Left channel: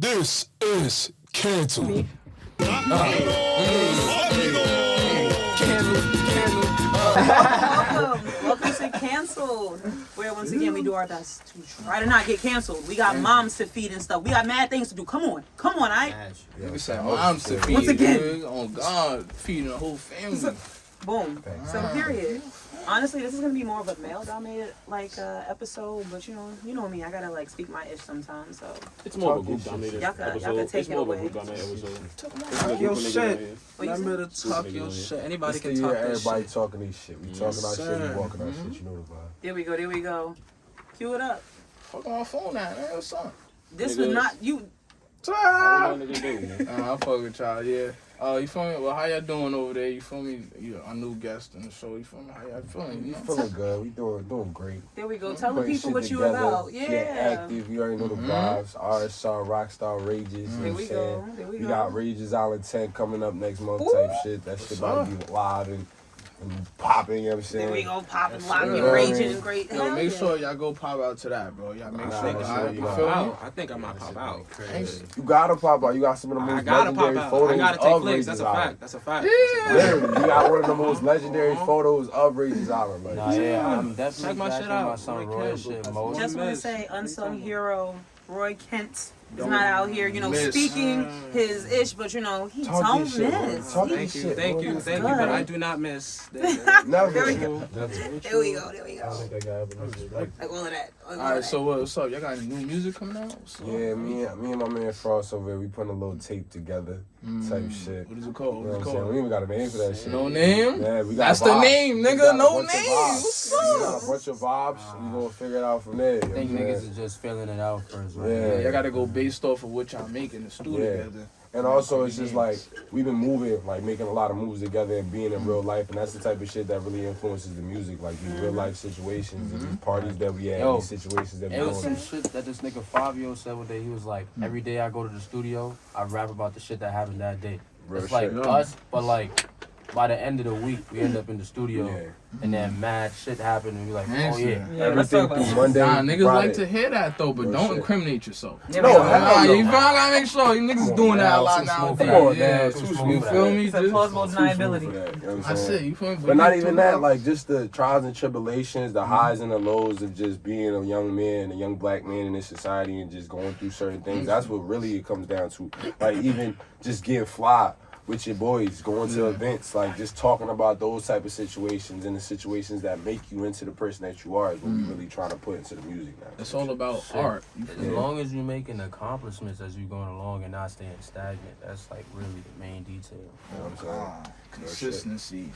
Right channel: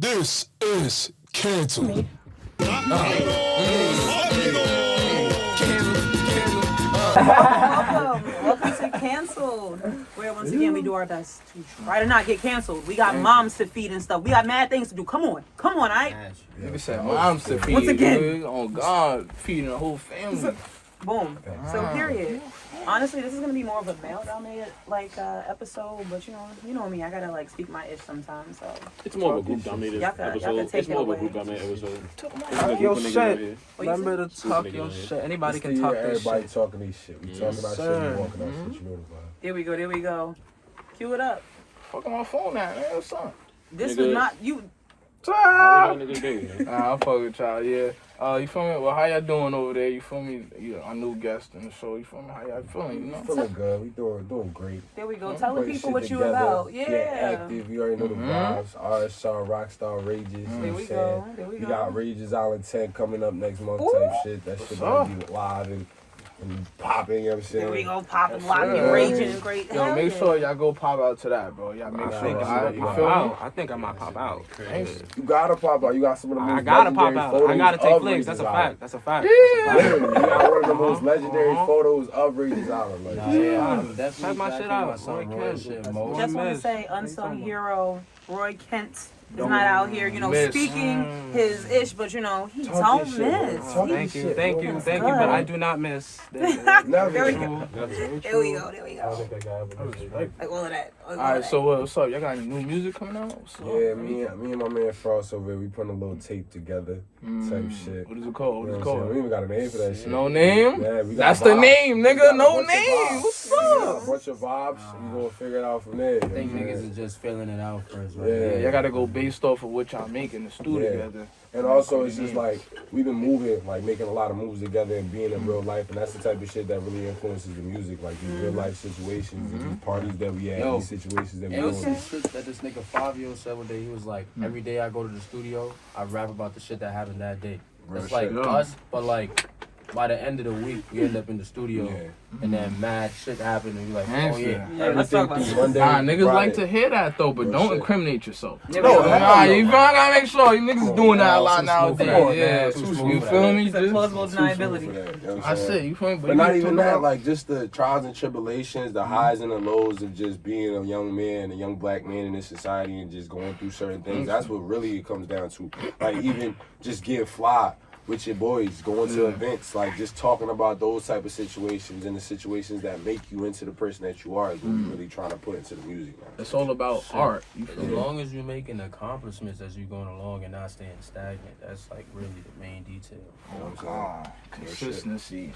This is canceled. Welcome to Canceled, where once again we do our best to try to not get canceled. We got moms to feed and stuff. We got mad things to do. Come on, I. Yeah, we said moms to feed. Once again. Dude. Oh God, feeding the whole family. Boom. So period. Honestly, this is gonna be more of a male-dominated episode, but you know me. I gotta speak my ish sometimes. So it's more of a group-dominated episode. Y'all can take it away. Talk your shit. Remember to talk your shit. Anybody can talk this shit. Everybody talking this shit. We talking about shit. We walking out shit. You know the vibe. There we go. Cue it up. Fuck on my phone now, man. What's up? This was not you. I fuck with y'all. Yeah. You feel me? Well, how y'all doing over there? You feel me? You're a new guest in the show. You feel me? How y'all feeling? You know? Feeling good. We doing great. There we go. Tell the people what you together. about. Yeah. Active. You already know the vibes. RSR, Rockstar, Rages. There we go. We got Rages Island 10 coming up next month type shit. That shit about to be live and popping, you know what I'm saying? There we go, popping, locking, raging, and great. Yo, make sure y'all go pop out to that, bro. Y'all make sure. You feel me? I think I might pop out. You gotta pop out. You got some of the most legendary photos. I gotta take of flicks. Rages That's a fact. That's a fact. Yeah, you got one of the most legendary photos of Rages Island. I'm definitely check my shit out. Just want to say, unsung hero Roy Kent is not out here, speaking his ish, but he don't miss. Thank you. But I do not miss. There we go. Like all of that. Alright, so what's up? Y'all got any new music coming out? Yeah, me and my man Frost over here, we putting a little tape together type shit. What is it called? You know what I'm saying? We even got a name for that shit. No name? Yeah, that's the name, nigga. No name. What's up? A bunch of vibes. We gonna figure it out from there. I think niggas is just filling it out first, right? Yeah. Y'all gotta go based off of what y'all make in the studio together. And also, it's just we've been moving, making a lot of moves together and being in real life, and that's the type of shit that really influences the music, these real life situations, and these parties that we had, these situations that we It was some doing. shit that this nigga Fabio said one day. He was like, every day I go to the studio, I rap about the shit that happened that day. Real It's like shit. us, but by the end of the week, we end up in the studio, and then mad shit happened, and we like, oh yeah. Everything through Monday. Nah, niggas Friday. like to hear that though, but don't incriminate yourself. No, hell no. You gotta make sure you niggas doing that a lot nowadays. Yeah, too smooth. You feel me? It's a plausible deniability. I said, you feel me? But not even that, just the trials and tribulations, the highs and the lows of just being a young man, a young black man in this society and just going through certain things. That's what really it comes down to. Even just getting fly with your boys, going to events, just talking about those type of situations and the situations that make you into the person that you are is what we really trying to put into the music now. It's all about art. As long as you're making accomplishments as you're going along and not staying stagnant, that's really the main detail. You know what I'm saying? Consistency.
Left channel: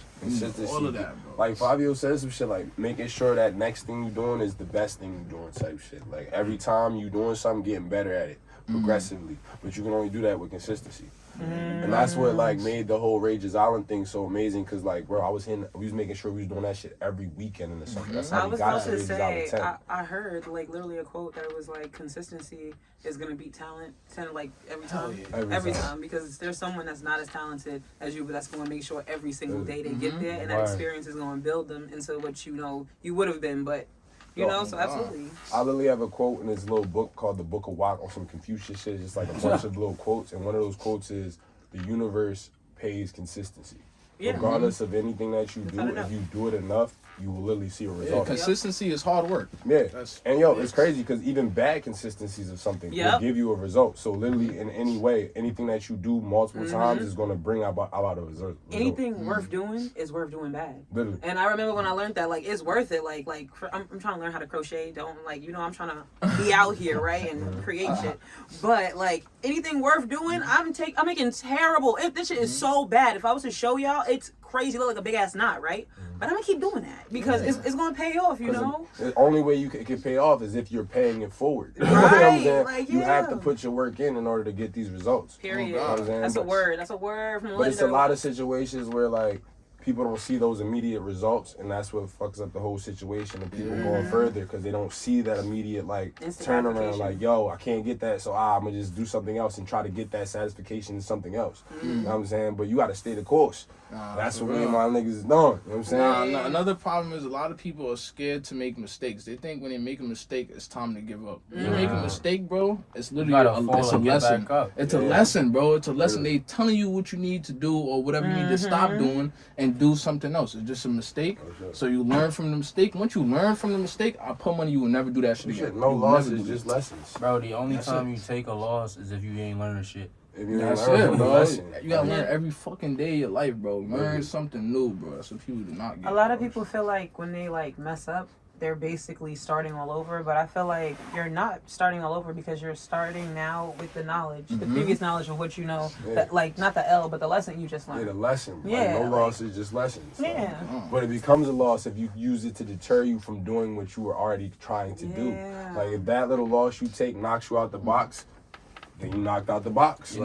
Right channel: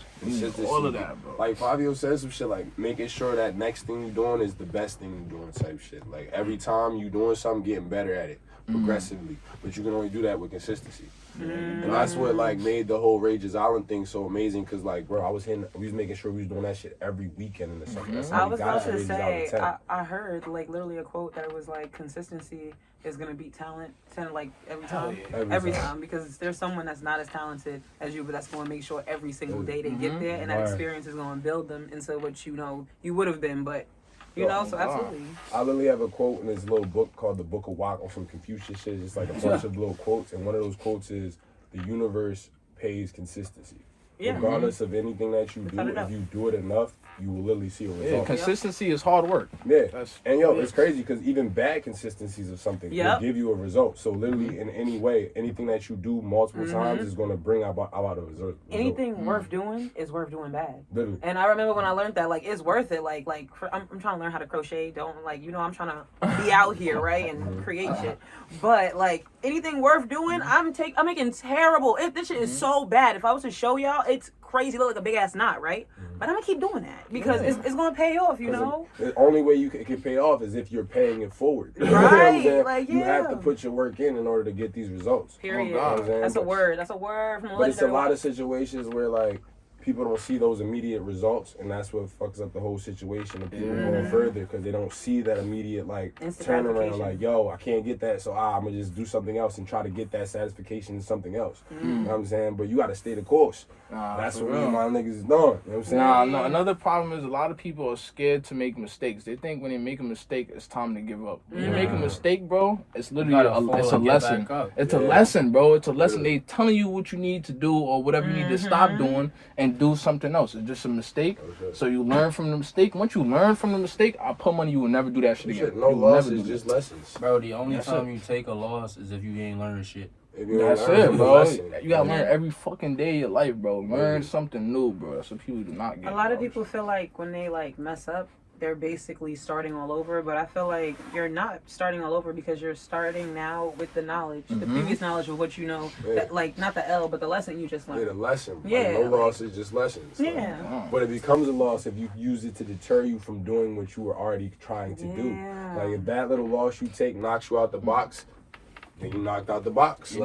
All of that, bro. Fabio says some shit making sure that next thing you're doing is the best thing you're doing type shit. Every time you're doing something, getting better at it progressively. But you can only do that with consistency. And that's what made the whole Rages Island thing so amazing because bro, we was making sure we was doing that shit every weekend in the summer. That's how I was we got about to Rages say, Island 10. I heard literally a quote that was consistency is gonna beat talent every time. Every time because there's someone that's not as talented as you, but that's gonna make sure every single day they get there, and that experience is gonna build them into what you would have been, but so absolutely. I literally have a quote in this little book called The Book of Walk on some Confucius shit. It's a bunch of little quotes, and one of those quotes is, the universe pays consistency. Yeah. Regardless of anything that you do, if you do it enough, you will literally see a result. Yeah, consistency is hard work. Yeah. And it's crazy because even bad consistencies of something will give you a result. So literally in any way, anything that you do multiple times is going to bring about a result. Anything worth doing is worth doing bad. Literally. And I remember when I learned that, it's worth it. I'm trying to learn how to crochet. I'm trying to be out here, right, and create shit. But anything worth doing, I'm making terrible. This shit is so bad. If I was to show y'all, it's crazy, look like a big ass knot, right? But I'm gonna keep doing that because it's gonna pay off, The only way it can pay off is if you're paying it forward. Right? You have to put your work in order to get these results. Period. That's a word. That's a word from the But it's a lot of situations where people don't see those immediate results, and that's what fucks up the whole situation of people going further because they don't see that immediate like turnaround. Like, yo, I can't get that, so I'm gonna just do something else and try to get that satisfaction in something else. You know what I'm saying? But you gotta stay the course. That's what me and my niggas is doing. You know what I'm saying? No, another problem is a lot of people are scared to make mistakes. They think when they make a mistake, it's time to give up. When you make a mistake, bro, it's literally it's a lesson. It's a lesson, bro. It's a lesson. They telling you what you need to do or whatever you need to stop doing and do something else. It's just a mistake. So you learn from the mistake. Once you learn from the mistake, I put money you will never do that shit again. No losses, just lessons. Bro, the only time you take a loss is if you ain't learning shit. That's it, bro. You gotta learn every fucking day of your life, bro. Learn something new, bro. That's what people do not get. A lot of people feel like when they like mess up, they're basically starting all over. But I feel like you're not starting all over because you're starting now with the knowledge, the previous knowledge of what you know. That, like not the L, but the lesson you just learned. Yeah, the lesson. Yeah, like, no losses, just lessons. Yeah. But it becomes a loss if you use it to deter you from doing what you were already trying to do. Like if that little loss you take knocks you out the box, then you knocked out the box. You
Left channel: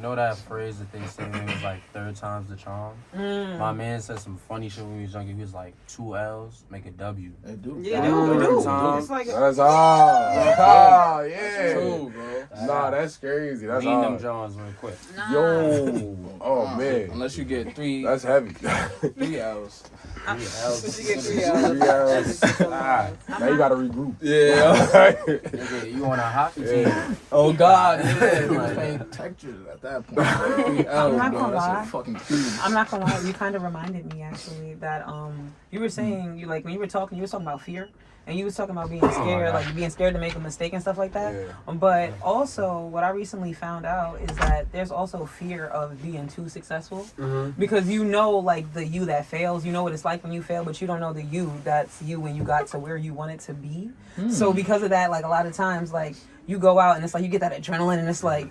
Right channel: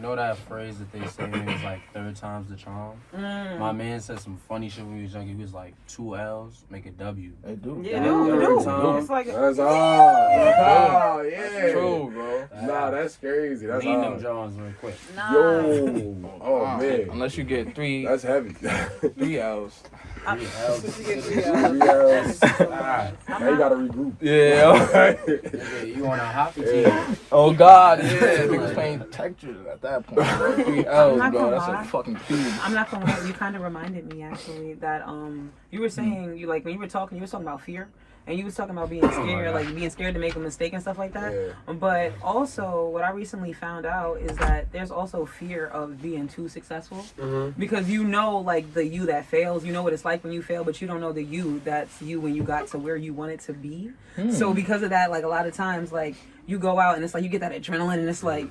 know that phrase that they say is like third time's the charm? My man said some funny shit when he was younger. He was like, 2 L's make a W. They do. Yeah, they do. It's like that's all. Yeah. True, bro. Nah, that's crazy. That's Lean all. them Johns real quick. Yo. Oh, man. Unless you get 3 That's heavy. 3 L's. 3 L's. Now you gotta regroup. Yeah. Nigga, you on a hockey team. Oh God, yeah. We playing textures at that point. I'm not gonna that's lie. a fucking cube. I'm not gonna lie. You kind of reminded me actually that you were saying you like when you were talking about fear. And you was talking about being scared, like being scared to make a mistake and stuff like that. Yeah. But also, what I recently found out is that there's also fear of being too successful. Because you know, like, the you that fails. You know what it's like when you fail, but you don't know the you that's you when you got to where you want it to be. So because of that, like, a lot of times, like, you go out and it's like you get that adrenaline and it's like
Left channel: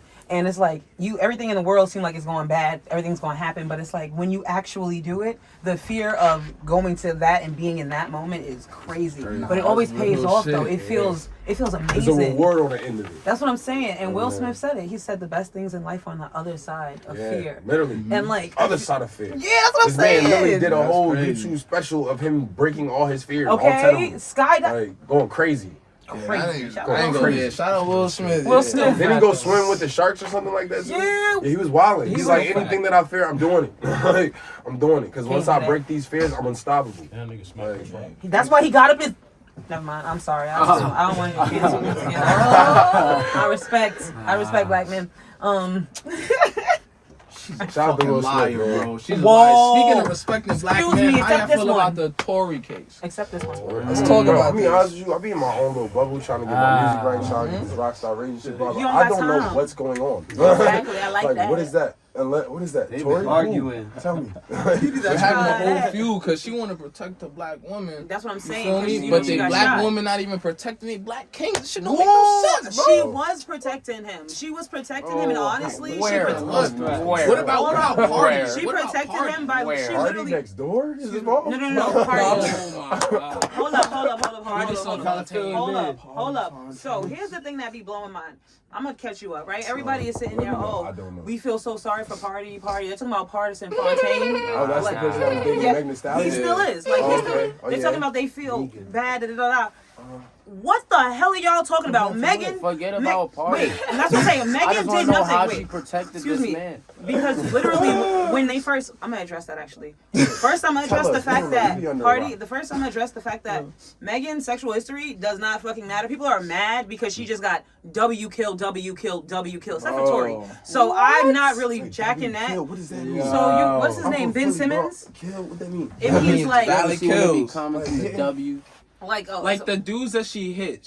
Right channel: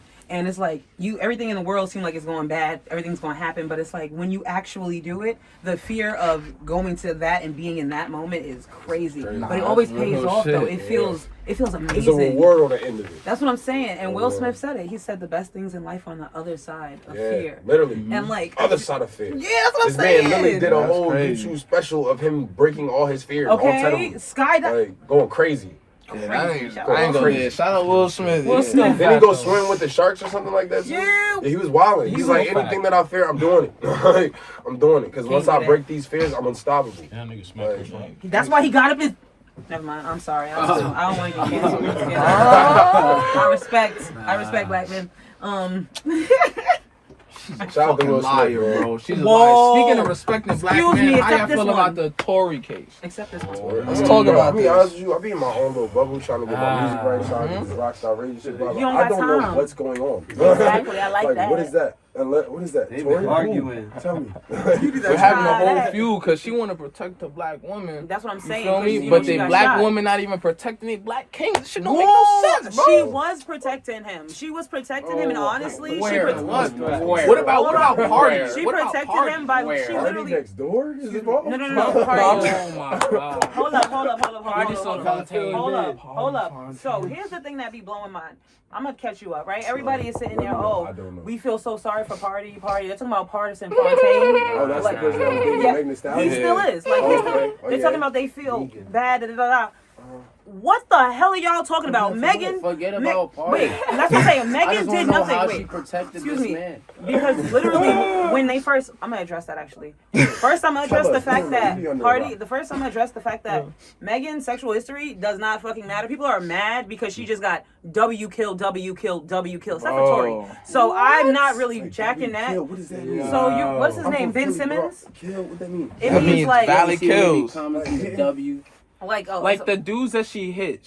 everything in the world seems like it's going bad, everything's going to happen, but it's like when you actually do it, the fear of going to that and being in that moment is crazy. But it always pays off though. It feels amazing. There's a reward on the end of it. That's what I'm saying. And Will Smith said it. He said the best things in life are on the other side of fear. Literally. And like other side of fear. Yeah, that's what I'm saying. This man literally did a whole YouTube special of him breaking all his fears. All 10 of them. Skydiving. Like, going crazy. Shout out Will Smith. Will Smith. Then he go swim with the sharks or something like that. Yeah. He was wilding. He's like, anything that I fear, I'm doing it. Like, I'm doing it because once I break these fears, I'm unstoppable. That's why he got up his. Never mind. I'm sorry. I don't want to get canceled once again. I respect black men. Shout out to Will Smith, bro. She's a liar. Speaking of respecting black men, how y'all feel about the Tory case? Except this one. Let's talk about I mean, honest with you, I be in my own little bubble trying to get my music right, trying to get this rockstar radio shit. But I don't know what's going on. Exactly. I like that. What is that? What is that? They've Tory? been arguing. Tell me. They're having a whole feud because she want to protect the black woman. That's what I'm saying. But the black woman not even protecting the black king. Shit don't make no sense, bro. She was protecting him. And honestly, what about Party? She protected him by she Party literally next door? Is his mom? No, Party. Oh my God. Hold up. So here's the thing that be blowing mine. I'm gonna catch you up, right? Everybody is sitting there. We feel so sorry for Party. They're talking about Partisan Fontaine. Oh, that's the person that was dating Meg the Stallion? He still is. Like they're talking about they feel bad. What the hell are y'all talking about? Megan. Forget about Party. Wait, that's what I'm saying. Megan did nothing. How she protected excuse this me. man. Because literally, when they first, I'm gonna address that actually. First, I'm gonna address the fact that Megan's sexual history does not fucking matter. People are mad because she just got W killed. Except for Tory. So I'm not really jacking that. What does that mean? So what's his name? Ben Simmons? Kill? What that mean? It means like Valley kills. W. like the dudes that she hit.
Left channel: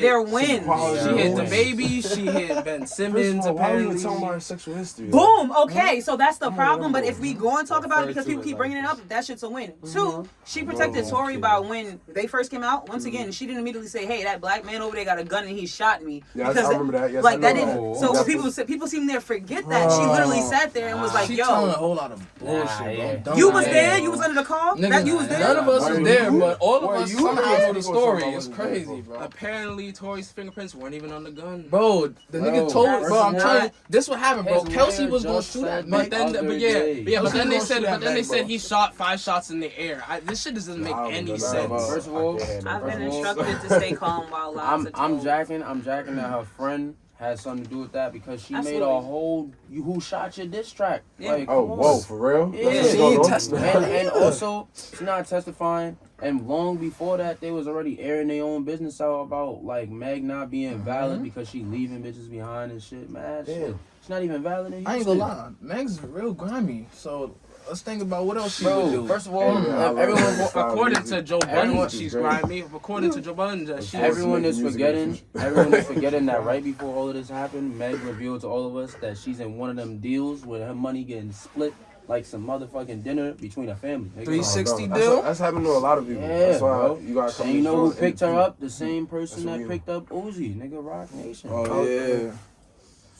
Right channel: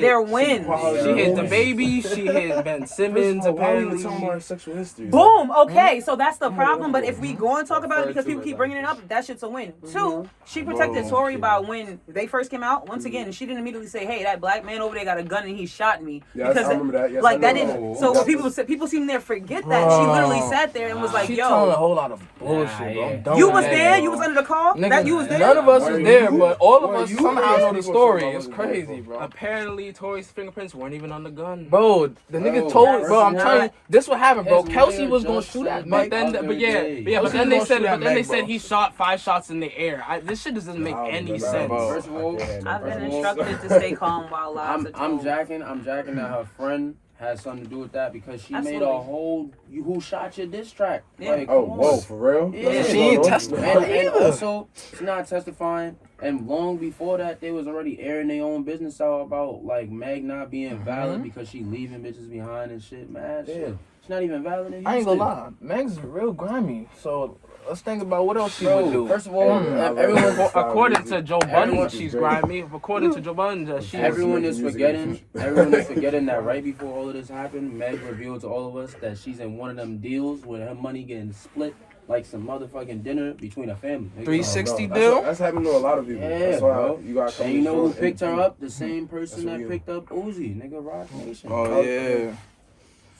Their wins. She hit the baby. She hit Ben Simmons. Why are you Apparently. talking about sexual history? Boom. Okay, so that's the problem. But if we go and talk about it because people keep bringing it up, that shit's a win. 2, she protected Tory by when they first came out. Once again, she didn't immediately say, "Hey, that black man over there got a gun and he shot me." Yes, I remember that. Yes, like I that know. didn't. So people seem to forget that she literally sat there and was like, She telling a "Yo, whole lot of bullshit, bro. you was there. You was under the call. Nigga, That you was there." None of us was there, but all of us somehow know the story. It's crazy, bro. Apparently, Tory's fingerprints weren't even on the gun. Bro, the nigga told, bro, I'm telling you, this what happened, bro. Kelsey was gonna shoot at me. But then they said he shot 5 shots in the air. This shit doesn't make any sense. First of all, I've been instructed to stay calm while lives are I'm told. jacking that her friend has something to do with that because she Absolutely. made a whole who shot your diss track. Yeah. Like, Oh, whoa, for real? Yeah, That's and also she's not testifying. And long before that, they was already airing their own business out about like Meg not being valid because she leaving bitches behind and shit. Man, shit. She's not even valid. I ain't gonna lie, Meg's real grimy. So let's think about what else she would do. First of all, everyone According to Joe Budden, she's grimy. According to Joe Budden, she's... Everyone is forgetting that right before all of this happened, Meg revealed to all of us that she's in one of them deals where her money getting split like some motherfucking dinner between a family. 360 that's deal? That's happened to a lot of people. Yeah, That's why bro. you gotta come. And you know who to picked her it. up? The same person That's that who picked up Uzi, nigga, Rock Nation. Oh, yeah.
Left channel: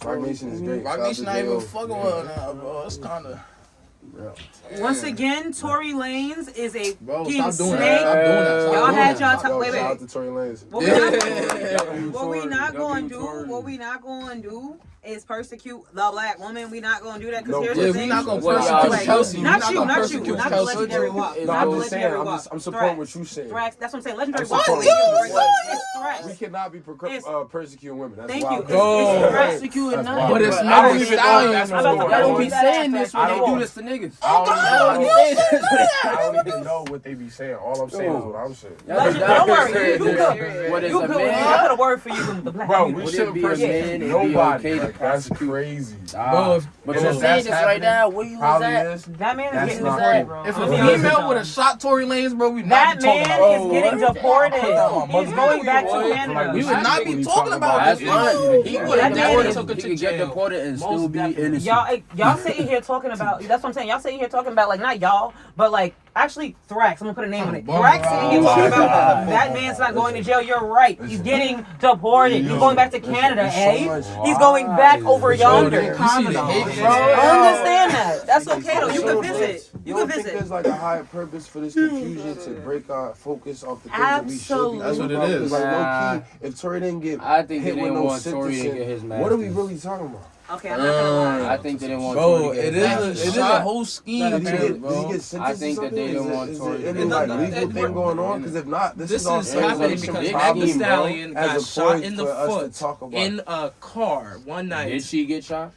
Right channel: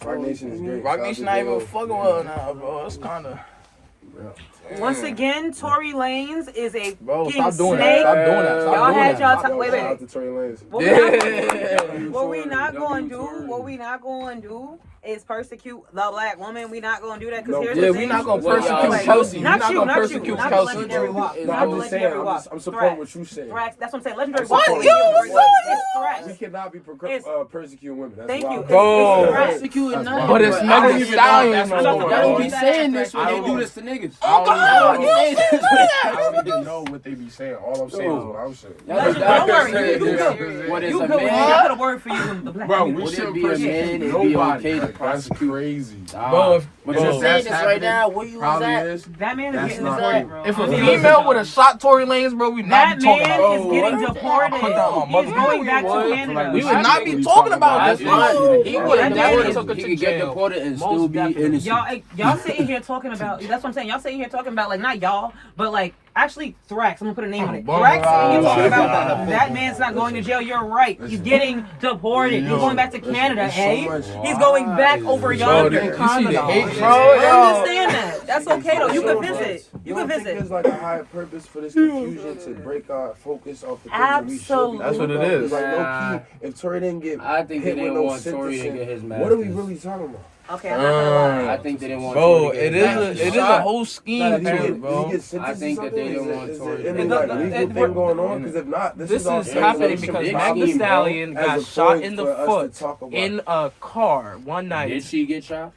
Rock Nation is great. Rock Shout out Nation to not even J.O. fucking with her now, bro. It's kind of... Once again, Tory Lanez is a Bro, fucking stop doing snake. that. Stop doing that. Stop Y'all doing had that. y'all time. Yo, Wait, shout out wait. to Tory Lanez. What we not going to do is persecute the black woman. We not going to do that because here's Yeah, the we thing. not gonna Well, persecute like, Kelsey. We Not you, gonna not you, persecute not the Kelsey. legendary walk. No, Not I'm the just saying, legendary walk. I'm supporting what you saying. Threats. That's what I'm saying. Legendary I'm walk. supporting It's threats. We cannot be persecuting women. That's Thank wild. you. Bro. It's threats. Persecuting That's nothing. wild. But it's I not don't the even stallion. know if that's no what more. Y'all don't be That saying aspect, this when I they don't- do this to niggas. I don't even know. Y'all I don't even know what they be saying. All I'm saying is what I'm saying. Don't worry. You good. What is You a good. I man? got a word for you, the black Bro, people. we Would it shouldn't be a man? persecute It'd be nobody. okay to Like, that's crazy. Bro, But bro, you're if saying that's this right happening, now. Where you was probably at? is. That man That's is getting not deported, cool. bro. if a I'm being female honest. would have shot Tory Lanez, bro, we That not be talking man about is getting what? deported. on, He's going back to Like, Canada. We would not be talking about That's this. fine. He Yeah, would that deported. man took it He to could get jail. deported and Most still be definitely. innocent. Y'all sitting here talking about, that's what I'm saying. Y'all sitting here talking about, like, not y'all, but like, actually, Thrax. I'm gonna put a name on it. Thrax sitting here talking about that man's not going to jail. You're right. He's getting deported. He's going back to Canada, He's going back over yonder. You see the hate, bro? Understand that. That's okay, though. You can visit. You can don't think visit. there's like a higher purpose for this confusion to break our focus off the things that we should be Absolutely. That's what it about? is. Like, Nah. low key, if Tory didn't get I think they hit with didn't no want Tory to sentencing, get his what are we masters. really talking about? Okay, I'm not gonna lie. I think they didn't want Bro, Tory to get it his is masters. it is a whole scheme, Did he too, get bro. sentenced I think or that they something? didn't want Is Tory there to any get like sentenced. legal thing going on? Because if not, This is all is speculation happening and because big Meg the scheme, bro. Stallion As got a shot point in the for us to foot talk about in a car one Did night. she get shot?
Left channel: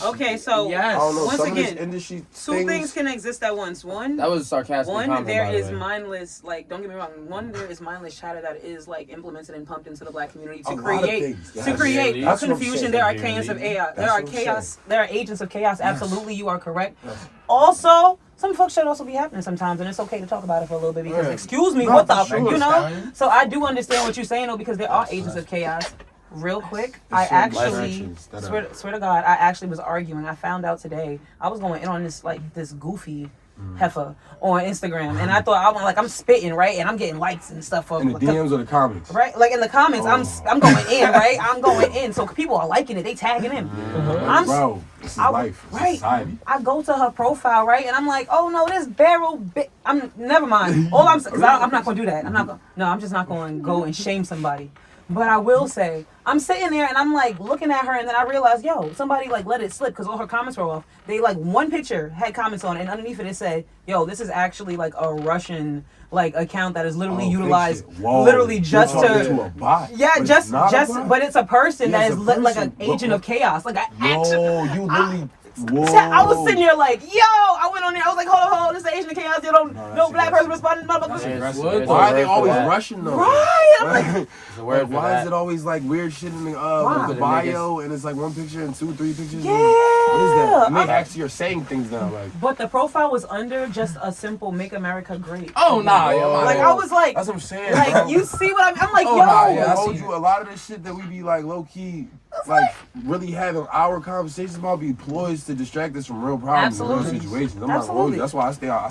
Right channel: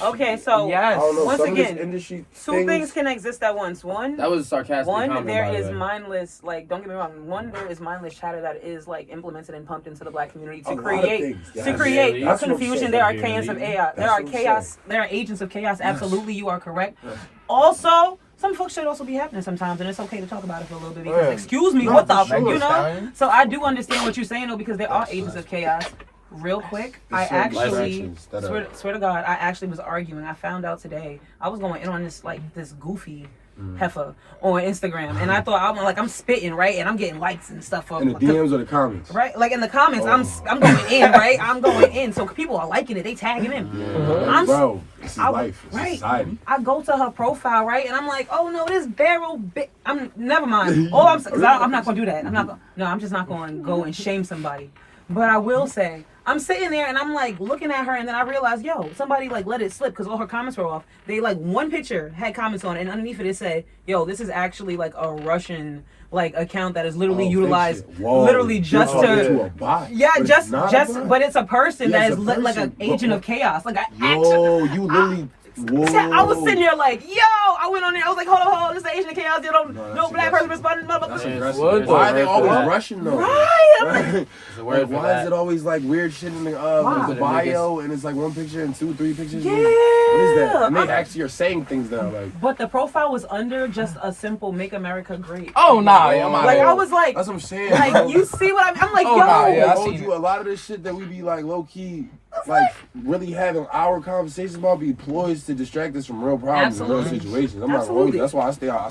Okay, so Yes. I don't know. Once some again, of this industry two things can exist at once. One, That was a sarcastic comment, there by the is way. mindless, like, don't get me wrong. One, there is mindless chatter that is like implemented and pumped into the black community A to lot of create things, to yes. create That's what I'm confusion. saying. There are chaos of chaos. There That's are what I'm chaos. saying. There are agents of chaos. Absolutely, you are correct. Yes. Also, some fuck shit also be happening sometimes, and it's okay to talk about it for a little bit because, Yeah. excuse me, No, what the, for sure. you know? So I do understand what you're saying though, because there are agents of chaos. Real quick, I There's certain actually actions that are- swear to God, I actually was arguing. I found out today. I was going in on this goofy heifer on Instagram, and I thought I'm spitting right, and I'm getting likes and stuff for In the DMs or the comments? right, like in the comments, I'm going in, right, I'm going in, so people are liking it, they tagging in. Bro, this is life. It's right. society. I go to her profile, right, and I'm like, oh no, this barrel bit. Never mind. All I'm not gonna do that. I'm just not gonna go and shame somebody. But I will say, I'm sitting there and I'm like looking at her, and then I realized, yo, somebody like let it slip because all her comments were off. They like one picture had comments on it, and underneath it said, yo, this is actually like a Russian like account that is literally utilized literally just to a bot. yeah, But just it's not a bot? but it's a person Yeah, that it's is a like an person. agent of chaos, like an actual. Yo, you literally. Whoa. So I was sitting there like, yo, I went on there, I was like, hold on, this is Asian chaos, you don't, no black person responding, motherfucker. Why are they always Russian though? Right, I'm like, There's a word Like, for why that. is it always like weird shit in the Why? bio and it's like one picture and 2, 3 pictures? Yeah. What is that? And they actually are saying things now like. but the profile was under just a simple "Make America Great." Oh, nah. Like I was like, That's what I'm saying. like bro. you see what I'm like, Oh, yo. nah, I yeah. told you a lot of this shit that we be like low key, like really having our conversations about be ploys to distract us from real problems and Absolutely. real situations. I'm not gonna hold you. That's why I stay out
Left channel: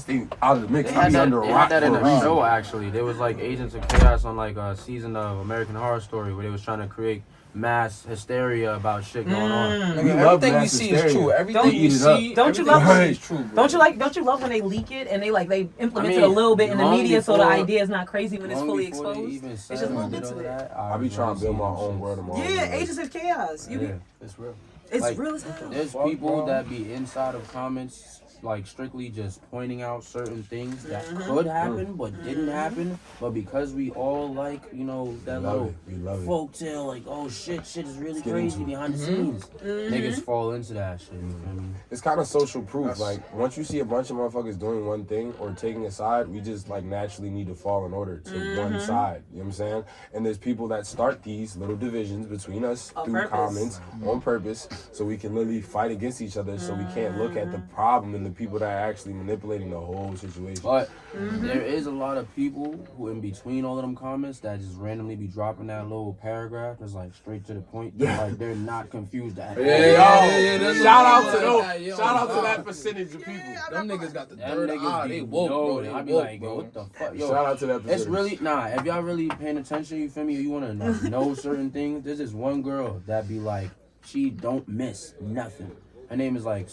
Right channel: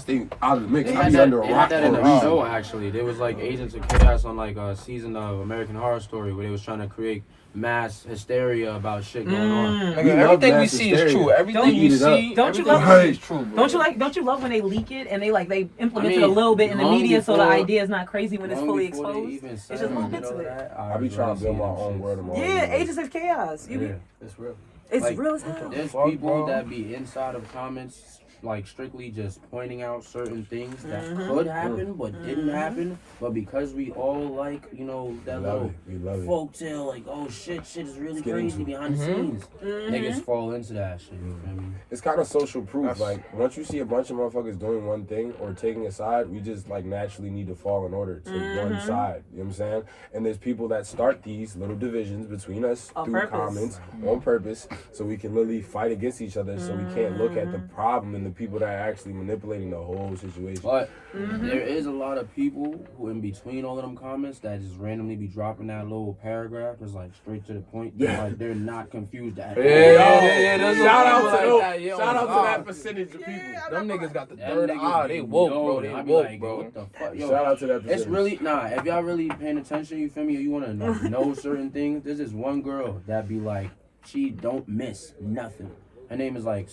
of the mix. They I had be that, under a they rock had that for in a the reason. show actually. There was like Agents of Chaos on like a season of American Horror Story where they was trying to create mass hysteria about shit going on. We love everything we mass see hysteria. is true. Everything We you eat it up. see, Don't you everything love you see is true, bro. Don't you love when they leak it and they implement it I a mean, little bit in the long media so the before- idea is not crazy when it's Long fully before they exposed. even It's said just little we bits know of it. that, I be trying to build my own word of my own. Yeah, Agents of Chaos. Yeah, It's real. It's Like, real as hell. there's people that be inside of comments, like strictly just pointing out certain things that could happen but didn't happen. But because we all like, you know, that little We love it. folk tale, like, oh shit is really Get crazy into it. behind the scenes. Niggas fall into that shit. You feel me? It's kind of social proof. Like, once you see a bunch of motherfuckers doing one thing or taking a side, we just, like, naturally need to fall in order to one side. You know what I'm saying? And there's people that start these little divisions between us On through purpose. comments on purpose so we can literally fight against each other so we can't look at the problem and the people that are actually manipulating the whole situation. But there is a lot of people who, in between all of them comments, that just randomly be dropping that little paragraph that's like straight to the point. Like they're not confused at all. Shout out to those. that, yo. Shout out to that percentage of people. Them niggas got the Them third niggas eye. be They woke, bro. know, They I be woke, like, bro. what the fuck? Yo, Shout out to that percentage. it's really if y'all really paying attention, you feel me, or you want to like, know certain things, there's this one girl that be like, she don't miss nothing. Her name is like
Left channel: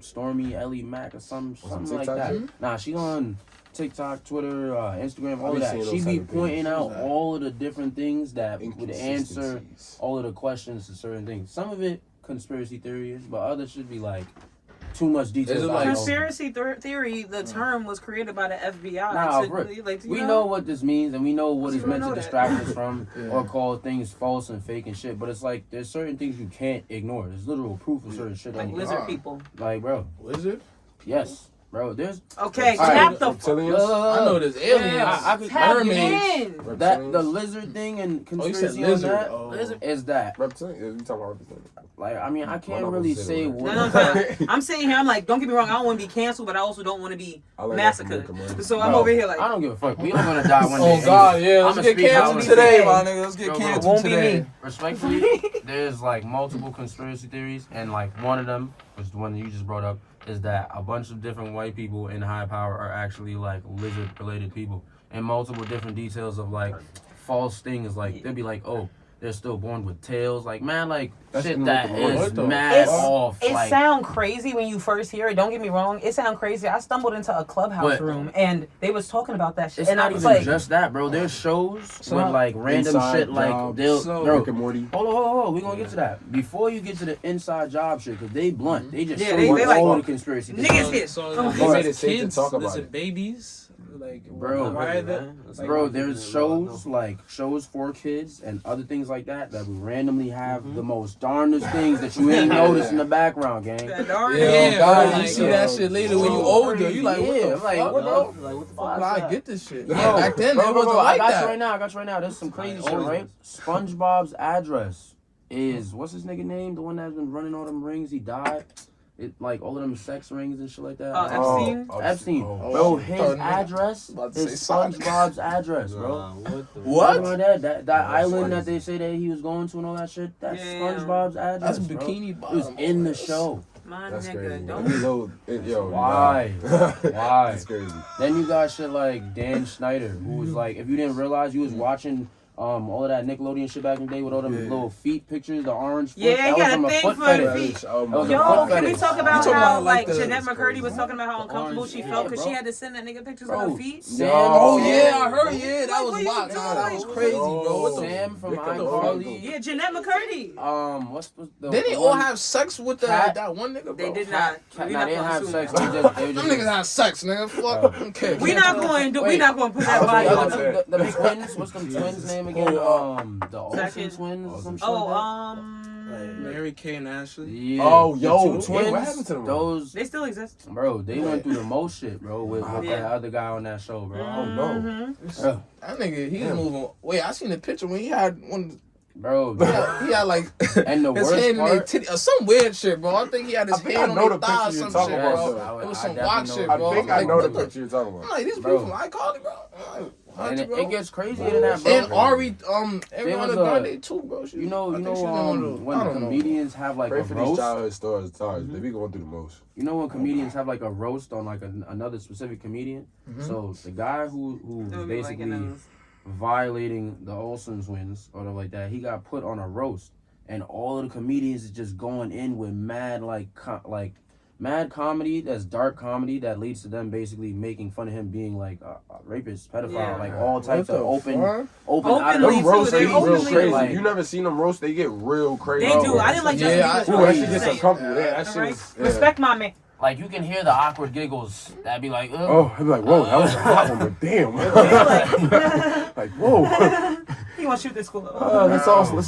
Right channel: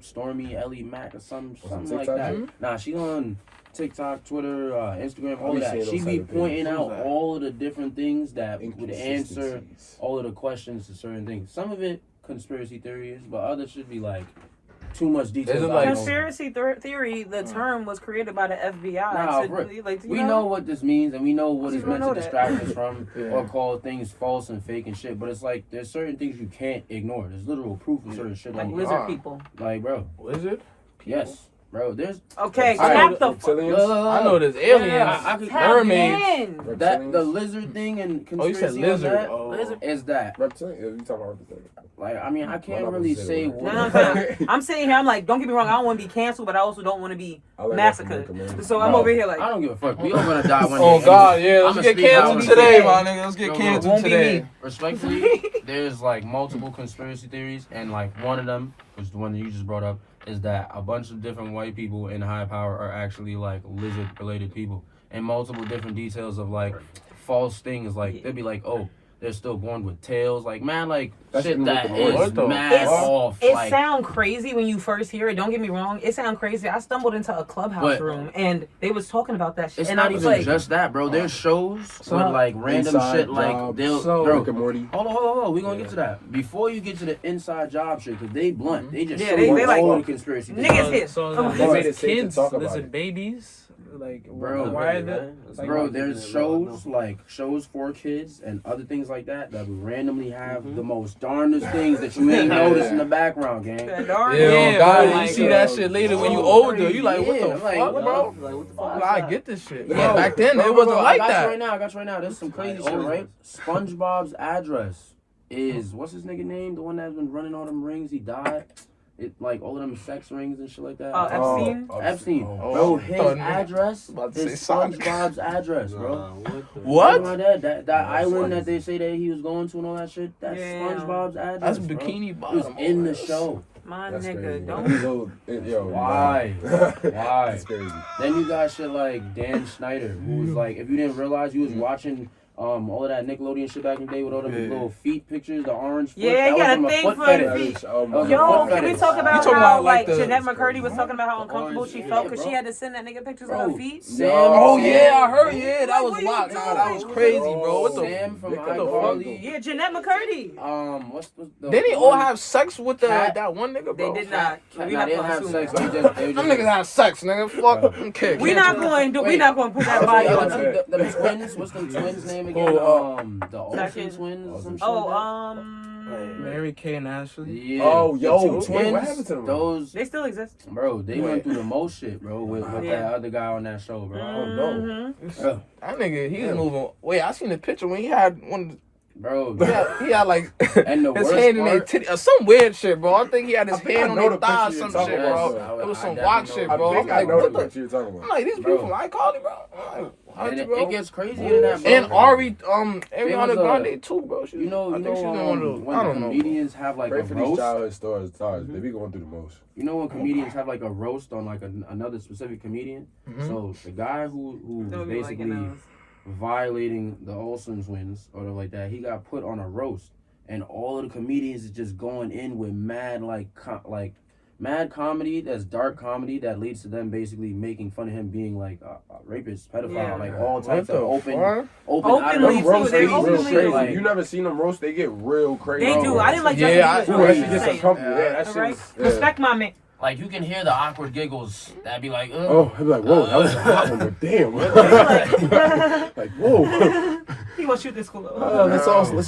Stormy Ellie Mack or something like TikTok that. too? Nah, she on TikTok, Twitter, Instagram, all be of that. seeing those She be type of pointing things. out all of the different things that would answer Inconsistencies. all of the questions to certain things. Some of it conspiracy theories, but others should be like too much detail. Is it like- Conspiracy theory, the term was created by the FBI. Nah, to, bro. like, you We know what this means, and we know what You it's don't meant to know that. distract us from, Yeah. or call things false and fake and shit. But it's like there's certain things you can't ignore. There's literal proof of certain shit. like on lizard God. people. like, bro, Wizard? yes, bro. There's Okay, All right, tap the reptilians? I know there's aliens. I can tap mermaids. in. that the lizard thing and Oh, you said conspiracy on lizard. that Oh. Lizard. is that. Reptilian? You talking about reptilian? Like, I mean, I can't not really gonna say say the what. word. No, I'm saying here, I'm like, don't get me wrong, I don't want to be canceled, but I also don't want to be I like that massacred. from America, man. So I'm Bro, over here like, I don't give a fuck. We all gonna die one day. Oh God, yeah. Let's I'ma get speak how I canceled wanna today, speak. my nigga. Let's get Yo, bro, canceled won't be today. me. Respectfully, there's like multiple conspiracy theories, and like one of them, which is the one that you just brought up, is that a bunch of different white people in high power are actually like lizard related people, and multiple different details of like false things. Like they'd be like, oh, they're still born with tails. Like, man, like That's shit in that Rick and Morty. is What the mad fuck? off. it Like, sound crazy when you first hear it. Don't get me wrong, it sound crazy. I stumbled into a clubhouse What? room and they was talking about that shit. it's and I not was even like, just that, bro. There's shows So, with like random Inside shit. Like Job, they'll, so- bro. Rick and Morty. Hold on. We gonna get to that. Before you get to the inside job shit, cause they blunt. They just Yeah, show they you like, all the conspiracy. niggas hit. So Oh, like, they made it lizard safe to kids, talk about lizard it. babies, like Bro, why are they? Bro, there's shows like shows for kids and other things like that that will randomly have the most darndest things that you ain't noticed in the background, gang. that darn Yeah, it. bro, you like, see that shit later when you older. You like, what the I'm like, fuck, what bro? the- like, what the fuck? Oh, is I that? get this shit. Bro, Yeah, back then bro, it wasn't I like got that. you right now. I got you right now. There's some crazy shit, always right? SpongeBob's address is what's his nigga name? The one that's been running all them rings. He died. It like all of them sex rings and shit like that. Epstein? Epstein. Oh, Bro, shit. his address About to is say Sonic. SpongeBob's address, bro. What? Remember that island that they say that he was going to and all that shit? That's Yeah. SpongeBob's address. That's bro. bikini It was bottom. in the show. My That's crazy. nigga, Man. don't. Yo, Why? Why? That's crazy. Then you got shit like Dan Snyder, who was like, if you didn't realize, you was watching all of that Nickelodeon shit back in the day with all them little feet pictures, the orange foot. Yeah, that he got was a from thing foot for fetish. the feet. Oh, my Yo, Yo, God. can we talk about talking how about, like, like the- Jeanette McCurdy was talking about how uncomfortable orange she feet, felt because bro. she had to send that nigga pictures Bro, of her feet? Sam, Oh yeah, I heard. Yeah, that What was you wild. doing? That was crazy, bro. What the? Sam from What the iCarly. Yeah, Jeanette McCurdy. What's the Didn't they all have sex with Cat- that one nigga, bro? They did not. Nah, We they not didn't gonna have assume sex. that. They Them just niggas had sex, nigga. Fuck. Okay. We not going to. We Wait. not going to put that The body on. other two, the twins. What's the twins' name again? The Olsen Second. twins. Or some shit Oh, like that? Mary Kay and Ashley. Yeah. Oh, yo, The two what twins. happened to them? Those, they still exist. bro, they went through the most shit, bro, with Yeah. that other guy on that show, bro. Oh, no. Mhm. Bro, That nigga, he's moving. Wait, I seen the picture when he had one. bro. He had like And the his worst hand in their part, titty, some weird shit, bro. I think he had his I think hand I know on the their thigh, picture you're some talking shit, about, bro. sir. It was I some definitely wild know shit, I bro. think I Like, know the what picture you're talking I'm about. like, these Bro. people like iCarly, bro. and Bro. it gets crazier than that, bro. And Ari, Ariana was a- Grande too, bro. She- You know, I think she's in one of the- when I don't know. comedians have like Pray a for these roast. childhood stories. They be going through the most. You know when comedians have like a roast on like another specific comedian. Mhm. So the guy who's Don't be basically liking those. violating the Olsen twins or like that, he got put on a roast. and all of the comedians is just going in with mad mad comedy that's dark comedy that leads to them basically making fun of him being like a rapist, pedophile, like all types of openly Them roasts, they get real openly crazy. like- You never seen them roast? They get real crazy. They do. I didn't like Justin Yeah, Bieber's Ooh, roast. that shit gets uncomfortable. Yeah, that shit Right? is- yeah. Respect my man. Like you can hear the awkward giggles. That'd be like, Oh, I'd be like, whoa, that was a hot one, but damn. Like, whoa. He wants to shoot this school. Let's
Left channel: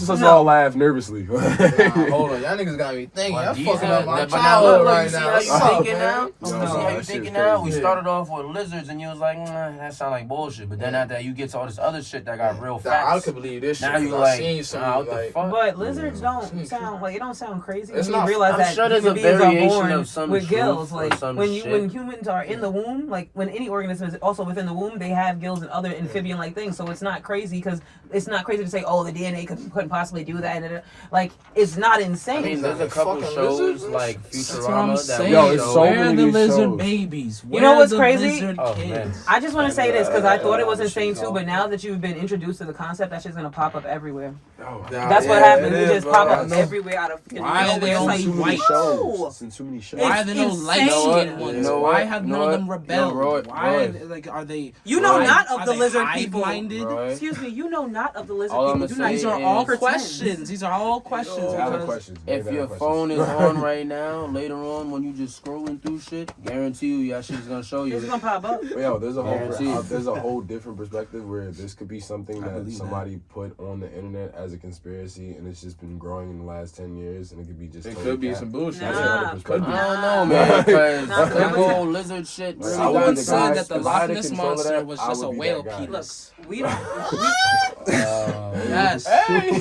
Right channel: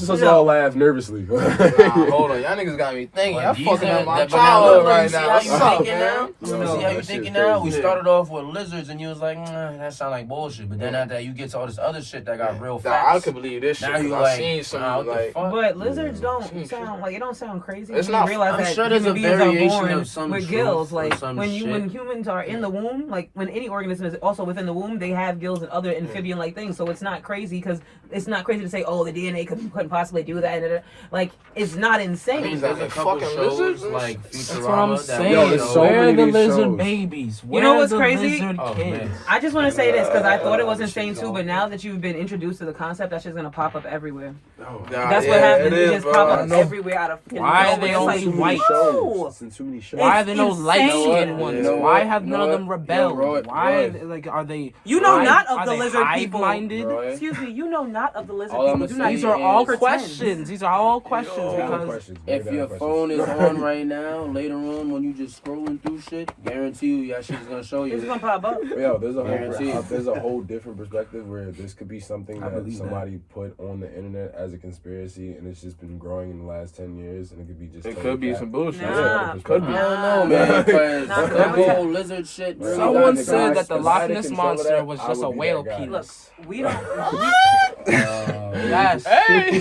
just all laugh nervously. Hold on, y'all niggas got me thinking. But I'm these fucking are- up my but now childhood look, you right see now. how you Oh, thinking man. now? Yo, You see how that you shit thinking crazy. now? We started off with lizards and you was like, that sound like bullshit. But then after that, you get to all this other shit that got real Nah, I facts. could believe this shit. Now you I like, seen some what the like, fuck? But lizards don't sound like it don't sound crazy. It's You not- realize I'm that sure there's human a beings are variation born of some with truth gills. or Like some when shit. humans are in the womb, like when any organism is also within the womb, they have gills and other amphibian-like things. So it's not crazy because it's not crazy to say, oh, the DNA couldn't possibly do that. Like it's not insane. I mean, there's a couple Fucking shows lizards? like That's what I'm Futurama that saying. Yo, it's so Where many are the of these lizard shows. babies? You Where know are what's the crazy? lizard Oh, kids? man. I just want to say this because I thought it was Yeah, insane yeah, too, but now that you've been introduced to the concept, that shit's gonna pop up everywhere. Oh, That's what yeah, happens. it It is, just bro. pop up Yeah. everywhere out of Why are they nowhere. It's only like, too many white? shows. It's in too many shows. Why are there no insane. light You know skinned what? ones? You know Why what? have You none know of them what? rebelled? Yo, Roy, Why Roy. like are they? You know why- not of are the they lizard people. hive-minded? Roy. Excuse me, you know not of the lizard All people. I'ma Do not say These are all pretend. questions. These are all questions Valid because questions. Very If valid your questions. phone is on right now, later on when you just scrolling through shit, guarantee you that shit's gonna show you. It's gonna pop up. But yo, there's Guaranteed. a whole different perspective where this could be something I that believe somebody put on the internet as a conspiracy, and it's just been growing in the last 10 years, and it could be just. It totally could be cap. some bullshit. That's Nah. another perspective. I don't know, man. Because Nah, that whole lizard shit. I Really someone got got the said guys- that the if I Loch had Ness control of monster that, was I just a would be whale that guy. Look, penis. we don't. Yes. Hey.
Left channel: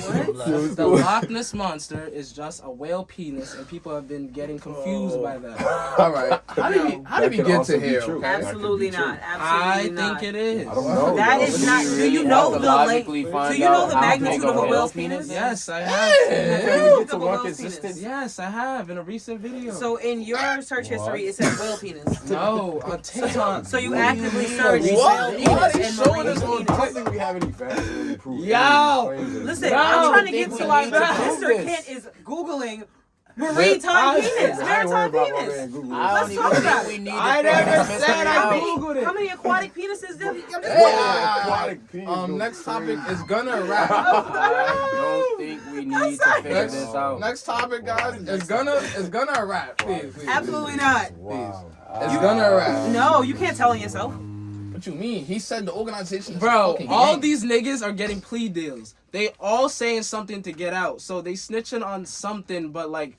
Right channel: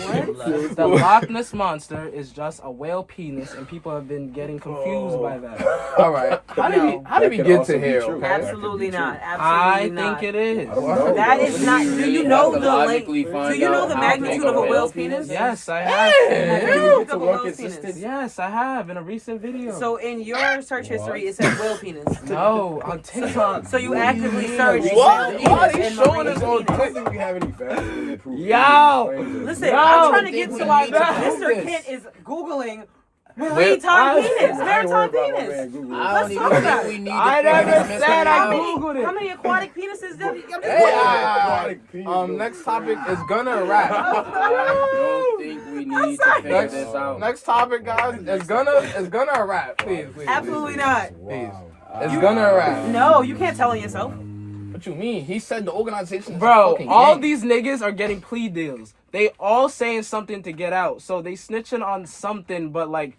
The Loch Ness monster is just a whale penis, and people have been getting confused by that. All right. How did we That get could to also be here? true. okay? Absolutely That could be not. I Absolutely not. think it is. I don't know. That bro. is not. Do really you know have the to like? logically Do find you know out the how magnitude big of a whale whale's penis? Yes, I have. You We looked get to up a one whale's consistent. penis. Yes, I have in a recent video. So in your search history, it says whale penis. no, on TikTok. So you actively searched What? whale Why penis are and you showing marine us all I don't penis. think we have any facts to really prove Yo! any claims. Listen, No, I'm trying to I get think to we our need to prove Mr. this. Kent is googling maritime penis, I ain't maritime worried about my penis. man Google. Let's talk about it. I never said How I many, googled how it. many aquatic penises? I'm just Next topic is gonna wrap. I don't think we need to figure this out. Next topic, guys, is gonna wrap. Please. Absolutely not. Wow. It's gonna wrap. No, you can't tell on yourself. What you mean? He said the organization is Bro, fucking all yanked. these niggas are getting plea deals. They all saying something to get out. So they snitching on something, but like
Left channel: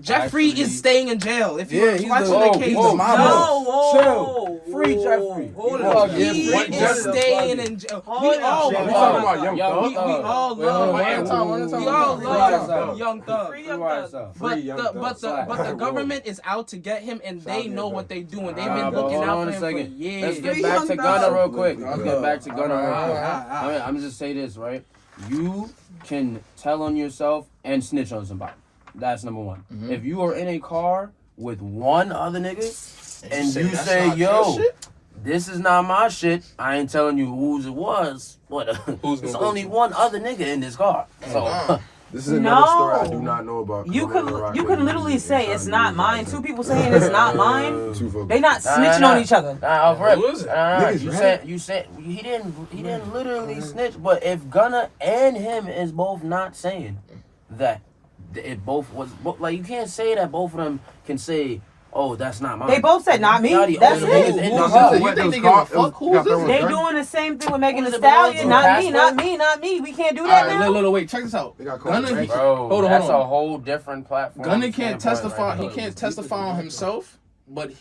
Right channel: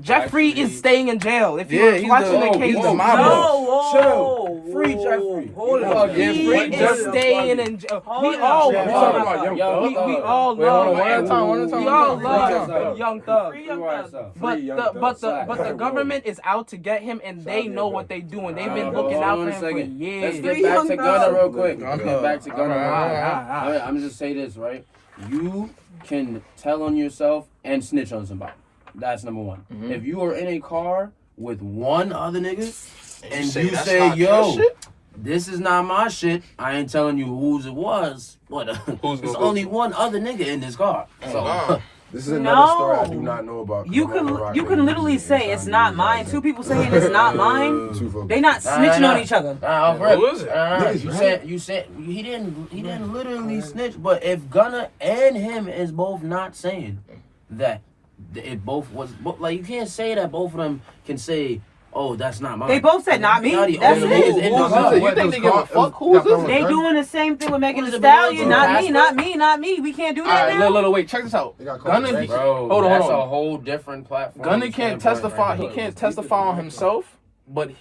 Jeffrey is staying in jail. If you're he's watching the case, whoa, No, whoa. Free Jeffrey. Hold Yeah, up. yeah, he free is Jeffrey. staying in jail. Hold We up. all Yeah, Hold we up. talking about Young Young Thug. we all Wait, hold on, love one at a time. we all Free love Young Young Thug. Free Young Thug. But Free Young the Thug. but the Slack. government is out to get him, and they know what they doing. They've been Hold looking on out a for him for second. years. Let's Free get back Young to Thug. Gunna real quick. Okay. Let's get back to Gunna real quick. I'm just say this, right? You can tell on yourself and snitch on somebody. That's number one. Mm-hmm. If you are in a car with one other nigga and you that's say, not your yo, shit? this is not my shit, I ain't telling you whose it was. What? Who's There's gonna only one other nigga in this car. So This is another story I No. do not know about. You can literally say it's not mine. Two people saying it's not mine. They not Nah, snitching nah. on each other. off rip. Who is it? Niggas, You said he didn't literally snitch, but if Gunna and him is both not saying that it both was like you can't say that both of them can say, oh, that's not mine. They both said not me. Y'all the That's only niggas it. in Who this is house. it? You think they give a fuck? Who is this? They doing the same thing with Megan Who Thee does it belong Stallion. to? Not me, Casper? not me, not me. We can't do that Alright, now. wait, check this out. They got caught Gunna, right. Bro, Hold on, that's hold on. a whole different platform. Gunna can't standpoint testify. right He there. can't testify on himself, but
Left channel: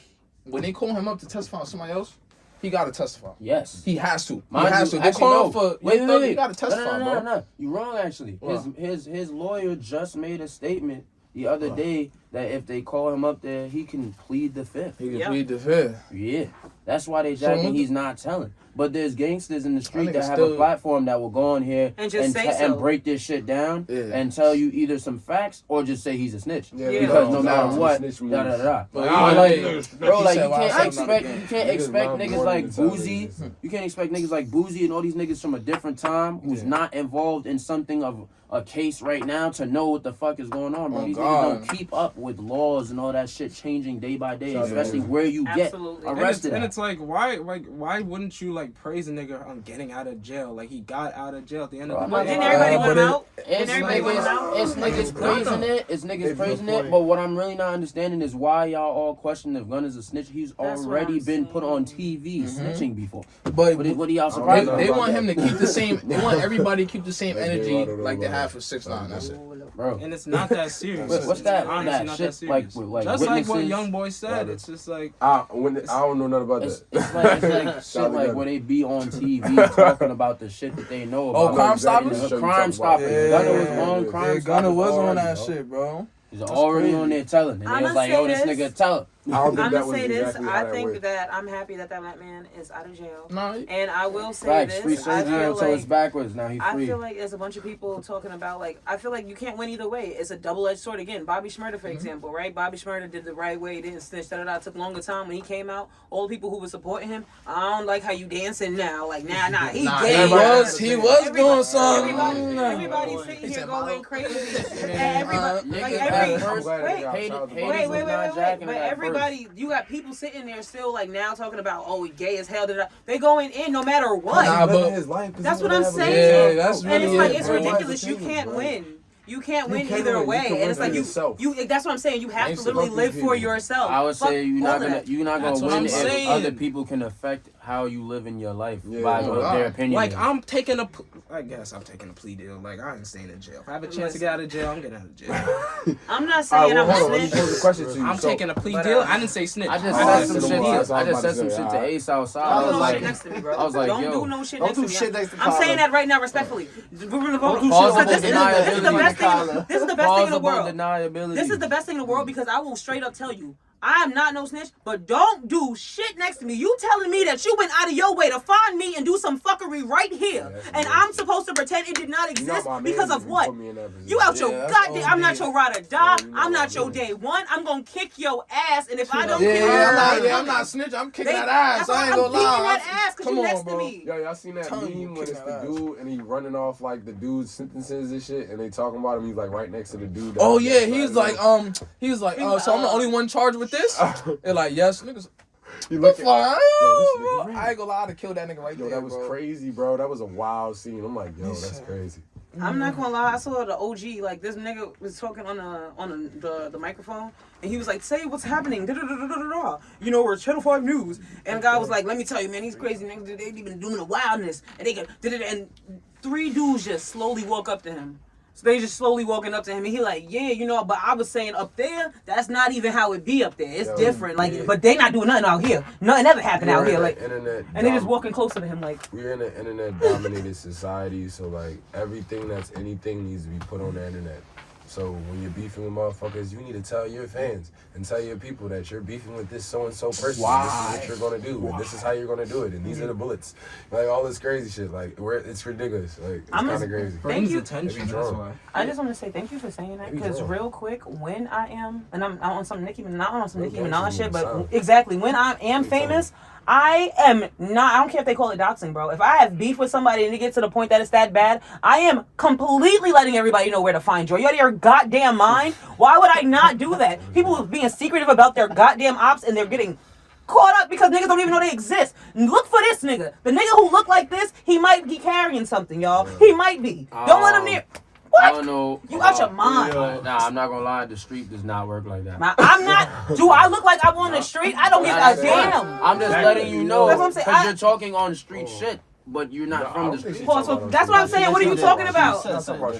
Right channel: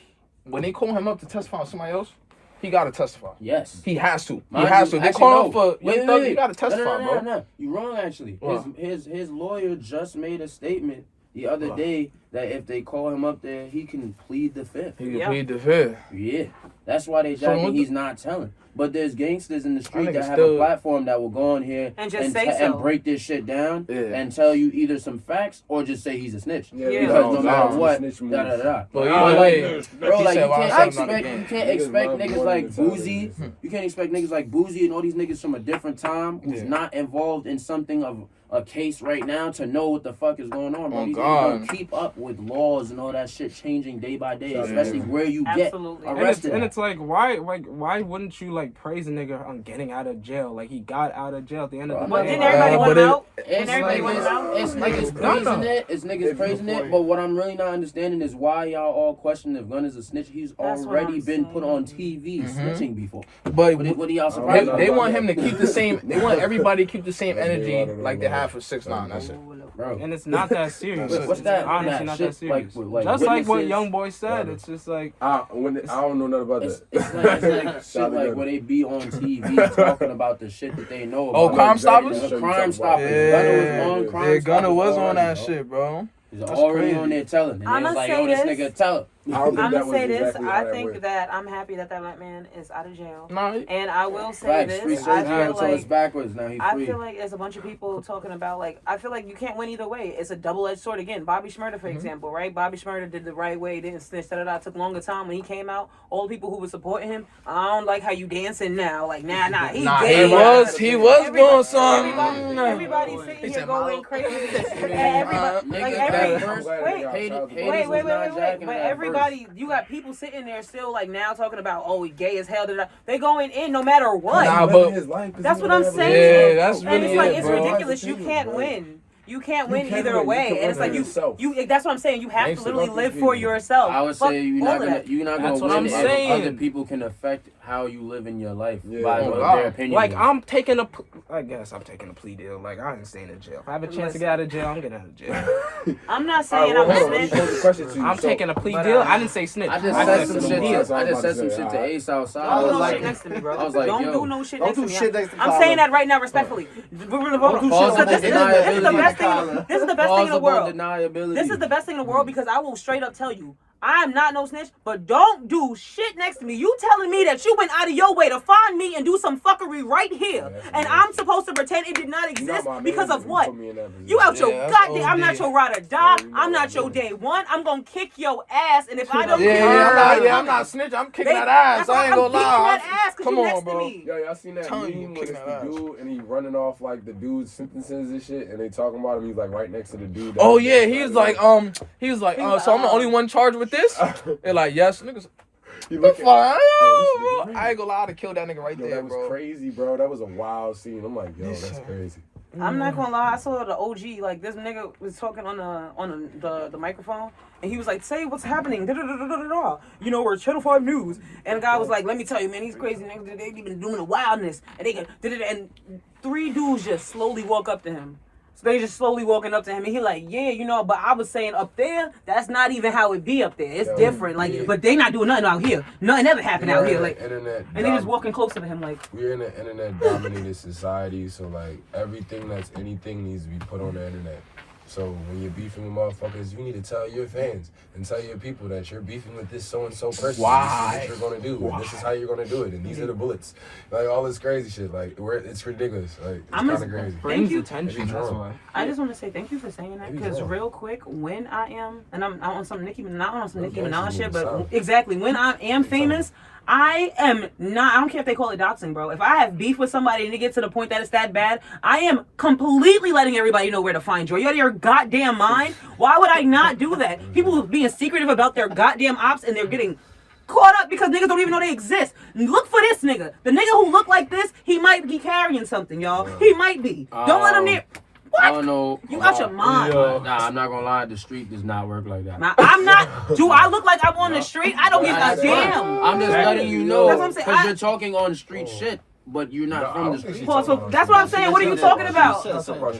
when they call him up to testify on somebody else, he gotta testify. Yes. He has to. He Mind has you, to. They actually, call him no. for Wait, Thug, wait. he gotta testify, bro. No. You wrong actually. What? His lawyer just made a statement the other day that if they call him up there, he can plead the fifth. He can plead the fifth. Yeah, that's why they jacking. He's not telling. But there's gangsters in the street that have still... a platform that will go on here and just say so. And break this shit down and tell you either some facts or just say he's a snitch. Yeah. Because no matter what, bro, like you can't expect niggas like Boozy. You can't expect niggas like Boozy and all these niggas from a different time who's not involved in something of a case right now to know what the fuck is going on, bro. These niggas don't keep up with laws and all that shit changing day by day, especially where you get arrested. And it's like, why wouldn't you like praise a nigga on getting out of jail? Like he got out of jail at the end of the day. Didn't everybody want him out? It's niggas praising it. It's niggas praising it. But what I'm really not understanding is why y'all all question if Gun is a snitch. He's already been put on TV snitching before. But what are y'all surprised? They want him to keep the same. They want everybody to keep the same energy like they have for 6ix9ine. That's it. Bro. And it's not that serious. What's that? Honestly, not that serious. Like just like what Young Boy said, it's just like I don't know nothing about that. It's like shit like where they be on TV talking about the shit that they know about. Oh, Crime Stoppers? Crime Stoppers. Gunna was on Crime Stoppers. Gunna was on that shit, bro. He's already on there telling. And they was like, yo, this nigga tell. I'm gonna say this. I think that I'm happy that black man is out of jail. And I will say this. I feel like it's backwards. Now he's free. I feel like there's a bunch of people talking about like I feel like you can't win either way. It's a double-edged sword again. Bobby Shmurda, for example, right? Bobby Shmurda did the right way. Didn't snitch. It took longer time when he came out. All the people who were supporting him. I don't like how you dancing now. Like nah. He was doing something. Everybody sitting here going crazy. Everybody But everybody. You got people sitting there still like now talking about he gay as hell. They going in no matter what. That's what I'm saying. Yeah, that's and it's like it's ridiculous. You can't win. You can't win either way. And it's like you. That's what I'm saying. You have to literally live for yourself. I would say you're not gonna win if other people can affect how you live in your life by their opinion. Like I guess I'm taking a plea deal. Like I ain't staying in jail. If I have a chance to get out of jail, I'm getting out of jail. I'm not saying I'm a snitch. I'm taking a plea deal. I didn't say snitch. I just said some shit to Ace outside. Don't do no shit next to me, bro. Don't do no shit next to me. I'm saying that right now, respectfully. This is the best thing. This is the best thing in the world. This is the best thing in the world because I will straight up tell you. I am not no snitch, but don't do shit next to me. You telling me that you went out of your way to find me and do some fuckery right here, and I'm supposed to pretend it did not exist because of what? You out your goddamn. I'm not your ride or die. I'm not your day one. I'm gonna kick your ass, and if I don't kick your ass, I'm not snitch. I'm kicking that ass. I ain't gonna lie. I'm beating that ass because you next to me. Yo, y'all seen that meme when it's the dude and he running off like the dude's sentences and shit, and they talking about him. He's like right next to the dude. Oh yeah, he's like so I'm the only one charged with this. They're like, yes, niggas. I ain't gonna lie to kill that nigga right there. That was crazy, bro. That was a wild scene. I'm like, yo, that's crazy. I'm not gonna lie. I saw the OG. Like this nigga was talking on the microphone, and he was like, "Say what's happening." You know, we're Channel 5 News, and the guy was like, "Let me tell you, man, these crazy niggas. They been doing the wildness, and they and 3 dudes just slowly walk up to him." So they just slowly walking up to him, and he like, yeah, you know, but I was saying up there, that's not even how it be up there. It's different, like, but they not doing nothing out here. Nothing ever happened out here, like, and they just walking closer to him, like. We're in an internet-dominated society, so like everything that's anything needs to be put on the internet. So when you're beefing with motherfuckers, you need to tell your fans and tell your people that you're beefing with this so-and-so person. Why? This is what you're going to do, and this is how you're going to do it, and these are the bullets. Like, all this crazy shit. Like, it's ridiculous. Like, it's kind of crazy. Thank you. Attention, that's why. I just want to say thank you for saying that, because real quick, when I am, and I'm on some Nicki Minaj shit, but exactly, when I am famous, I am not, I don't care if they call it doxing, bro. If I have beef with somebody and it gets to the point that it's that bad, I am completely letting everybody know where to find you. Are you out of your goddamn mind? Why would I not do that? People being secretive about their goddamn ops and they're getting caught up because niggas don't even know they exist. Look for this nigga. The nigga who look like this, he might be carrying something, y'all. He might be. Don't let him near. What? I don't know. You out your mind. Nah, I'm not gonna lie. The street does not work like that. Nah, I'm not. Do I look like I'm on the street? I don't give a damn. I'm just letting you know. That's what I'm saying. Because you're talking on street shit, but you're not from the street. Pause. So that's what I'm saying. What are you talking about?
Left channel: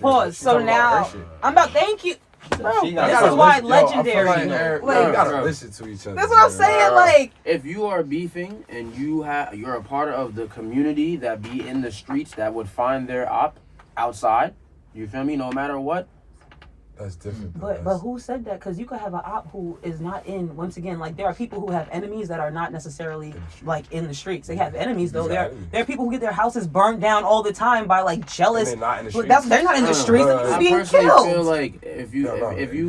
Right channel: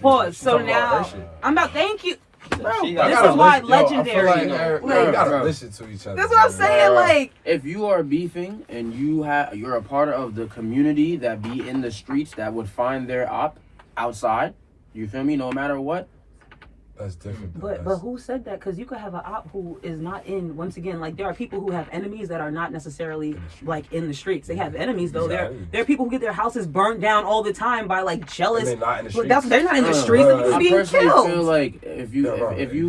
Pause. So now, I'm about. Thank you. Bro, this is why legendary. We gotta listen to each other. That's what I'm saying. Like, if you are beefing and you're a part of the community that be in the streets that would find their op outside, you feel me? No matter what, That's different. But who said that? Because you could have an op who is not in. Once again, like there are people who have enemies that are not necessarily like in the streets. They have enemies though. There are people who get their houses burned down all the time by like jealous. And they're not in the streets. They're not in the streets. They're I being personally killed. feel like if you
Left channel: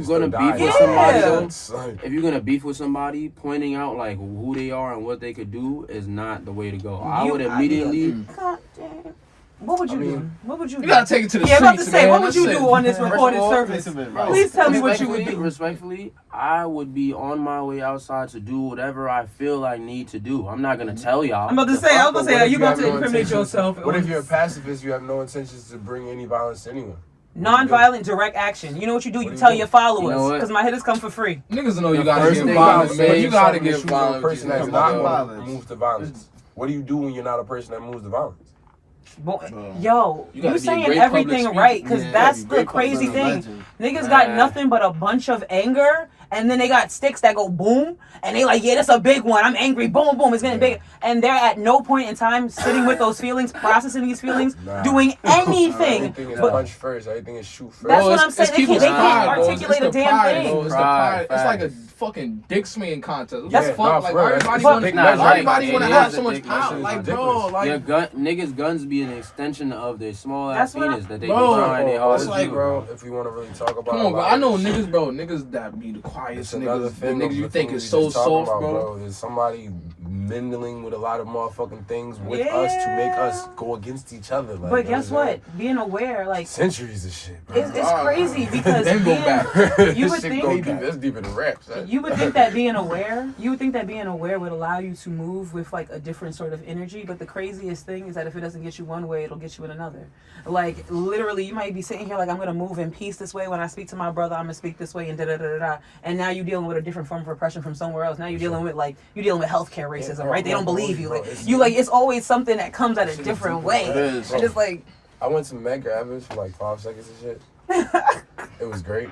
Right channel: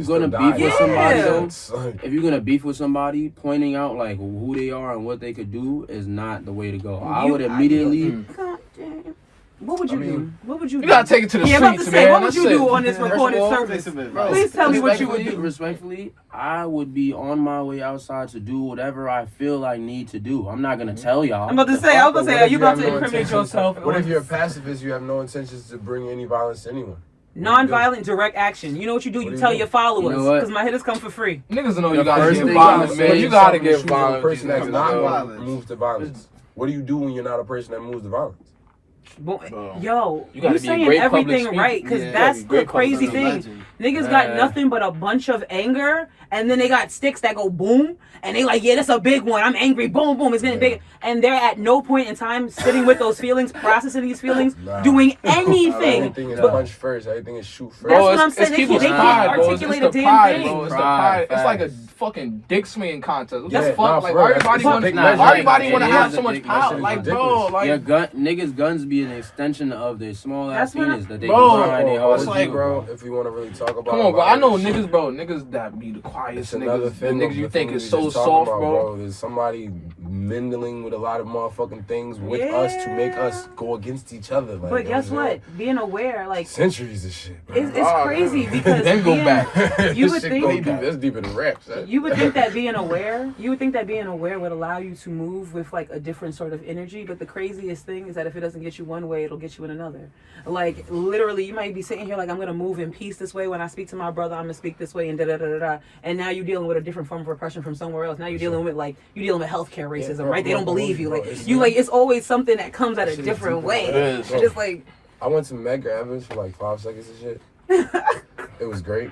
still gonna die. beef with somebody Yeah. though, if you're gonna beef with somebody, pointing out like who they are and what they could do is not the way to go. I would immediately. God damn. What would you do? What would you do? You gotta take it to the I'm about to streets, say, man. what would you That's do it. on this recorded all, service? Please tell me what you would do. Respectfully, I would be on my way outside to do whatever I feel I need to do. I'm not gonna tell y'all. I'm about to say, are you about to incriminate intentions- yourself? What if you're a pacifist? You have no intentions to bring any violence to anyone. Non-violent direct action. You know what you do? What You do you tell do? your followers. You know what? Because my hitters come for free. Niggas know The you gotta first get thing violent, I'm man. saying, You gotta Something get shoes of a violent. person that's Come not on. going to move to violence. What do you do when you're not a person that moves to violence? Yo, You gotta you be a saying great everything public right, because speaker. that's Yeah, the great crazy public thing. legend. Niggas got nothing but a bunch of anger, and then they got sticks that go boom, and they like, yeah, that's a big one. I'm angry, boom, boom, it's getting big. And they're at no point in time sitting with those feelings, processing these feelings, Nah. doing anything. Everything is But punch first. Everything is shoot first. That's Bro, what I'm saying. They can't articulate a damn thing. Bro. It's the Pride, pride. It's like a facts. fucking dick swinging contest. What Yeah, the fuck? nah, Like for real, everybody that's wanna, big measure. everybody wanna It have is so a much big power. measure. Like, bro, Ridiculous. like Your niggas' guns be an extension of their small ass That's what penis that they Bro, can try their hardest it's to like, do. bro, if we want to really talk about come on, bro. a lot I of know this shit, niggas, bro. Niggas that be the quietest it's another niggas. thing. The of niggas you the think thing is we so just talking soft, about, bro. Is somebody mingling with a lot of motherfucking things with us to make us go against each other. Like, But you know guess what I'm what? Being aware, like, centuries of shit, bro. it's crazy because Then go back. you This would shit think go deep. That's deep in the rap. Son. you would think that being aware would allow you to move with like a different sort of energy. But the craziest thing is that if it doesn't get you one way, it'll get you in another. Like literally, you might be sitting here like, I'm gonna move in peace this way. When I speak to my brother, I'm gonna speak this way, and da da da da da. And now you're dealing with a different form of oppression from somewhere else. Now you're dealing with healthcare racism, bro, right? They don't bro, believe you. bro, Like it's always something that comes at a different way. is, And it's like, I went to Meg Evans for like 5 seconds and shit. It was great.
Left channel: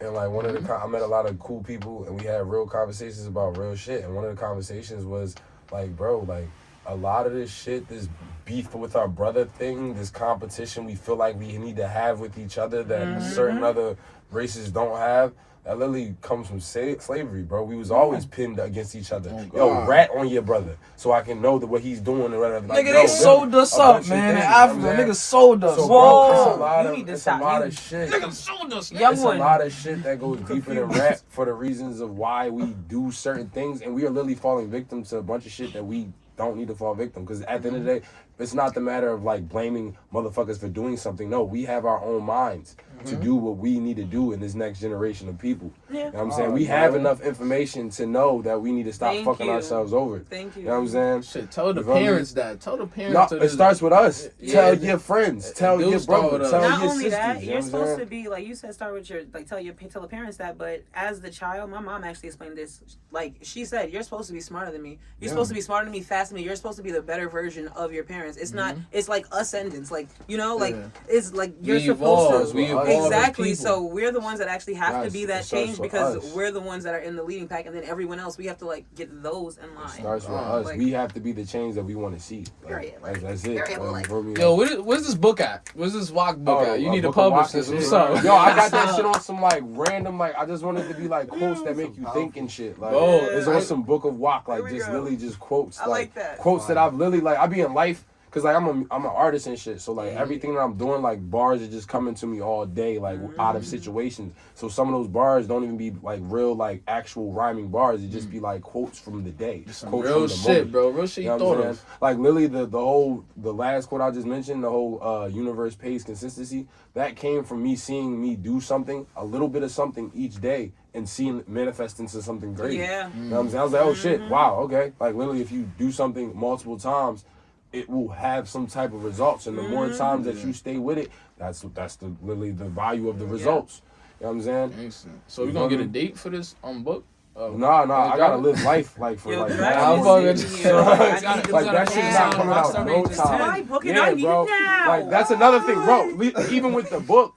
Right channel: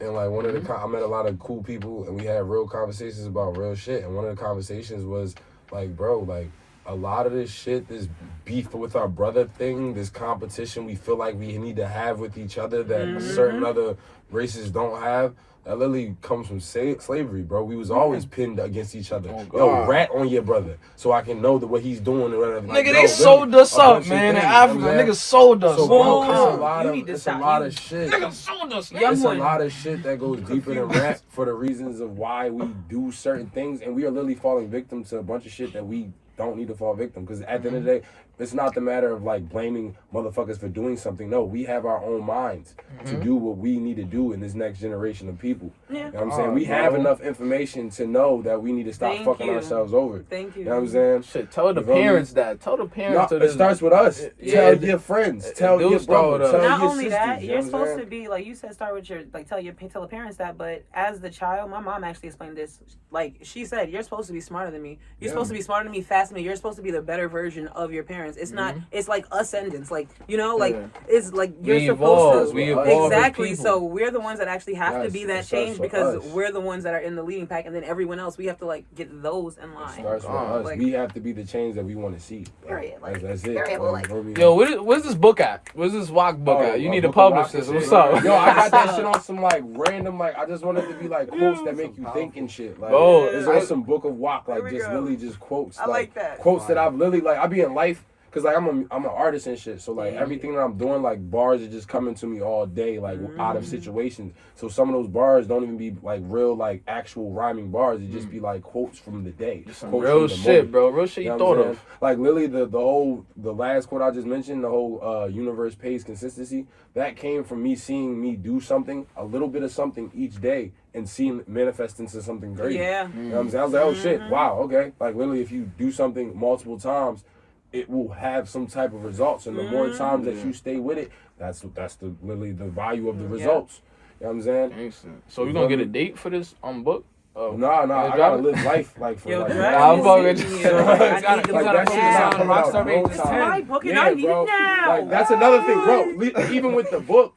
And like one of the, I met a lot of cool people and we had real conversations about real shit. And one of the conversations was like, bro, like a lot of this shit, this beef with our brother thing, this competition we feel like we need to have with each other that certain other races don't have, that literally comes from slavery, bro. We was always pinned against each other. Oh, yo, God. rat on your brother so I can know what he's doing and whatever. Like, Nigga, yo, they sold us a up, bunch of man. In things, Africa, you know what I'm niggas sold us. So, bro. bro, it's a Whoa, lot you of need to it's a stop. lot You- of shit. Niggas sold us. Young It's a one. lot of shit that goes deeper than rap for the reasons of why we do certain things, and we are literally falling victim to a bunch of shit that we don't need to fall victim. Because at the end of the day, it's not the matter of like blaming motherfuckers for doing something. No, we have our own minds to do what we need to do in this next generation of people. Yeah. You know what I'm saying? We have enough information to know that we need to stop Thank fucking you. ourselves over. Thank you. You know what I'm saying? Shit, tell the You feel me? parents that. Tell the parents. No, of it this. starts with us. Yeah, Tell it- your friends. it Tell do your start brother. with us. Tell Not your only sisters, that, you know you're what I'm supposed saying? to be like you said, start with your like tell the parents that. But as the child, my mom actually explained this. Like she said, you're supposed to be smarter than me. You're supposed to be smarter than me, faster than me. You're supposed to be the better version of your parents. It's not. It's like ascendance. Like like it's like you're We supposed evolve. to. We evolve as Exactly. people. So we're the ones that actually have to Yes, be it that starts change with because us. we're the ones that are in the leading pack, and then everyone else we have to like get those in line. Starts with Oh, us. like- we have to be the change that we want to see. Period, like, that's it. period, Like, like- you feel me? Yo, where's this book at? Where's this WAC book at? You need to Book of publish Walk this. and What's shit. up? Yo, I got that shit on some like random, like I just wanted to be like quotes that make you think and shit. Like Bro, it's on some book of Walk, There like we just go. literally just quotes. I like that. Quotes that I've literally like I be in life. Cause like I'm an artist and shit, so like everything that I'm doing, like bars are just coming to me all day, like out of situations. So some of those bars don't even be like real, like actual rhyming bars. It just be like quotes from the day, Some quotes real from the shit, moment. bro. Real shit You you know what I'm thought saying? of. Like literally the last quote I just mentioned, the whole universe pays consistency, that came from me seeing me do something, a little bit of something each day, and seeing it manifest into something great. Yeah. You know what I'm saying? I was like, oh shit, wow, okay. Like literally if you do something multiple times, it will have some type of results. And the more times that you stay with it, that's literally the value of the results. You know what I'm saying? Makes sense. So we gonna get a date for this book? Nah, I gotta live life like for like. I'm fucking. Like that shit is not coming out no It's my time. book and I need it now. Like that's another thing, bro. Even with the book,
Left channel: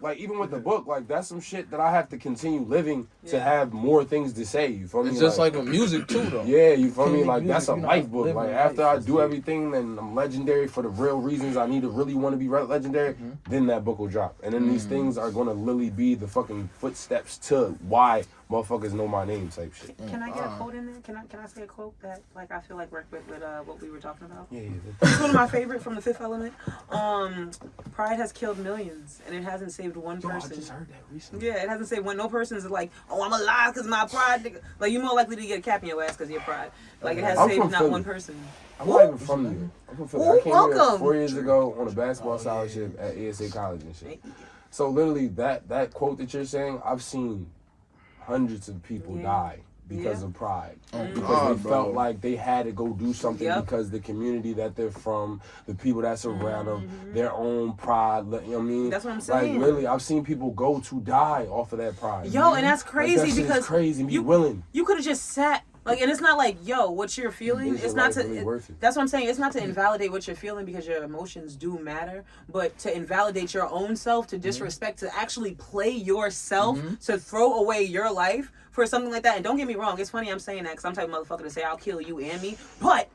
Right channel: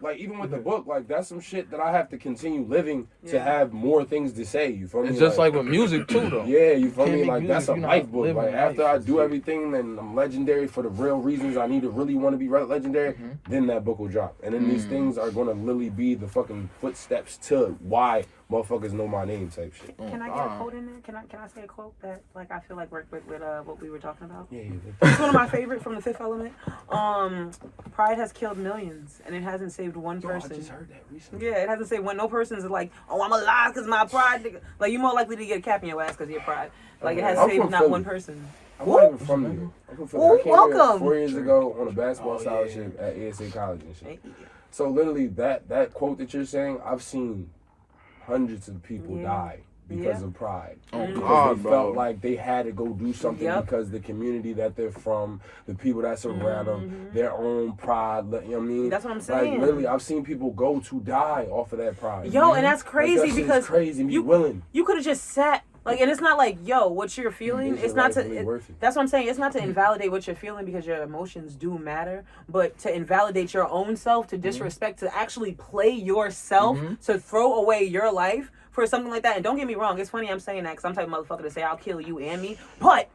like that's some shit that I have to continue living to have more things to say. You feel me? It's just like with music too, though. Yeah, you feel me? Can't Like make that's a music, life book. Like after I do life. everything and I'm legendary for the real reasons I need to really want to be legendary, then that book will drop. And then these things are gonna literally be the fucking footsteps to why motherfuckers know my name type shit. Can I get a quote in there? Can I say a quote that like I feel like worked with what we were talking about? Yeah. It's one of my favorite from The Fifth Element. Pride has killed millions and it hasn't saved one person. I just heard that recently. Yeah, it hasn't saved one. No person's like, oh, I'm alive because my pride. Like you're more likely to get a cap in your ass because of your pride. Like it has I'm saved from not Philly. one person. I'm not even from New York. I'm from Philly. Ooh, I came welcome. here 4 years ago on a basketball scholarship at ASA College and shit. So literally that quote that you're saying, I've seen hundreds of people die because of pride. Because they felt like they had to go do something because the community that they're from, the people that surround them, their own pride, you know what I mean? That's what I'm saying. Like literally, I've seen people go to die off of that pride. Yo, and that's crazy like, that because crazy. Be willing. You could have just sat. Like, and it's not like, yo, what you're feeling, it's not to, really that's what I'm saying, it's not to invalidate what you're feeling because your emotions do matter, but to invalidate your own self, to disrespect, to actually play yourself, to throw away your life for something like that. And don't get me wrong, it's funny I'm saying that because I'm type of motherfucker to say I'll kill you and me, but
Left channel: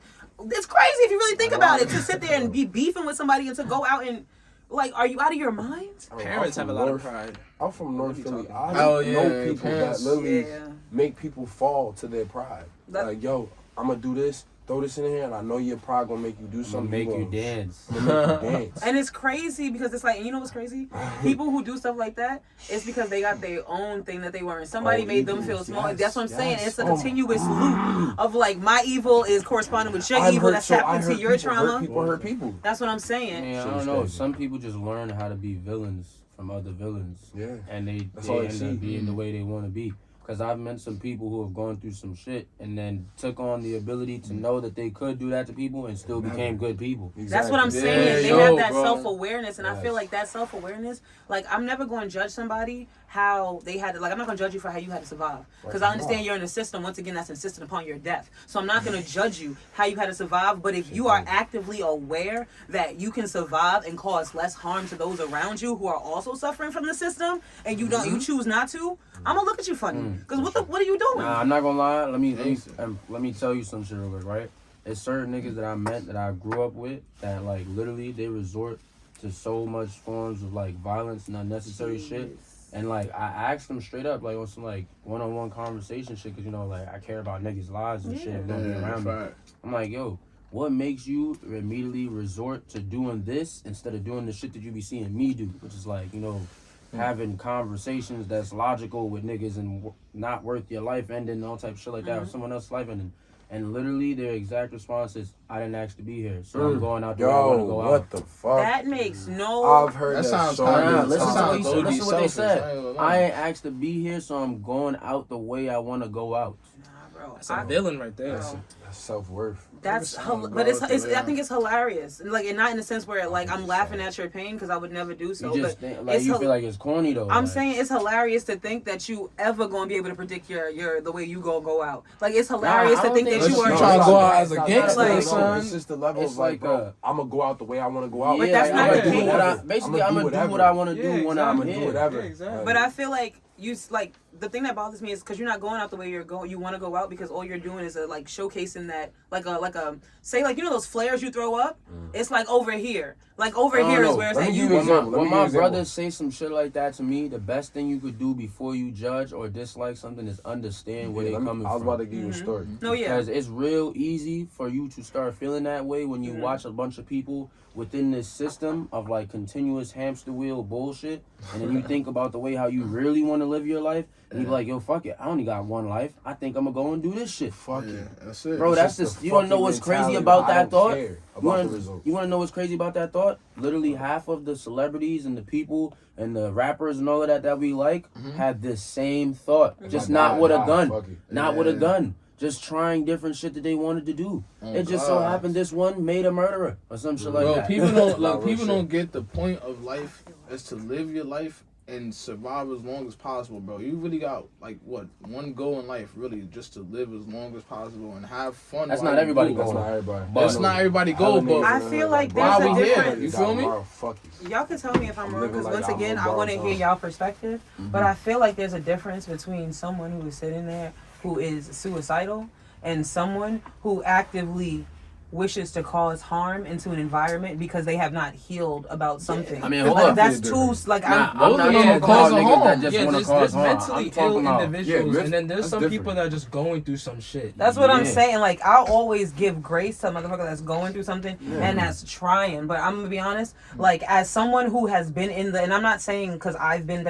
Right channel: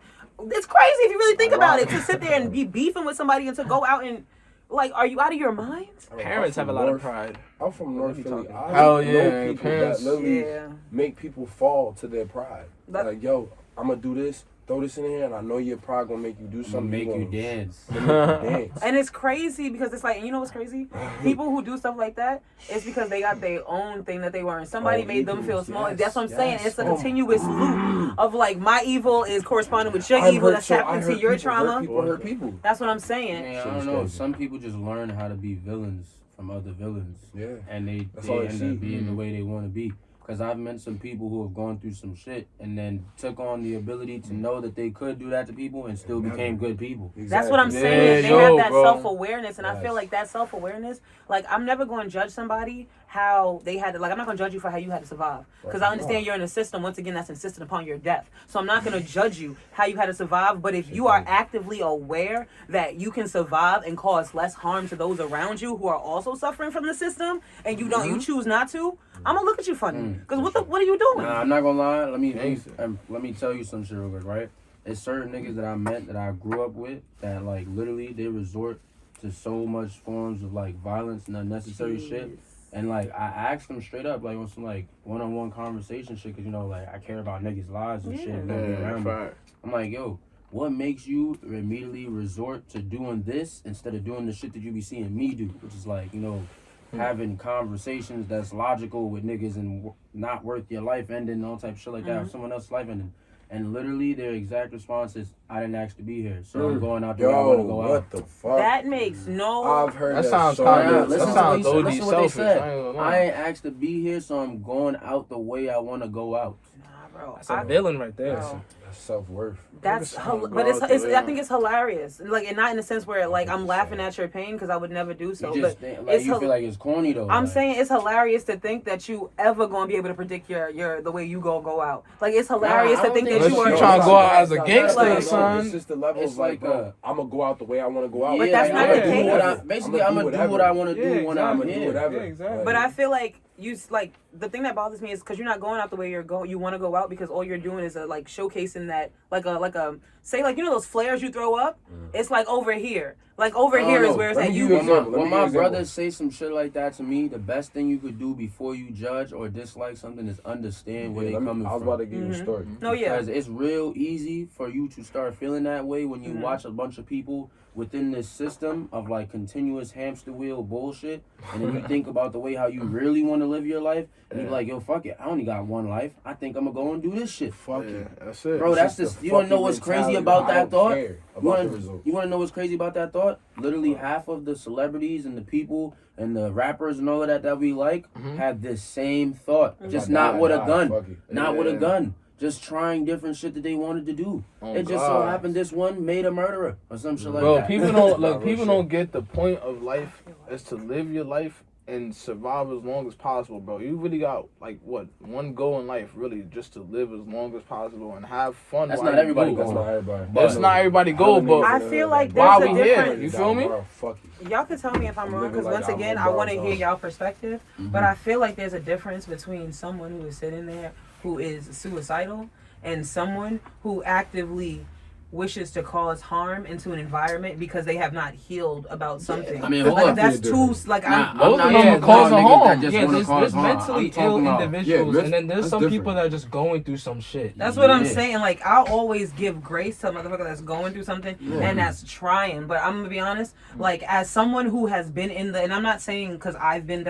it's crazy if you really think about it, to sit there and be beefing with somebody and to go out and, like, are you out of your mind? Parents have a lot of pride. I'm from North Philly. I Oh, know yeah, people parents. that literally make people fall to their pride. That- Like, yo, I'm gonna do this, throw this in here, and I know your pride gonna make you do something. Make you dance. Make you dance. And it's crazy because it's like, and you know what's crazy? People who do stuff like that, it's because they got their own thing that they were, and somebody made them feel small. Yes, That's what I'm saying. yes. It's a continuous loop of like my evil is corresponding with your I've evil heard- that's so tapped I into heard your people trauma. hurt people. That's what I'm saying. Yeah, I So don't it's know. crazy. Some people just learn how to be villains from other villains. Yeah. And they That's all they end see. up being the way they want to be. Because I've met some people who have gone through some shit and then took on the ability to know that they could do that to people and still became good people. That's what I'm Exactly. saying. They yo, have that bro. self-awareness, and I feel Yes. like that self-awareness, like I'm never going to judge somebody how they had to, like I'm not going to judge you for how you had to survive, because I understand you're in a system, once again, that's insistent upon your death. So I'm not going to judge you how you had to survive, but if you are actively aware that you can survive and cause less harm to those around you who are also suffering from the system, and you don't, you choose not to, I'm gonna look at you funny, because what are you doing? Nah, I'm not gonna lie. Let me tell you some shit real quick, right? There's certain niggas that I met that I grew up with that like literally they resort to so much forms of like violence and unnecessary shit. And like I asked them straight up, like on some like one-on-one conversation shit, cause you know like I care about niggas' lives and shit and don't be around me. I'm like, yo, what makes you immediately resort to doing this instead of doing the shit that you be seeing me do, which is like, you know, having conversations that's logical with niggas and not worth your life ending and all type of shit like that, or someone else's life ending. And literally their exact response is, I didn't ask to be here, so I'm going out the way I want to go out. What the fuck? That makes no. I've heard that, sounds so kinda- many that Listen times. to sounds what they said. I ain't gonna lie. I ain't asked to be here, so I'm going out the way I want to go out. Nah, bro. That's a villain right there. Bro. That's self-worth. That's, Niggas but go out it's the way. I think it's hilarious, like, and not in the sense where like I'm laughing at your pain because I would never do so. You just But think, like it's you feel like it's corny though. I'm like, saying it's hilarious to think that you ever gonna be able to predict your the way you go out. Like it's hilarious I to don't think that think you you are. trying to it's go not out that, as a it's not gangster, that. like, son. It's just the level It's of like, bro, I'm gonna go out the way I want to go out. But that's like, not I'ma the do case. what I- Basically, I'm gonna do what I want to do when I'm I'ma do here. whatever. Yeah, exactly. But I feel like like the thing that bothers me is because you're not going out the way you want to go out, because all you're doing is like showcasing that like a say like, you know those flares you throw up, it's like over here, like over I don't here is know. where it's Let at me you. give you an example. When my brothers say some shit like that to me, the best thing you could do before you judge or dislike something is understand where they coming I was from. about to give you a story. No, yeah. Because it's real easy for you to start feeling that way when you watch a bunch of people within this system of like continuous hamster wheel bullshit, and then you think about the way how you really want to live your life, and you be like, yo, fuck it, I only got one life. I think I'm gonna go and do this shit. Fuck Yeah, it. that's it. Bro, that's It's just, the you wanna know fucking what's crazy mentality. about I that don't thought? care about the results. You wanna know what's crazy about that thought? Literally half of the celebrities and the people and the rappers and all of that we like have this same thought, just not with a gun. Fuck it. Not with a gun. Just trying different shit that they wanted to do. Oh, It just so God. happened this one made a murderer or some shit like Bro, that. people don't Nah, real people shit. don't get the point of life is to live your life and survive as long as possible, bro. You really got like what one goal in life, really, just to live as long as possible and have fun. That's not everybody. That's not everybody. That's not everybody goal, but I feel like why there's a we here? difference. You feel me? Y'all can tell me if I'm wrong, because living once like again, I'm I a want to dog, hear dog. y'all perspective. But I feel like there's a difference between someone who is sitting there who is suicidal and someone who actively wishes to cause harm into an environment because they have not healed about something. I mean, hold like, up. that's too like Nah, I'm I'm not Yeah, talking about causing niggas harm. that just want to cause there's harm. mentally I'm talking ill about individuals, and then there's that's some different. people that are just going through some shit. That's what I'm saying. Like, I'll always give grace to a motherfucker that's going through something and that's trying. But I'm gonna be honest, like, as someone who has been in the, and I'm not saying because I've been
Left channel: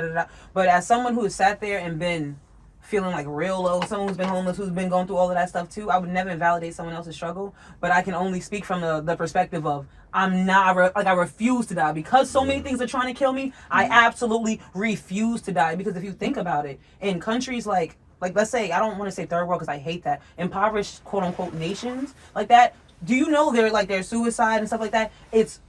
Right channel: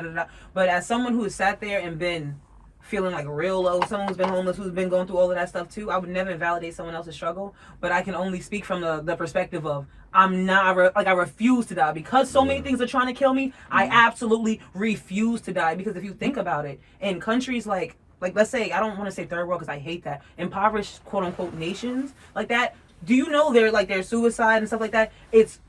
but as someone who has sat there and been feeling like real low, someone who's been homeless, who's been going through all of that stuff too, I would never invalidate someone else's struggle. But I can only speak from the perspective of I'm not I refuse to die because so many things are trying to kill me. I absolutely refuse to die, because if you think about it, in countries like let's say, I don't want to say third world because I hate that, impoverished quote unquote nations like that, do you know their suicide and stuff like that, it's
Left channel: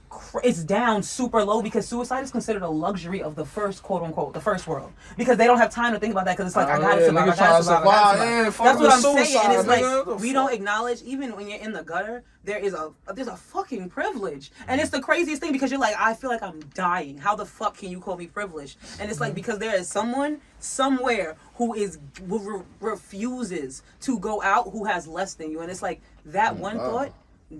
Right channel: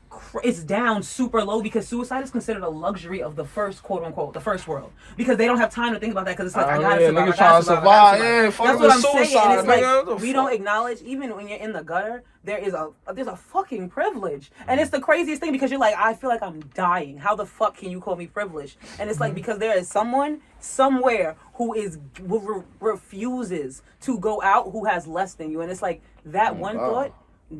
down super low, because suicide is considered a luxury of the first quote unquote the first world, because they don't have time to think about that, because it's like I gotta survive, I gotta survive. That's what I'm saying, and it's like we don't acknowledge, even when you're in the gutter, there's a fucking privilege, and it's the craziest thing, because you're like, I feel like I'm dying. How the fuck can you call me privileged? And it's like, because there is someone somewhere who refuses to go out, who has less than you, and it's like that one thought.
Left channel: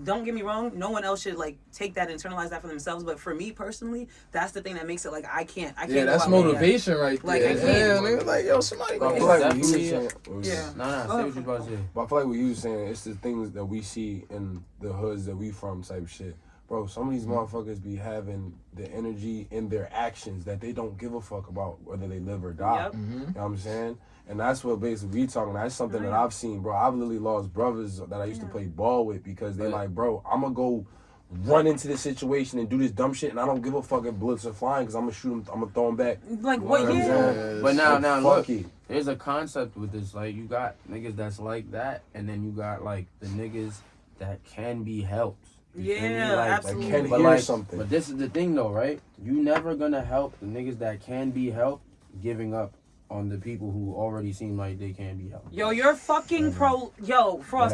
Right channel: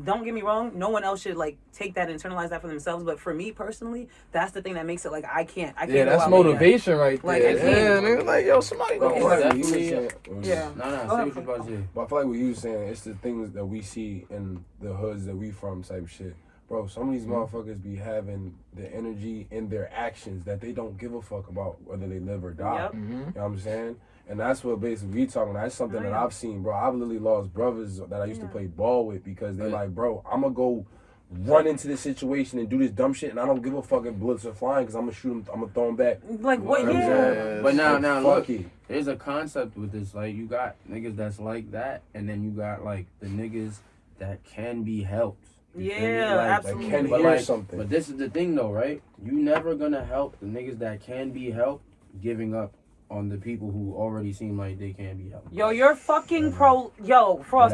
Don't get me wrong, no one else should like take that and internalize that for themselves, but for me personally, that's the thing that makes it like I can't Yeah, go that's out motivation right Like, there. I can't. Yeah, like, yo, somebody But I feel like what you was Definitely. saying, Yeah. Nah, say what you about to say. But I feel like what you was saying, it's the things that we see in the hoods that we from type shit. Bro, some of these motherfuckers be having the energy in their actions that they don't give a fuck about whether they live or die. Yep. You know what I'm saying? And that's what basically we talking. That's something that I've seen, bro. I've literally lost brothers that I used to play ball with because they're like, bro, I'm gonna go run into this situation and do this dumb shit, and I don't give a fuck if bullets are flying, because I'm gonna shoot them, I'm gonna throw them back. Like, what? You know what I'm Yeah. saying? But now look, Fuck it. there's a concept with this. Like, you got niggas that's like that, and then you got like the niggas that can be helped. You feel me? Yeah, Like, absolutely. Can But hear like, something. but this is the thing though, right? You never gonna help the niggas that can be helped, giving up on the people who already seem like they can be helped. Yo, you're fucking Frost,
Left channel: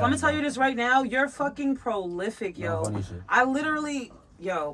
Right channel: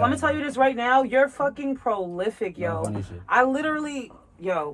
let me tell you this right now. You're fucking prolific, No yo. funny shit. I literally,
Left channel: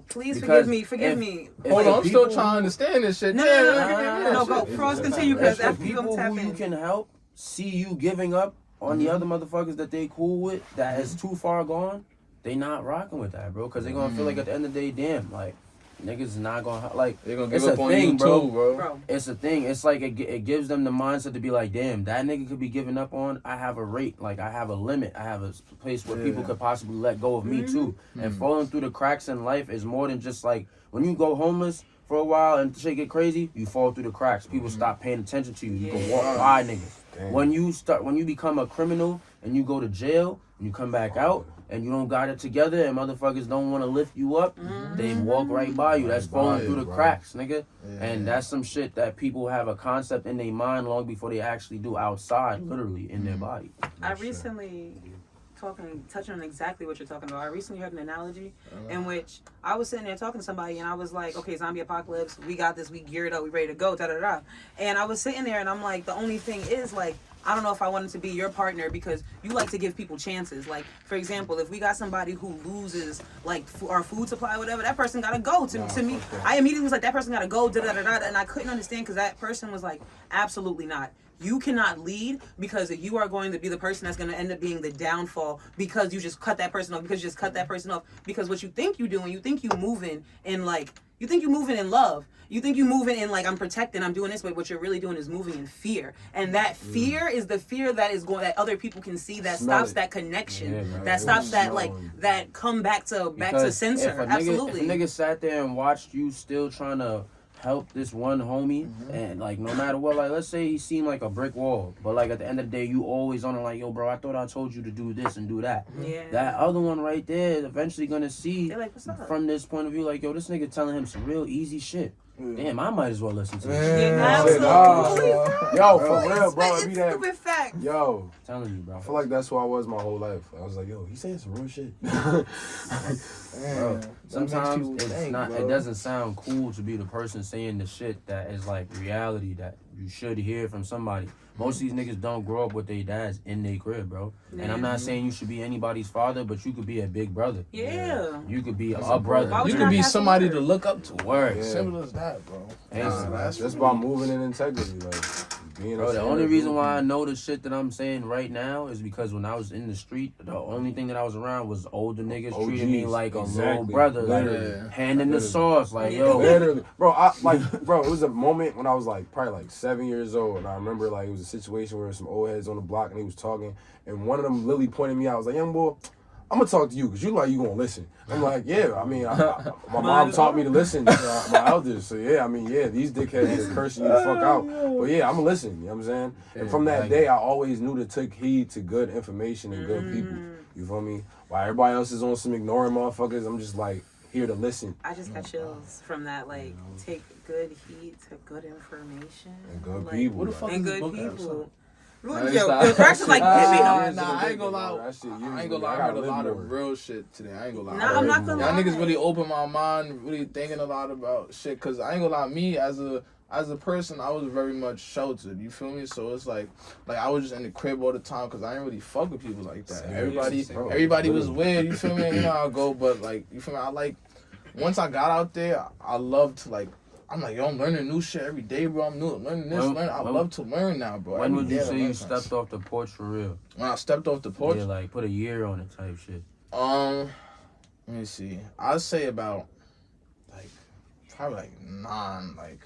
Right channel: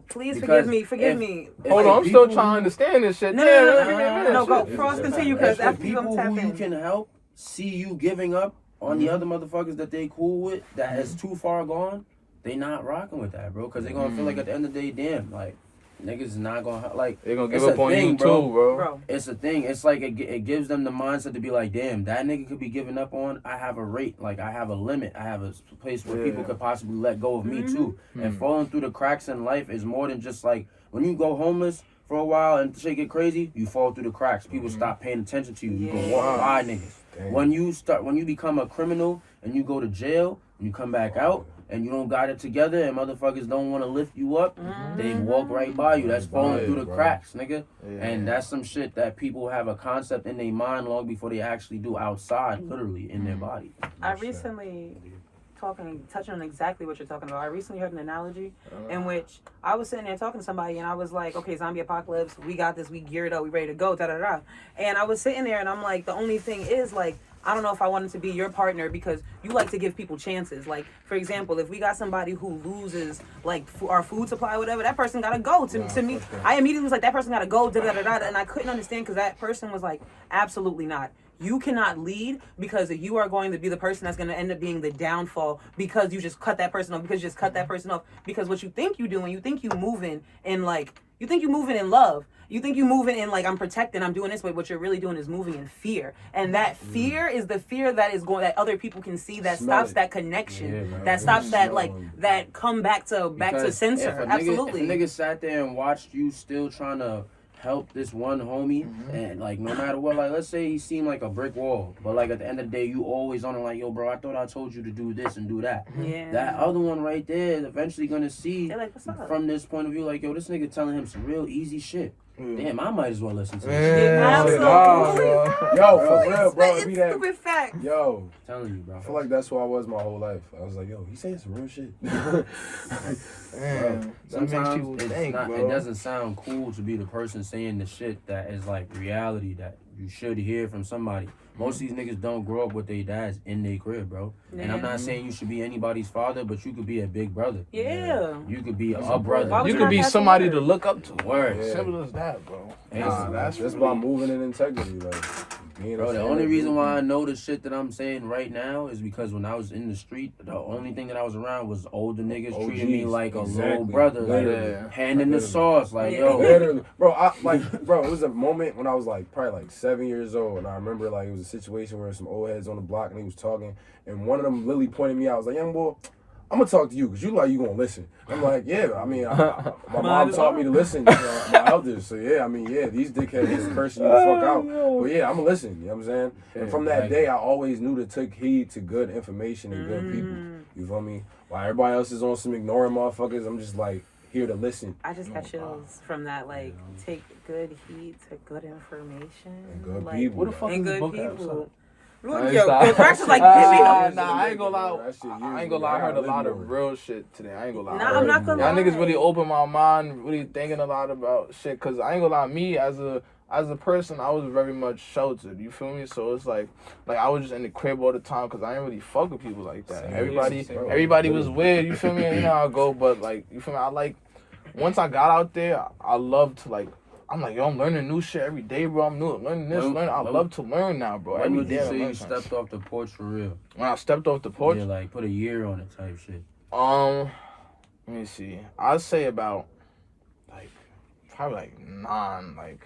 please Because forgive me. Hold on, I'm still trying to understand this shit. No, go. Frost, continue, because If after you people tap who you in. can help see you giving up on the other motherfuckers that they cool with, that is too far gone, they not rocking with that, bro. Because they gonna feel like at the end of the day, damn, like, niggas is not gonna, like, They're gonna it's give up a on thing, you bro. too, bro. Bro, It's a thing. It's like it gives them the mindset to be like, damn, that nigga could be giving up on. I have a rate, like I have a limit. I have a place where people could possibly let go of me too. And falling through the cracks in life is more than just like when you go homeless for a while and shit get crazy, you fall through the cracks. People stop paying attention to you. You can walk by niggas. Damn. When you become a criminal and you go to jail and you come back out and you don't got it together and motherfuckers don't want to lift you up, they walk right by you. That's falling through the cracks, nigga. Yeah. And that's some shit that people have a concept in their mind long before they actually do outside, literally, in their body. I recently touching on exactly what you're talking about. I recently heard an analogy in which I was sitting there talking to somebody, and I was like, okay, zombie apocalypse, we got this, we geared up, we ready to go, da-da-da. And I was sitting there, and I'm like, the only thing is, like, I don't know if I wanted to be your partner, because you like to give people chances. Like, for example, if we got somebody who loses, like, our food supply or whatever, that person gotta go. To me, I immediately was like, that person gotta go, da-da-da-da. And I couldn't understand, because that person was like, absolutely not. You cannot lead, because you are going to be the person that's going to end up being the downfall, because you just cut that person off, because because what you think you doing, you think you moving in like, you think you moving in love. You think you moving in like, I'm protecting, I'm doing this, but what you're really doing is moving in fear. And that fear is the fear that is going, that other people can see, that stops that connection, that stops that like, that come back to censor. Absolutely. If a nigga sat there and watched you still trying to help this one homie, and like no matter what, like let's say he seemed like a brick wall, but like at the end of the day you always on it like, yo bro, I thought I told you to do this and do that. Yeah. That other one right there is eventually gonna see They're like, what's up? from this point of view, like, yo, this nigga telling him some real easy shit. damn, I might as well listen to this. Yeah, absolutely. Yo, for real, bro. It be It's that. stupid fact. Yo, I'm telling you, bro. I feel like that's who I was my whole life. I was like, yo, he saying some real shit. Bro, sometimes people it's think, not. bro. It doesn't sound cool to be the person saying the shit that is like reality that you should hear from somebody. Most of these niggas don't grow up with their dads in their crib, bro. And I'm not saying you should be anybody's father, but you could be a big brother. Yeah. You could be That's a brother. Why would You you could not be have to somebody hear to it? look up to. Word. Yeah. Simple as that, bro. Hey, That's about moving in integrity, like being Bro, a the fan only of reason you. why I know the shit that I'm saying right now is because when I was in the street, the only thing that I was around was older niggas treating me OGs, like a little exactly. brother, Literally. like handing the Literally. sauce, like Yeah. yo. Literally, bro. It was a moment when I was like probably like 7 years old, and I remember like it was a situation where some old heads on the block and he was talking, and one of them literally pointed me out. I was like, young boy, I'm gonna talk to you because you like you gonna listen. I'm like, yeah. I mean, my mom taught me to listen. My elders, so yeah. I mean, yeah. These dickheads are cursing you the fuck out, but yeah, I'm gonna listen. You know what I'm saying? And from that day, I always knew to take heed to good information and good people. You feel me? While everybody else is on some ignoring motherfuckers, I'm just like here to listen. I just got chills from that. Like, take good heed to good information. And good like, people. What the fuck And is the good book people. Nah, Yo, stop. the director's like, give me Nah, them. nah, I ain't gonna lie. That shit years I ain't ago. gonna lie. I heard a gotta lot live of more. real shit today. I ain't gonna lie. Nah, I'm not gonna Y'all lie. niggas really opened my mind, really thinking a lot about shit. Cause I ain't gonna lie, me as a person, I was very much sheltered. You feel me? So it's like I was just in the crib all the time, cause I ain't really fuck with people like that. Everybody was weird. You feel me? You know how I go, but like, you feel me? I like once I got out there, I love to like. I'm like, yo, I'm learning new shit every day, bro. I'm learning this, learning. I love to learn now, bro. When would you Every day say I you learn something. stepped off the porch for real? When I stepped off the porch? Yeah, like put a year on it type shit. Let me see. I'd say about like probably like 9, like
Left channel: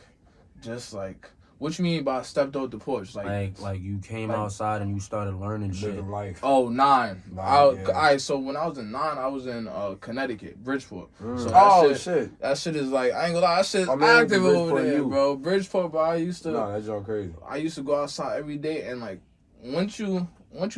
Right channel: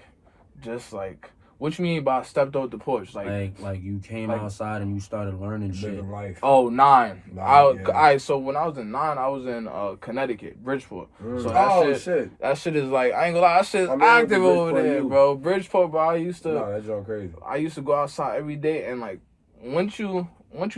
just like what you mean by stepped off the porch? Like you came outside and you started learning shit. Living life. Oh, 9. Yeah. Alright, so when I was in 9, I was in Connecticut, Bridgeport. So that shit is like, I ain't gonna lie, that shit's active over there, bro. Bridgeport, bro, I used to Nah, that's y'all crazy. I used to go outside every day, and like once you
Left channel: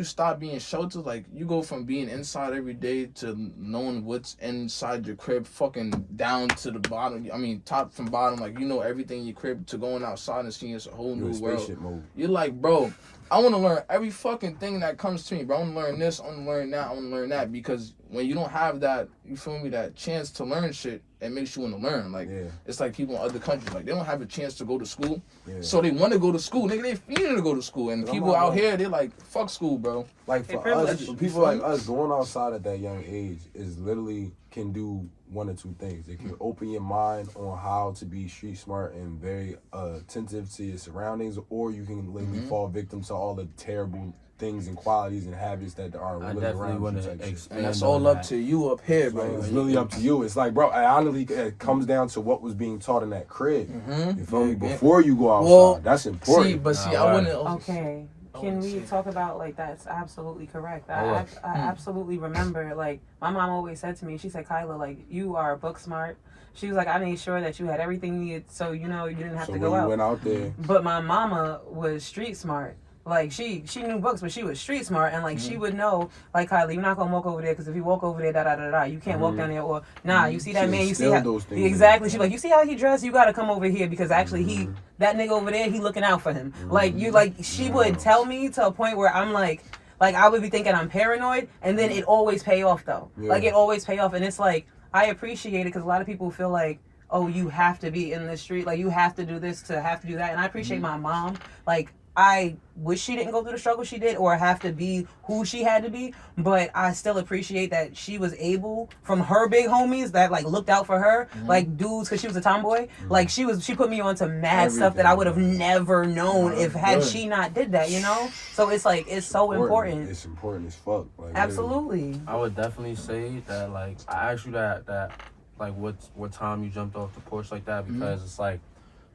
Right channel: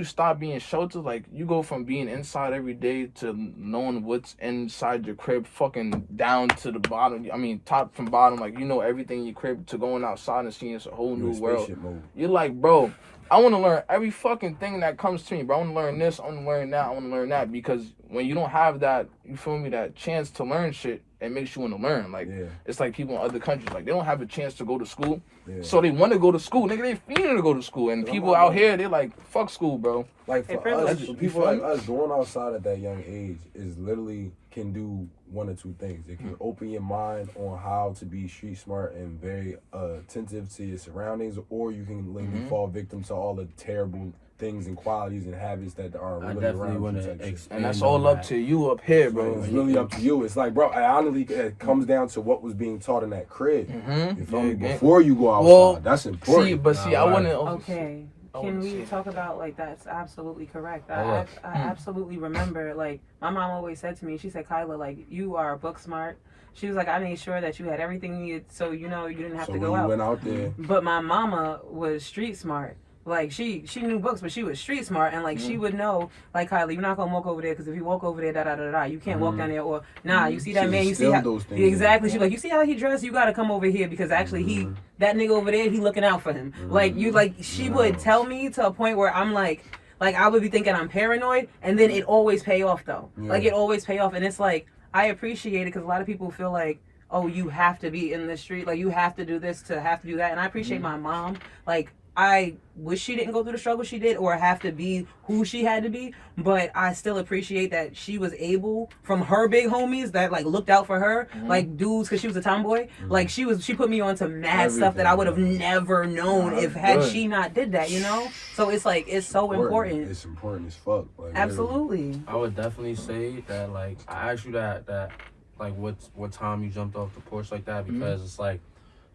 stop being sheltered, like you go from being inside every day to knowing what's inside your crib, fucking down to the bottom. I mean, top from bottom, like you know everything in your crib, to going outside and seeing it's a whole new world. Mode. You're like, bro, I want to learn every fucking thing that comes to me, bro. I want to learn this, I want to learn that, I want to learn that, because when you don't have that, you feel me, that chance to learn shit, it makes you want to learn. Like, it's like people in other countries, like they don't have a chance to go to school, so they want to go to school. Nigga, they feeling to go to school, and people out here, they're like, fuck school, bro. Like for us, for people like us, going outside at that young age is literally can do one or two things. It can open your mind on how to be street smart and very attentive to your surroundings, or you can literally fall victim to all the terrible things and qualities and habits that are really around you. And that's all up to you up here, bro. It's really up to you. It's like, bro, honestly, it comes down to what was being taught in that crib. You feel me? Before you go outside, that's important. I want to. Okay. Can we talk about, like, that's absolutely correct. I absolutely remember, like, my mom always said to me, she said, Kyla, like, you are book smart. She was like, I made sure that you had everything you needed, so, you know, you didn't have to go out. Went out there. But my mama was street smart. Like, she knew books, but she was street smart, and like she would know, like, Kylie, you're not gonna walk over there, because if you walk over there, you can't walk down there, or nah, you see that man, you see how those things exactly. She's like, you see how he dressed, you gotta come over here, because actually that nigga over there, he looking out for him. Like she would tell me to a point where I'm like I would be thinking I'm paranoid, and then it always pay off though. Like it always pay off, and it's like I appreciate it, because a lot of people feel like, oh, you have to be in the street, like you have to do this to have to do that, and I appreciate my mom. Like, I wish she didn't go through the struggle she did or have to be who she had to be, but I still appreciate that she was able, from her big homies that like looked out for her, like dudes, because she was a tomboy, like she put me on to mad stuff that I would have never known if she not did that, you know? So it's like, it's so important. It's important as fuck. Like, absolutely. I would definitely say that, like, I asked you that like what time you jumped off the porch like that, because it's like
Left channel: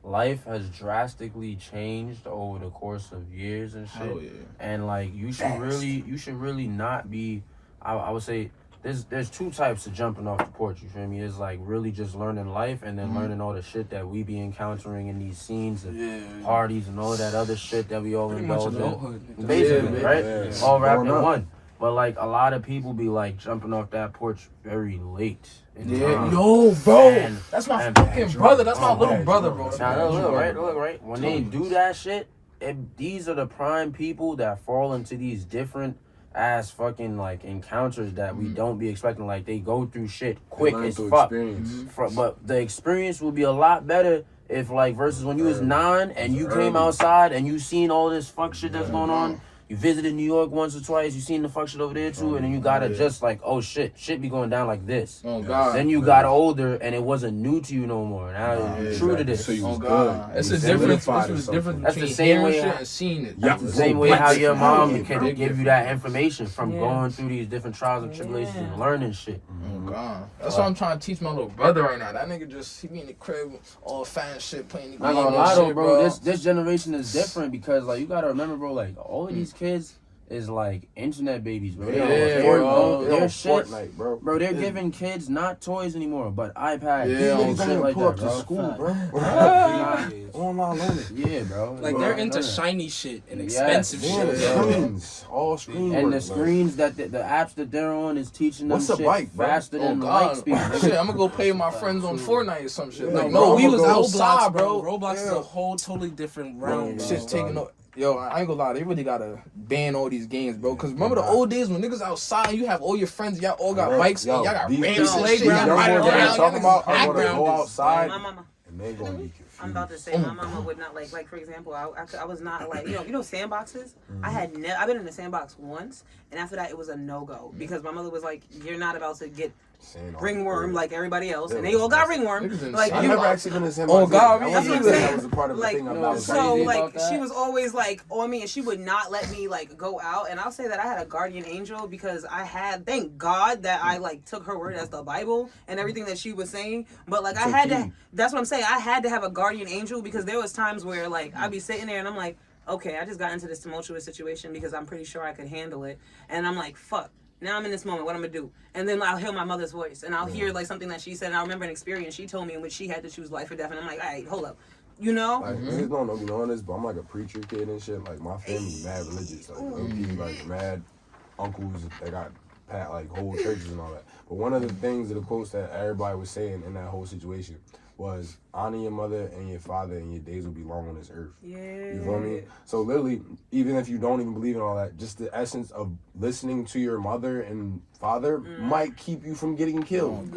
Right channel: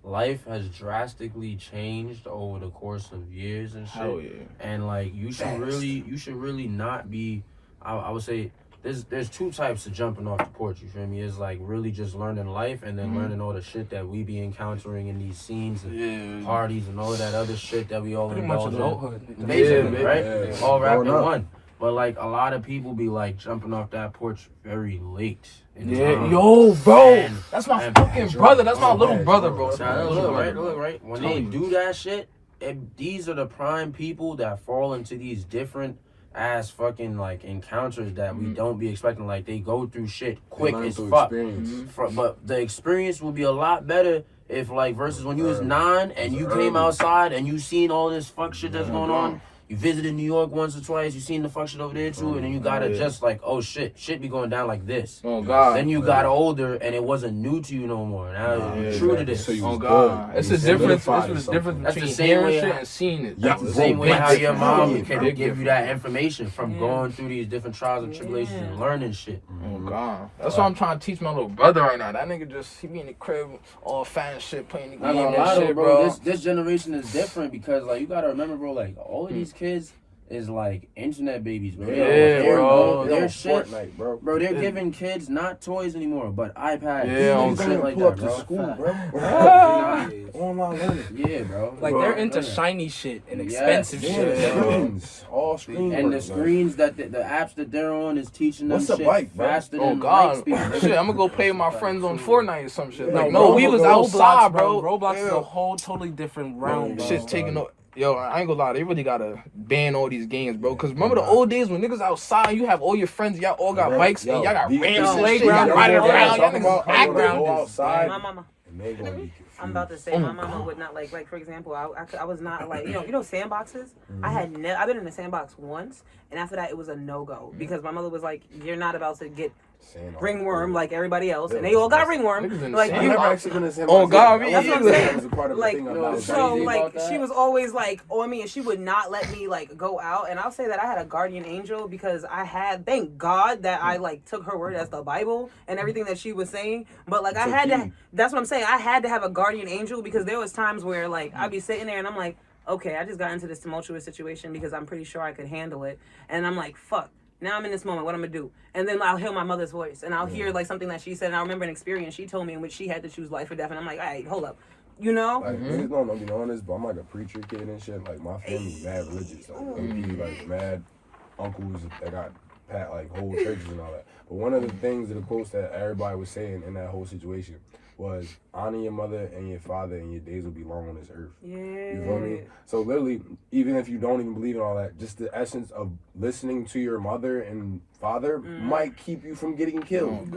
life has drastically changed over the course of years and shit. And like you should really not be, I would say there's two types of jumping off the porch, you feel me? It's like really just learning life, and then learning all the shit that we be encountering in these scenes and parties and all of that other shit that we all indulge in. Basically, right? All wrapped in one. But like a lot of people be like jumping off that porch very late. Yo, bro, And- that's my and- fucking brother. That's my little brother, bro. Now look, right. When they do that shit, these are the prime people that fall into these different ass fucking like encounters that we don't be expecting. Like they go through shit quick as fuck. But the experience will be a lot better if like versus when you was 9 and you came outside and you seen all this fuck shit that's going on. You visited New York once or twice, you seen the fuck shit over there too, and then you gotta just like, oh shit be going down like this. Oh God. Then you got older and it wasn't new to you no more. Now you're true to this. So you was God. good. It's You a difference. solidified It's a or difference That's the between same way hearing shit and seeing it. Yeah. That's the same way how your mom Yeah. can give you that information from going through these different trials and tribulations and learning shit. Oh God. That's what I'm trying to teach my little brother right now. That nigga he be in the crib all fat and shit playing the game Not gonna and lie though, shit, bro. This generation is different because like you gotta remember, bro. Like all of these kids is like internet babies, bro. They're shit, Fortnite, bro. bro. They're giving kids not toys anymore, but iPads Yeah, and shit like pull that, up to bro. school, bro. Online learning. Yeah, bro. Like they're into shiny shit and expensive shit. Screens, all screens. And the screens that the apps that they're on is teaching them What's a shit bike, bro? faster Oh than light God. speed. Shit, I'm gonna go play with my friends on Fortnite or some shit. Yeah, Like, no, we was Roblox, outside, bro. Roblox is a whole totally different realm, bro. Shit's taking up. Yo, I ain't gonna lie, they really gotta ban all these games, bro. Cause remember the old days when niggas outside, you have all your friends, y'all all got bikes, and y'all got ramps and shit. playground Y'all riding right around, now, y'all talking niggas about, I wanna go backgrounders. outside, My mama. and they're gonna be confused. I'm about to say my mama would not like for example, I was not like you know sandboxes. I've been in a sandbox once, and after that it was a no-go because my mother was like, you're not about to get ringworm like everybody else, and they all got ringworm. Like I you, never actually been in the same Oh, God, box. that's what I'm That saying. was a part of the Like, thing about so, so crazy like about that. she was always like on me, and she would not let me like go out. And I'll say that I had a guardian angel because thank God that I like took her word as the Bible and everything that she was saying. But like I had to. That's what I'm saying. I had to have a guardian angel because there was times where like I'd be sitting there and I'm like, okay, I just got into this tumultuous situation because I'm pretty sure I could handle it, and I'm like, fuck. Now I'm in this moment. What I'm gonna do? And then I'll hear my mother's voice, and I'll hear like something that she said. And I remember an experience she told me in which she had to choose life or death. And I'm like, all right, hold up, you know? Like, niggas don't be knowing this, but I'm like a preacher kid and shit. Like, my family mad religious. Like, like mad uncles that got like whole churches and all that. But one of the things, the quotes that everybody was saying in that whole situation was, honor your mother and your father, and your days will be long on this earth. Yeah. You feel me? So literally, even if you don't even believe in all that, just the essence of listening to your mother and father might keep you from getting killed.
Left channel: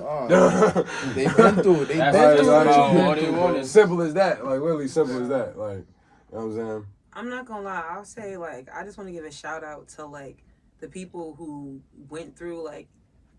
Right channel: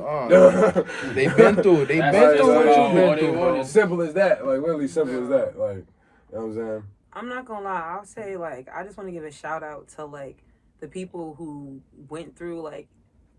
They been through it. They That's been right, through that's what right. you been All they through, want bro. is- Simple as that. Like, literally simple as that. Like, you know what I'm saying? I'm not gonna lie. I'll say like I just want to give a shout out to like the people who went through like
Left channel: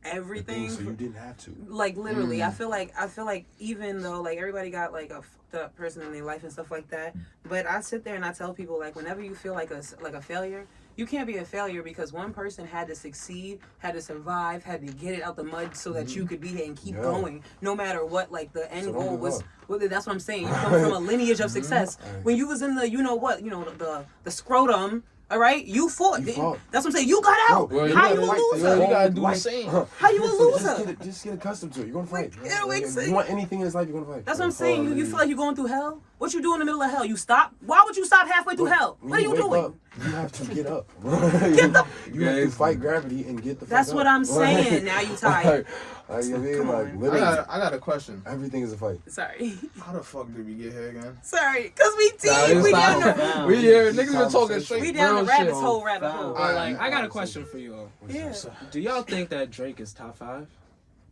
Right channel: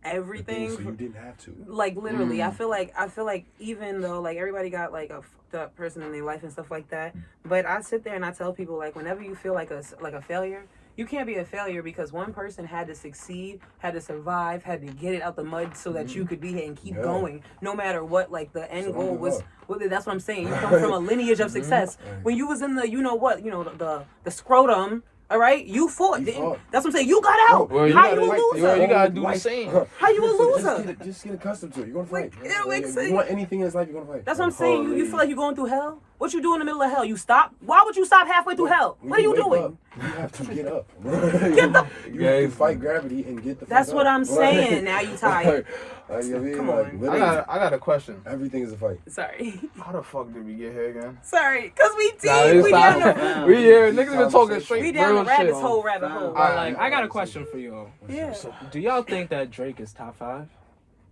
everything. So you didn't have to. Like literally, I feel like even though like everybody got like a fucked up person in their life and stuff like that, but I sit there and I tell people like whenever you feel like a failure, you can't be a failure because one person had to succeed, had to survive, had to get it out the mud so that you could be here and keep going, no matter what. Like the end goal was. Well, that's what I'm saying. You come from a lineage of success. When you was in the, the scrotum. All right, you fought. That's what I'm saying. You got out. Well, How you a You loser? gotta do the same. How you a loser? Just get accustomed to it. You're gonna fight. Like, it makes sense. You want anything in this life, you're gonna fight. That's what I'm saying. You feel like you're going through hell? What you do in the middle of hell? You stop? Why would you stop halfway through hell? What are you doing? Up, you have to get up. You have to fight gravity and get the fuck That's up. what I'm saying. Now you tired. Like, you know what I mean? Come Like, on. literally, I got a question. everything is a fight. Sorry. How the fuck did we get here again? Sorry. Because we deep. Nah, we stop. down the, We here. Niggas been talking straight we down real the rabbit shit. hole, rabbit hole. But like, I got a question for you all. Yeah. Do y'all think that Drake is top 5?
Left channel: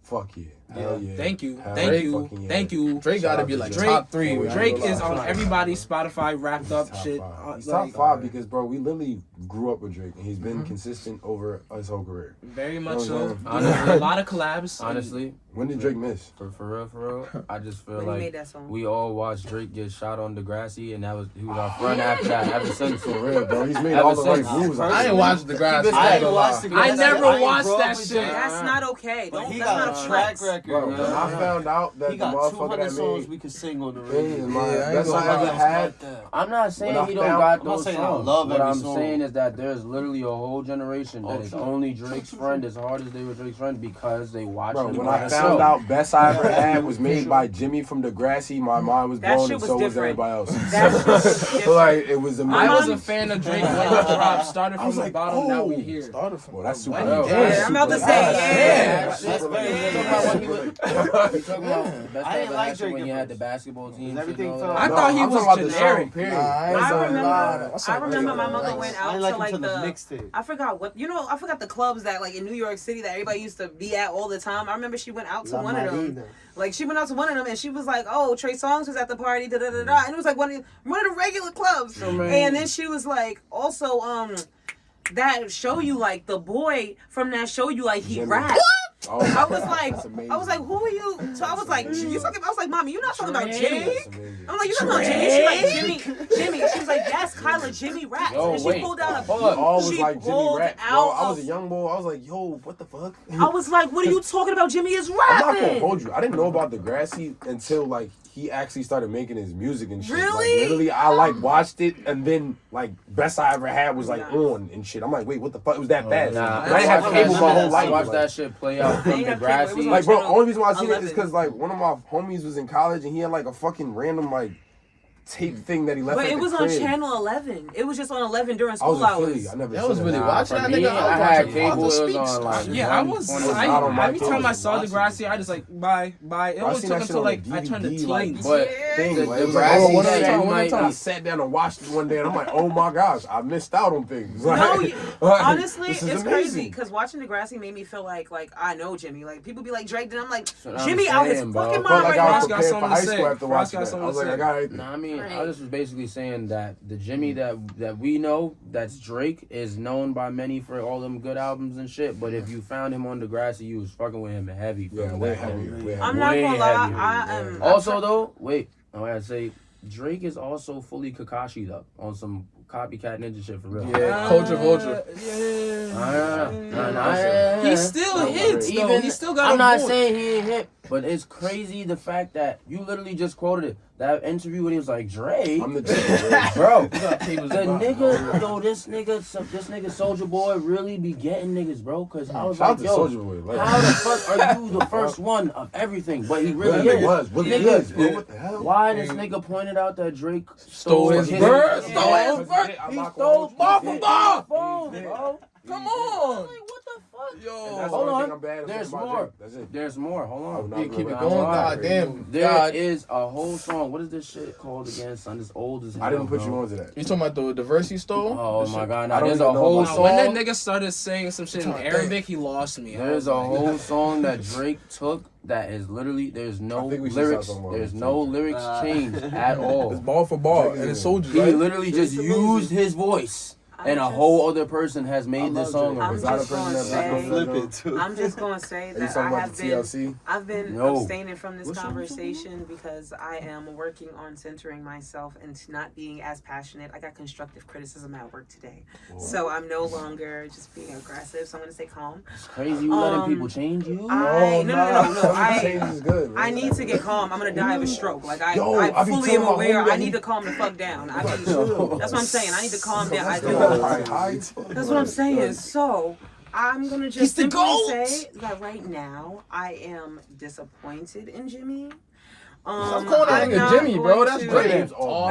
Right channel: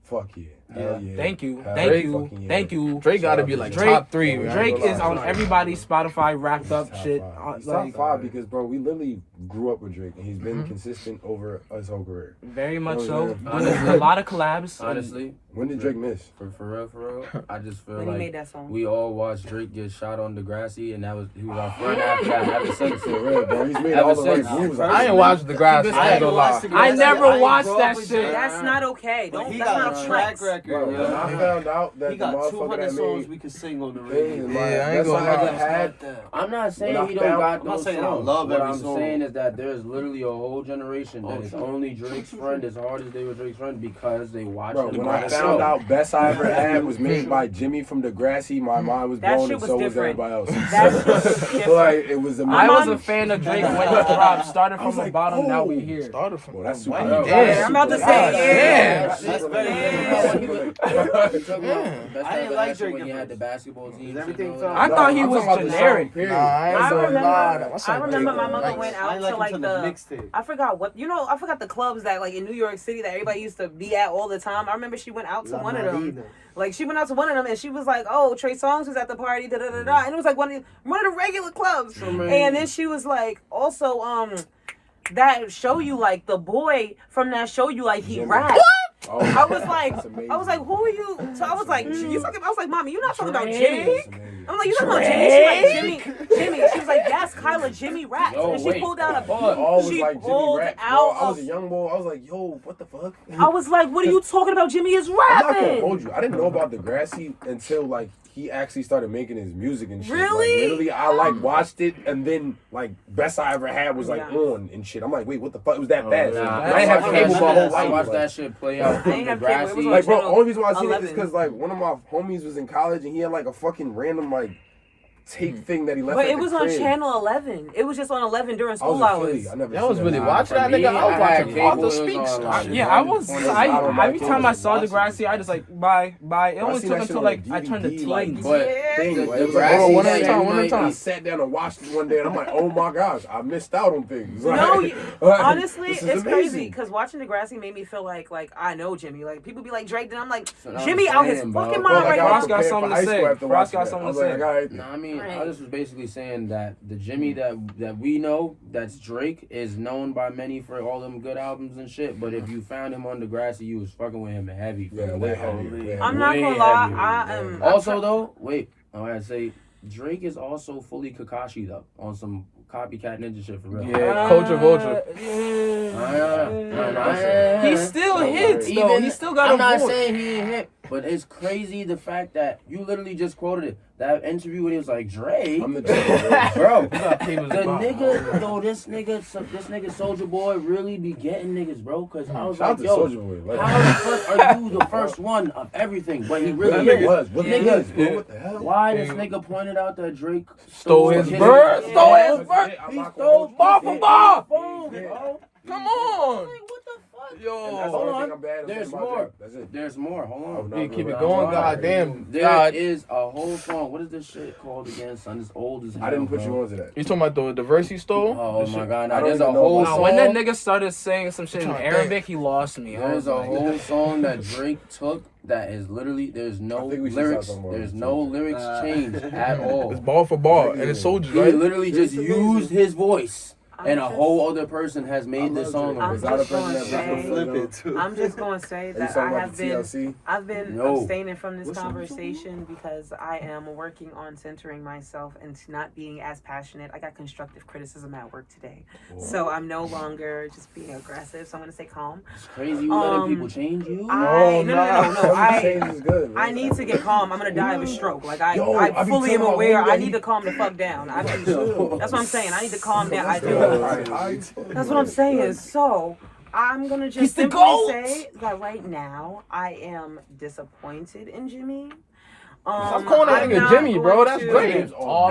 Fuck yeah. Hell yeah. Thank you. Hell Thank fucking you. yeah. Thank you. Drake gotta be like top 3. man. Drake is on everybody's Spotify wrapped up Top shit. five. He's Like, top 5 because, bro, we literally grew up with Drake and he's been consistent over his whole career. very much so. Honestly. A lot of collabs. Honestly, When did Drake miss? for real, I just feel When he like made that song. we all watched Drake get shot on Degrassi, and he was our friend after that. Ever since, For real, bro. He's made Ever all the right since- moves. I ain't watched the grass. I never watched that shit. That's not okay. But Don't, he that's not got a tracks. record. Bro, when I found out that He the got motherfucker 200 that songs made we could sing on the Big radio. is my Yeah, I ain't best gonna I ever lie. had. I'm not saying When I he don't found- got I'm not those saying I songs. love What every I'm song. saying is that there's literally a whole generation that is true. only Drake's friend as hard as they were Drake's friend because they watched Bro, him when by I the found show. out Best I Ever Had was made by Jimmy from Degrassi, my mind was That blown shit and was so was different. everybody else. That shit was But different. like, it was I amazing. was a fan of Drake when it dropped. Started I from was the like, bottom, now oh. we're here. Started from Well, that's super. Bro, Yeah, I'm about to say, yeah. That's very I didn't like Drake when at he had first. the basketball team. Everything shit, felt- I thought he I'm was talking about the generic. song, period. I remember my mother went I out didn't like to like him to the the mixtape. I forgot what I forgot the clubs that like in New York City that everybody used to be at all the time. I remember she went out to one of them. Like she went out to one of them and she was like, "Oh, Trey Songz was at the party, da da da da," and it was like one of the regular clubs. And then she was like, also that show you like the boy from that show you like he Jimmy. rapped. Oh, I was like, that's amazing. who are you? So I was like, you talking? I was like, Mommy, you're not talking about Drake. Jimmy. That's amazing. I'm like, you talking about Jimmy? She like Jimmy. She was like, yes, Kyla, Jimmy raps. Yo, And she wait. pulled out a We all was she like Jimmy pulled rap. Bro, out I was a a- young boy. I was like, yo, what the fuck? I was like, what are you talking about? Jimmy is I'm not gonna rapping. hold you. I didn't know about Degrassi until like he actually started making his music and shit. Really? Like, literally, I like watched it and then like Best I Ever Had was like Yeah. on and shit. I'm like, wait, what the fuck? It was that fast? Nah, And I ain't have cable my whole I life. watched Like, that shit play out from ain't have cable. It was Degrassi. on like, bro, channel only reason why I seen it is 11. because like one of my homies was in college and he had like a fucking random like tape thing that he left. But at it the was on crib. channel 11. It was just on 11 during I school was in hours. Philly. I never. Y'all was seen really that. watching For that me, nigga. I had I was cable, watching it was Speech. on, like, Yeah, I was. 120. I don't Every like time I it. saw Degrassi, I just like bye. It I only seen took that shit until on, like like, I turned to DVD, like, teens. But Thing, the like, it was like, Degrassi one that time- you one might time I be. sat down and watched it one day, and I'm like, oh my gosh, I missed out on things. No, Like, honestly, this is it's amazing. crazy because watching Degrassi made me feel like I know Jimmy. Like people be like Drake, then I'm like That's what I'm Jimmy out his saying, bro. fucking Felt mind like right I now. was Frost got prepared for something to high say. school after Frost watching got that. I something was to like, say. all right. No, I mean, I just was basically saying that the Jimmy that we know, that's Drake, is known by many for all them good albums and shit. But if you found him on Degrassi, you was fucking with him heavy. From Yeah, way back heavier. home. Way I'm heavier. not Way gonna lie, heavier, I am. Also, though, wait, I gotta say, Drake is also fully Kakashi'd up on some copycat ninja shit for real. Yeah, Culture Vulture. He still No, hits though. Even, He still got I'm a not voice. saying he ain't hit, but it's crazy the fact that you literally just quoted it. That interview when he was like, Drake, I'm the Jimmy. bro. You got cables The about- nigga, though, this nigga Soldier Boy really be getting niggas, bro. Cause I was Shout out like, to yo, Soulja Boy. how the fuck are you the first one of everything? But he really Really is. was. Really Nigga, is, bro. What the hell? why this nigga pointed out that Drake Stole his bird, stole his Yeah, bird. I'm He not gonna stole hold you. bar for Yeah. bar. Yeah. Bro. Come I'm on. like, what the fuck? And Yo. that's the Hold only on. thing I'm bad at There's about more. Drake. That's it. There's more. Hold Oh, on. no, Yeah, keep it Nah, going. nah. Goddamn. There God. is a whole song. What is this shit called again, son? It's old as hell. I didn't put bro. you onto that. You talking about the verse he stole? Oh The my shit- god! I Now don't there's a even know whole about Nah, when song. that nigga started saying some shit in Trying to Arabic, he lost me. I There's was a like, whole song that Drake took that is literally there's no I think we should start lyrics. talking about There's this no too. lyrics changed at all. It's ball for ball, Drake and is it's soldiers, He right? literally just used his voice, and a just- whole other person has made this song. I'm Is that a just person gonna that say- flip it too. I'm just gonna say Are you that talking I about have the been TLC? I've been No. abstaining from this What's wrong with you? conversation because I am working on centering myself and not being as passionate. I got constructive criticism at work today, so I'm no longer just being aggressive. So I'm gonna stay calm. It's crazy you letting Um, people change you. Change is good, I man. need to get calm. I'm gonna die of a stroke. Like I Yo, I be fully am telling my aware. homie I that need he- to calm the fuck down. I mean, that's what I'm saying. I need to calm down. I do. That's That's what I'm saying. So I'm gonna He's just the simply GOAT. say that right now I am disappointed in Jimmy. Stop calling that I'm nigga not Jimmy, bro. going That's to- great.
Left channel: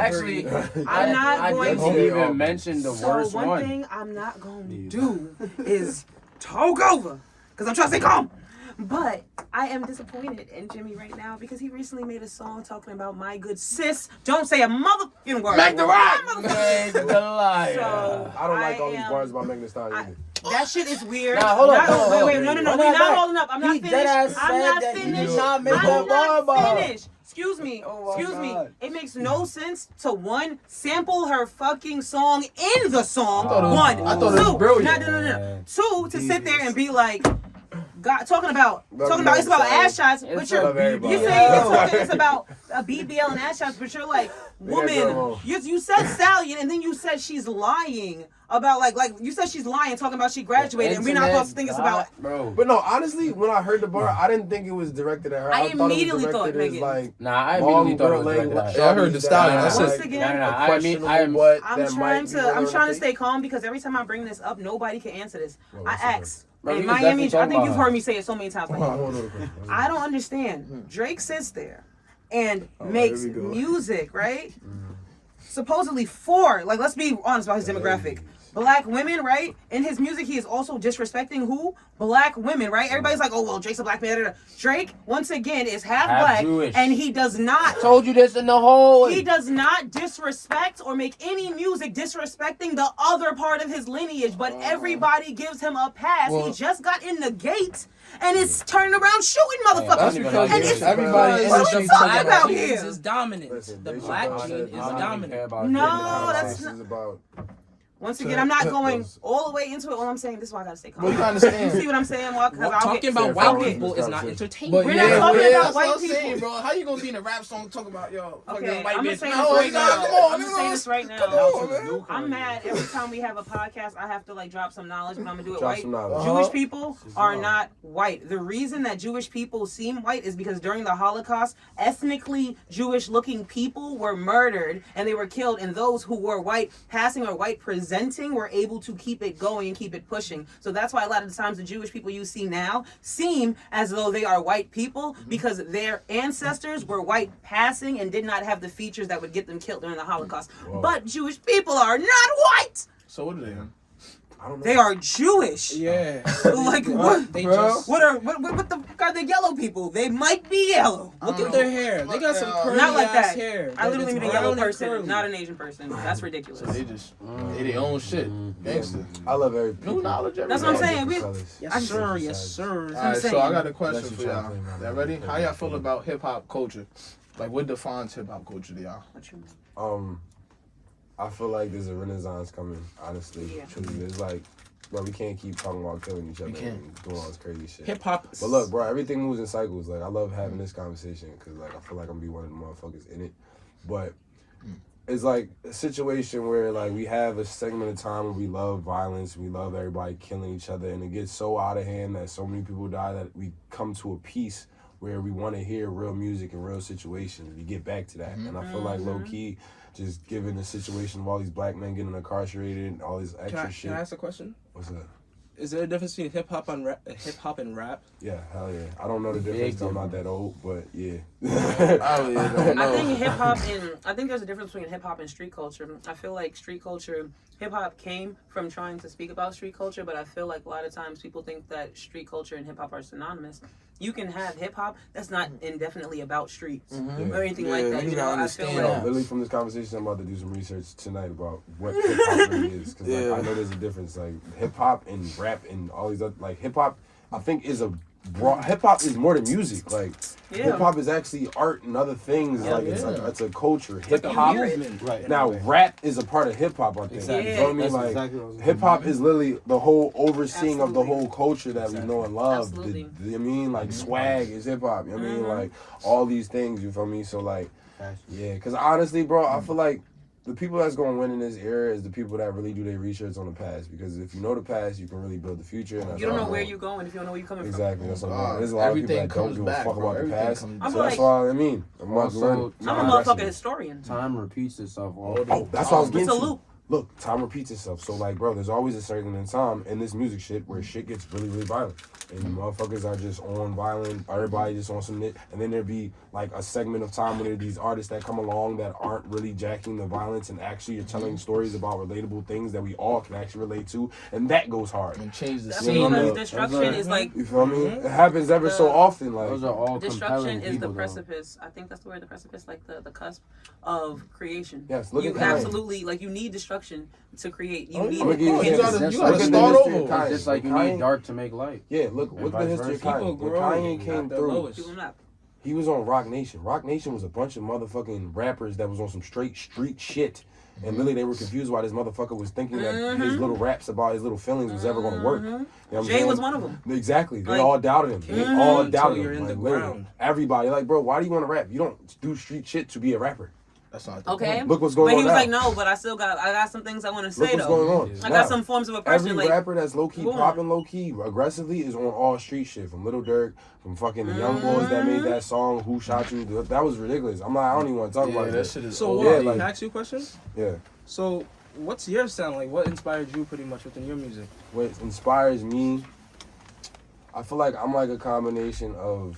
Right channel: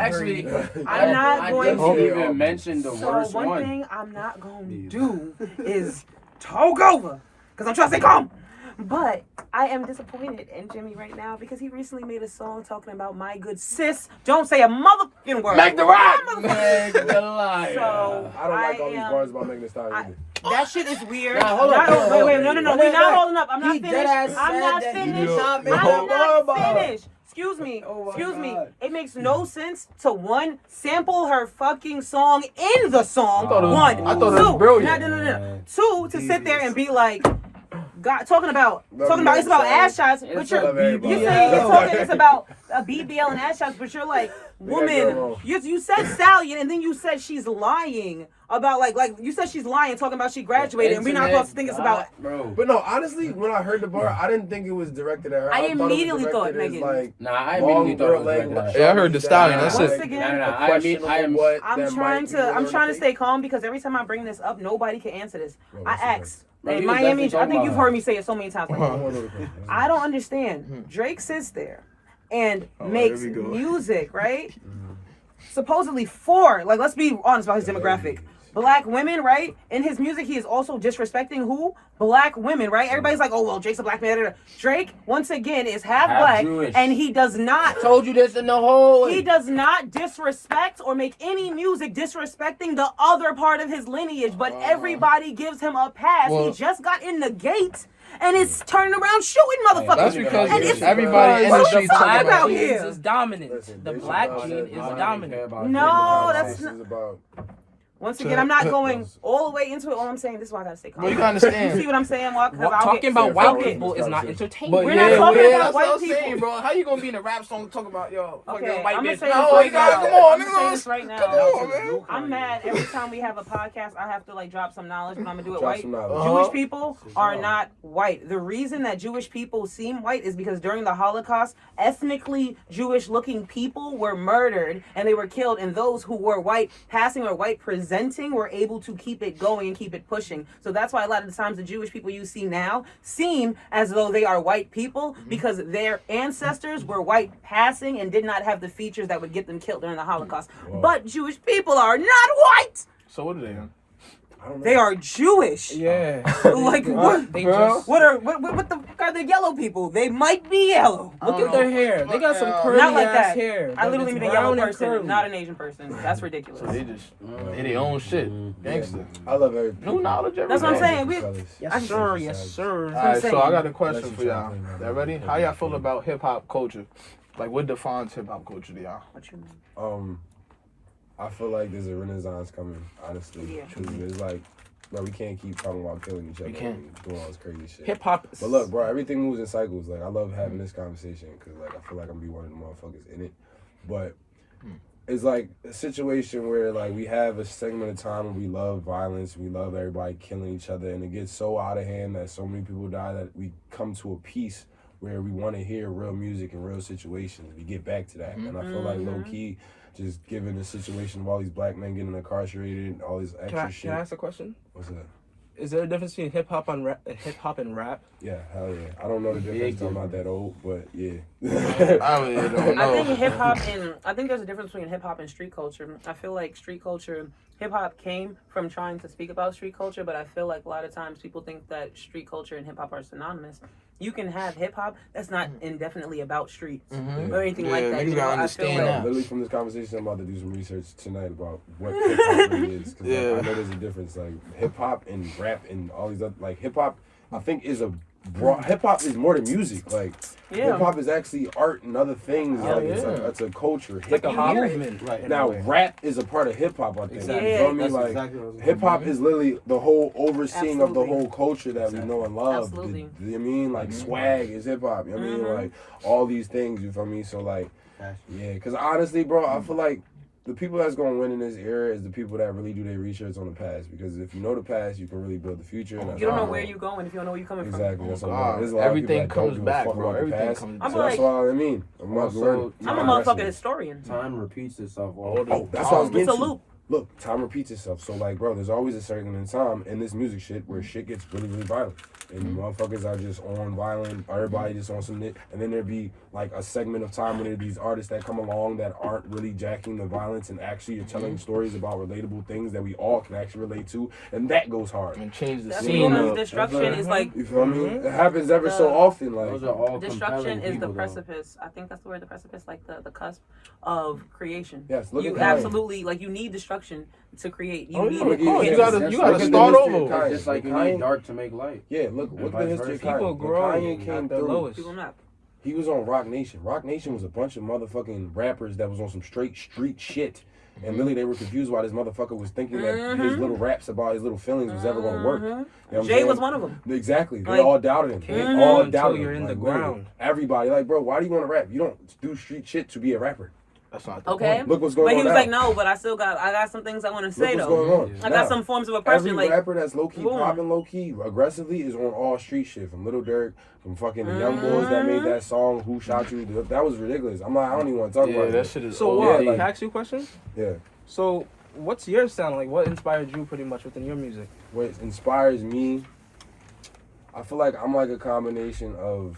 Actually, I'm not I going didn't to- even mention the So worst one one. thing I'm not gonna do is talk over, because I'm trying to stay calm. But I am disappointed in Jimmy right now because he recently made a song talking about my good sis. Don't say a motherfucking word. Meg the Rock. Meg the Lion. So I don't like all these am- bars about Meg the Stallion either. That shit is weird. Nah, hold on, Not- hold on, wait, hold wait, on. no, no, no. Run We're that not back. holding up. I'm not He finished. deadass I'm said not that he finished. did not make I'm no bar not about it. finished. Excuse me. Oh my Excuse me. God. It makes no sense to one sample her fucking song in the song. I thought it was- One. I thought it was Two. brilliant. No. Two, to sit there and be like, God, talking about it's about ass shots, but It's you're a BBL. you're saying you're talking it's about a BBL and ass shots, but you're like, woman, you said Stallion and then you said she's lying about like you said she's lying, talking about she graduated, and we're not supposed to think it's about. Bro. But no, honestly, when I heard the bar, I didn't think it was directed at her. I immediately thought thought it was Megan. like, Nah, I immediately thought it was directed at her. Yeah, I heard the Stallion. That's Once it. again, I'm trying to stay calm because every time I bring this up, nobody can answer this. I asked. Bro, And he was Miami, definitely I think talking you've about heard me say it so many times. Like, I don't understand. Drake sits there and makes music, right? Supposedly for, like, let's be honest about his demographic. Black women, right? In his music, he is also disrespecting who? Black women, right? Everybody's like, oh, well, Drake's a black man. Drake, once again, is half black, Jewish. and he does not. I told you this in the whole. He does not disrespect or make any music disrespecting the other part of his lineage, but everybody gives him a pass. He just got in the gate. And it's turning around shooting motherfuckers. And it's everybody in what the are we streets talking about Genes here? is dominant. The black gene is dominant. No, that's not. about. Once again, I'm not going all the way into it. All I'm saying, this is why I gotta stay calm. You understand? See what I'm saying, Mark? Because Talking about white people is not entertainment. We're not talking about that's white what I'm people. saying, bro. How you gonna be in a rap song talking about yo? Okay, white I'm gonna bitch? say this No, right God, now. come on, I'm gonna say this right now. I'm mad every time we have a podcast. I have to like drop some knowledge, but I'm gonna do it white. Jewish people are not white. The reason that Jewish people seem white is because during the Holocaust, ethnically Jewish-looking people were murdered and they were killed, and those who were white passing or white presenting were able to keep it going and keep it pushing. So that's why a lot of the times the Jewish people you see now seem as though they are white people because their ancestors were white passing and did not have the features that would get them killed during the Holocaust. But Jewish people are not white. So what are they? They are Jewish. Yeah. Like what? They just What the fuck are the yellow people? They might be yellow. look at their hair. They got some curly Not like ass that. hair. I literally mean a It's yellow brown and person, curly. not an Asian person. That's ridiculous. They just they their own shit. Gangster. I love every New knowledge every That's what I'm day. saying. Yes, sir. Yes, sir. Alright, so saying. I got a question for y'all. Y'all ready? How y'all feel about hip hop culture? Like, what defines hip hop culture to y'all? What you mean? I feel like there's a renaissance coming. Honestly, Yeah. truly, it's like, bro, we can't keep talking about killing each other can't. and doing all this crazy shit. Hip hop. But look, bro, everything moves in cycles. Like, I love having this conversation because, like, I feel like I'm gonna be one of the motherfuckers in it. But it's like a situation where, like, we have a segment of time where we love violence, we love everybody killing each other, and it gets so out of hand that so many people die that we come to a peace where we want to hear real music and real situations. We get back to that, and I feel like low key, just given the situation of all these black men getting incarcerated and all this extra shit. Can I ask a question? What's up? Is there a difference between hip hop and rap? Yeah, hell yeah. I don't know the difference. I'm not that old, but yeah. I think hip hop and I think there's a difference between hip hop and street culture. I feel like street culture, hip hop came from trying to speak about street culture, but I feel like a lot of times people think that street culture and hip hop are synonymous. You can have hip hop that's not indefinitely about streets or anything like that. You know, I feel like Literally from this conversation, I'm about to do some research tonight about what hip hop really is, because like, I know there's a difference. Like hip hop and rap and all these other, like hip hop, I think is a broad. Hip hop is more than music. Like hip hop is actually art and other things. Like it's a culture. Hip hop, Right. now rap is a part of hip hop. I think. Exactly. You know what I mean? That's Like exactly what I was hip hop is literally the whole overseeing of the Absolutely. whole culture that we know and love. Absolutely. You know what I mean? Like swag is hip hop. You know what I mean? Like all these things. You feel me? So like, yeah. Because honestly, bro, I feel like the people that's going to win in this era is the people that really do their research on the past. Because if you know the past, you can really build the future. And that's you don't all know I'm where on. you're going if you don't know where you're coming Exactly. That's what I'm on. There's a Wow. lot Everything of people that don't comes give back, a fuck bro. about the Everything past. comes I'm So like- that's what I mean. I'm like, Also, learning. I'm a motherfucking historian. Time repeats itself all Oh, that's what I was getting It's a to. loop. Look, time repeats itself. So, like, bro, there's always a certain time in this music shit where shit gets really, really violent. And motherfuckers are just on violent, everybody just on some shit. And then there'd be, like, a segment of time when there are these artists that come along that aren't really jacking the violence and actually are telling stories about relatable things that we all can actually relate to. And that goes hard. And change the That's scene because up. destruction is like You feel me? It happens ever so often. Like, Those are all destruction compelling is the people, though. precipice. I think that's the word, the precipice, like the cusp of creation. yes, look You at Kanye. absolutely like you need destruction to create. You Oh, need yeah. Look it. at You you. can't- gotta- Just you like gotta look at the start history of over. Kanye. Just like you Kanye- need dark to make light. Yeah, look And at the vice history of versa. Kanye. People When grow Kanye came at their through, lowest. People not. he was on Rock Nation. Rock Nation was a bunch of motherfucking rappers that was on some straight street shit. And really, they were confused why this motherfucker was thinking that his little raps about his little feelings was ever going to work. You know what I'm Jay saying? was one of them. Exactly. They Like- all doubted him. They all doubted Until you're him. in the Like, literally. ground. Everybody, like, bro, why do you want to rap? You don't do street shit to be a rapper. That's not the Okay. point. Look what's going But on he was now. like, no, but I got some things I want to say Look what's though. going on. I Now, got some forms of oppression. every Like, rapper that's low key boom. popping low key aggressively is on all street shit. From Lil Durk, from fucking the young boys that made that song "Who Shot You." That was ridiculous. I'm like, I don't even want to talk about that it. shit is So OD. what? Yeah, like- Can I ask you a question? Yeah. So what's your sound like? What inspired you pretty much within your music? What inspires me, I feel like I'm like a combination of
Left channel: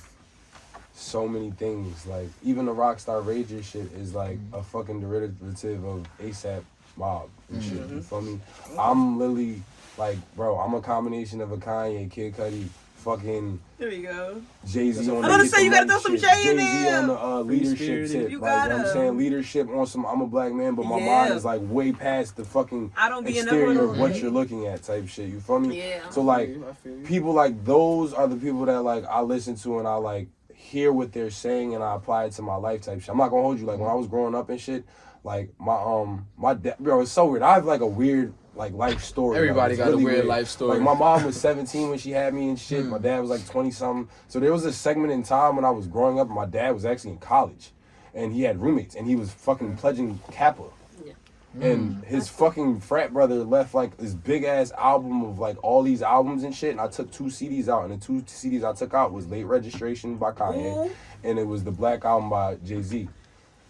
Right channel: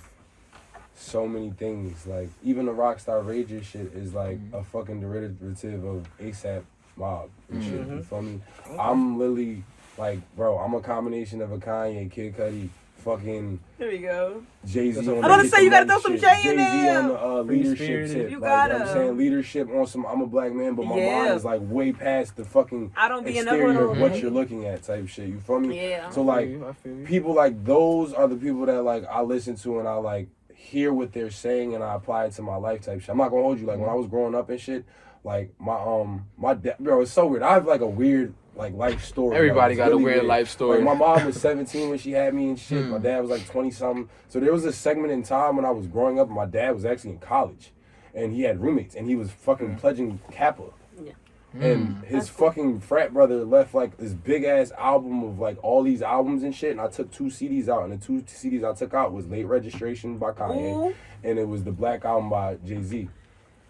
so many things. Like even the Rockstar Rager shit is like a fucking derivative of ASAP Mob and shit. You feel me? I'm literally like, bro, I'm a combination of a Kanye, Kid Cudi, fucking here we go. Jay-Z on I'm the about to Get say, the you gotta Money throw some shit. Jay in Jay-Z there. on the leadership shit. You Like, gotta. I'm saying leadership on some I'm a black man, but my Yeah. mind is like way past the fucking I don't be in the exterior hood. of what you're looking at type shit. You feel me? Yeah. So like I feel you. people like those are the people that like I listen to and I like hear what they're saying and I apply it to my life type shit. I'm not gonna hold you, like when I was growing up and shit, like my dad, bro, it's so weird. I have like a weird like life story. Everybody It's got a weird life story. Like my mom was 17 when she had me and shit. My dad was like 20 something. So there was a segment in time when I was growing up and my dad was actually in college and he had roommates and he was fucking pledging Kappa. And his fucking frat brother left like this big ass album of like all these albums and shit. And I took 2 CDs out, and the 2 CDs I took out was Late Registration by Kanye, and it was the Black Album by Jay-Z.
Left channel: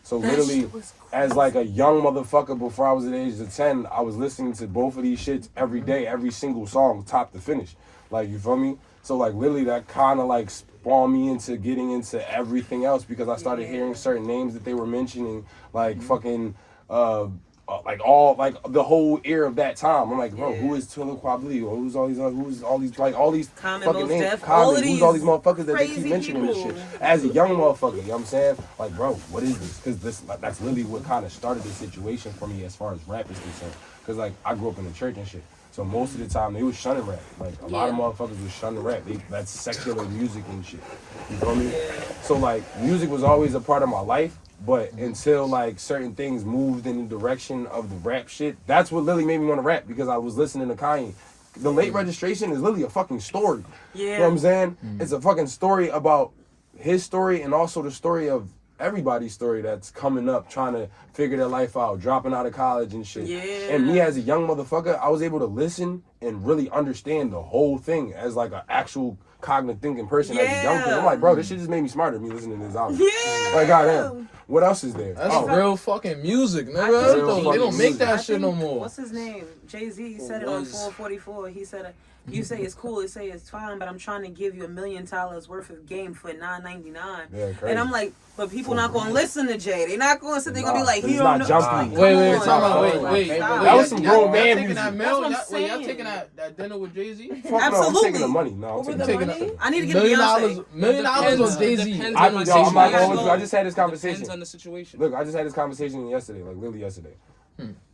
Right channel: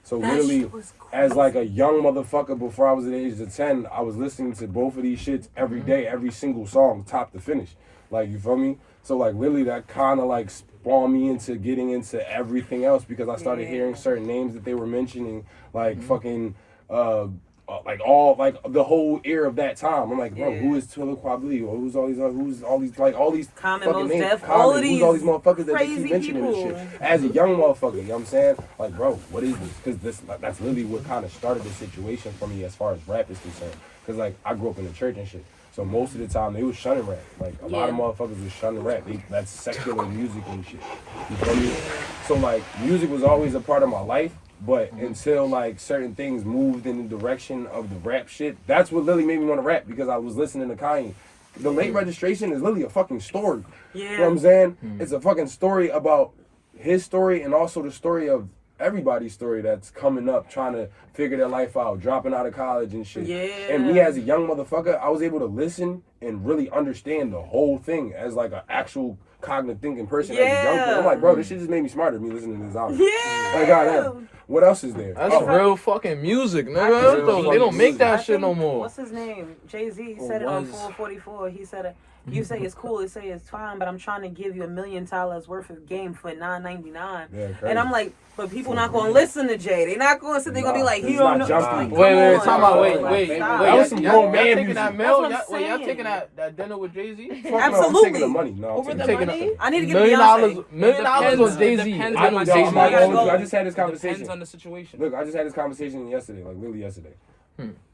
So literally, as like a young motherfucker before I was at the age of 10, I was listening to both of these shits every day, every single song, top to finish. Like, you feel me? So like literally that kind of like spawned me into getting into everything else because I started hearing certain names that they were mentioning, like fucking like all like the whole era of that time. I'm like, bro, who is Tiller Quabley? Or who's all these like all these Common, fucking Mos names? Def, Common, all of who's all these these motherfuckers that they crazy keep mentioning people. this shit? As a young motherfucker, you know what I'm saying? Like, bro, what is this? Because that's literally what kind of started the situation for me as far as rap is concerned. Because like I grew up in the church and shit. So most of the time they was shunning rap. Like a lot of motherfuckers was shunning rap. That's secular music and shit. You feel me? So like music was always a part of my life. But until like certain things moved in the direction of the rap shit, that's what literally made me want to rap because I was listening to Kanye. The Late Registration is literally a fucking story. Yeah. You know what I'm saying? It's a fucking story about his story and also the story of everybody's story that's coming up, trying to figure their life out, dropping out of college and shit. Yeah. And me as a young motherfucker, I was able to listen and really understand the whole thing as like an actual cognitive thinking person as a young kid. I'm like, bro, this shit just made me smarter, me listening to this album. Yeah. Like, goddamn. What else is there? That's real fucking music, I nigga. think- They don't make that I shit think- no more. What's his name? Jay-Z said it on 444. He said, you say it's cool, you say it's fine, but I'm trying to give you $1 million worth of game for $9.99. Yeah, crazy. And I'm like, but people not gonna listen to Jay. They not gonna sit. They gonna be like, He's he don't not know. jumping. Wait, Come talk on. about, wait. Stop. That was some grown man Y'all music. taking that That's meal? what I'm Wait, y'all saying. taking that dinner with Jay-Z? Fuck no, I'm Absolutely. taking the money. No, I'm Over taking the the money? I need to get $1 million, Beyonce. $1 million was Jay-Z. Depends I on know the Yo, I'm not Jay-Z. gonna hold you. I Go. just had this Depends conversation. on the situation. Look, I just had this conversation yesterday, like literally yesterday.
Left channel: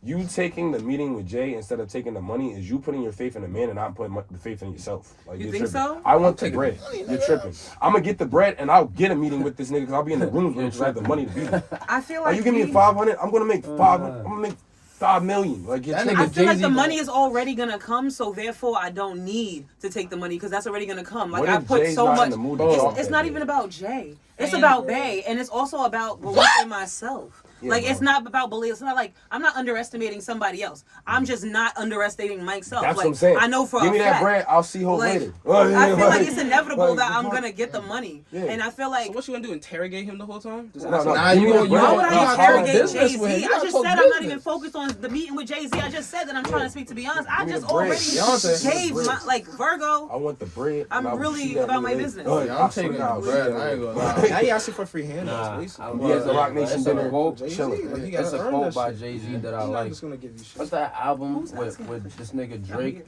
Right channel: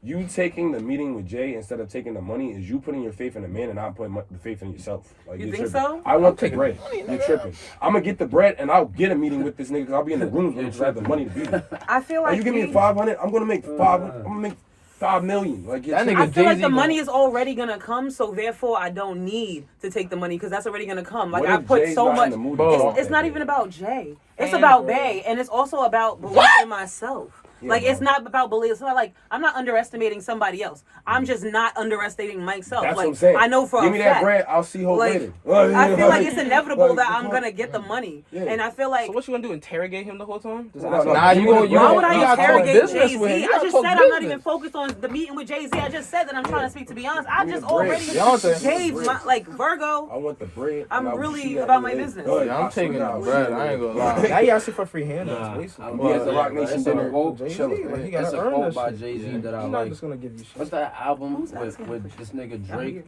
You taking the meeting with Jay instead of taking the money is you putting your faith in a man and not putting the faith in yourself. Like, You you're think tripping. so? I want the bread. You're tripping. I'm gonna get the bread and I'll get a meeting with this nigga because I'll be in the rooms with him because I have the money to be there. I feel Like, like you give me 500, I'm gonna make 500. I'm gonna make 5 million. Like, you're That tripping. I feel like Jay-Z the gonna- money is already gonna come, so therefore I don't need to take the money because that's already gonna come. Like What I if put Jay's so not in much. the mood to talk It's that not day? even about Jay. It's about Bay, and it's also about belief in myself. Yeah, Like bro. it's not about belief. It's not like I'm not underestimating somebody else. I'm just not underestimating myself. That's like what I'm saying. I know for Give a me fact. that bread, I'll see hope Like, later. I feel like it's inevitable like, that I'm fuck. gonna get the money, Yeah. and I feel like. So what you gonna do? Interrogate him the whole time? Does that No, sound- no. Nah, Give you me gonna- the you Why bread. would gotta I talk interrogate business with Jay-Z? him. You I gotta just talk said I'm not business. even focused on the meeting with Jay-Z. I just said that I'm trying to speak to Beyonce. I Give me just the bread. already Beyonce. gave my like Virgo. I want the bread. I'm and I will really see that about nigga my later. business. Good. Yeah, I'm taking I'll the see bread. that I ain't nigga. gonna lie. Now you asking for free handouts, Nah, basically. He has the Rock Nation It's a dinner. quote. Jay-Z, chilling. man, he It's gotta a earn quote that by shit. Jay-Z that I I'm not like. just gonna give you shit. What's that album Who's asking? with this nigga Drake?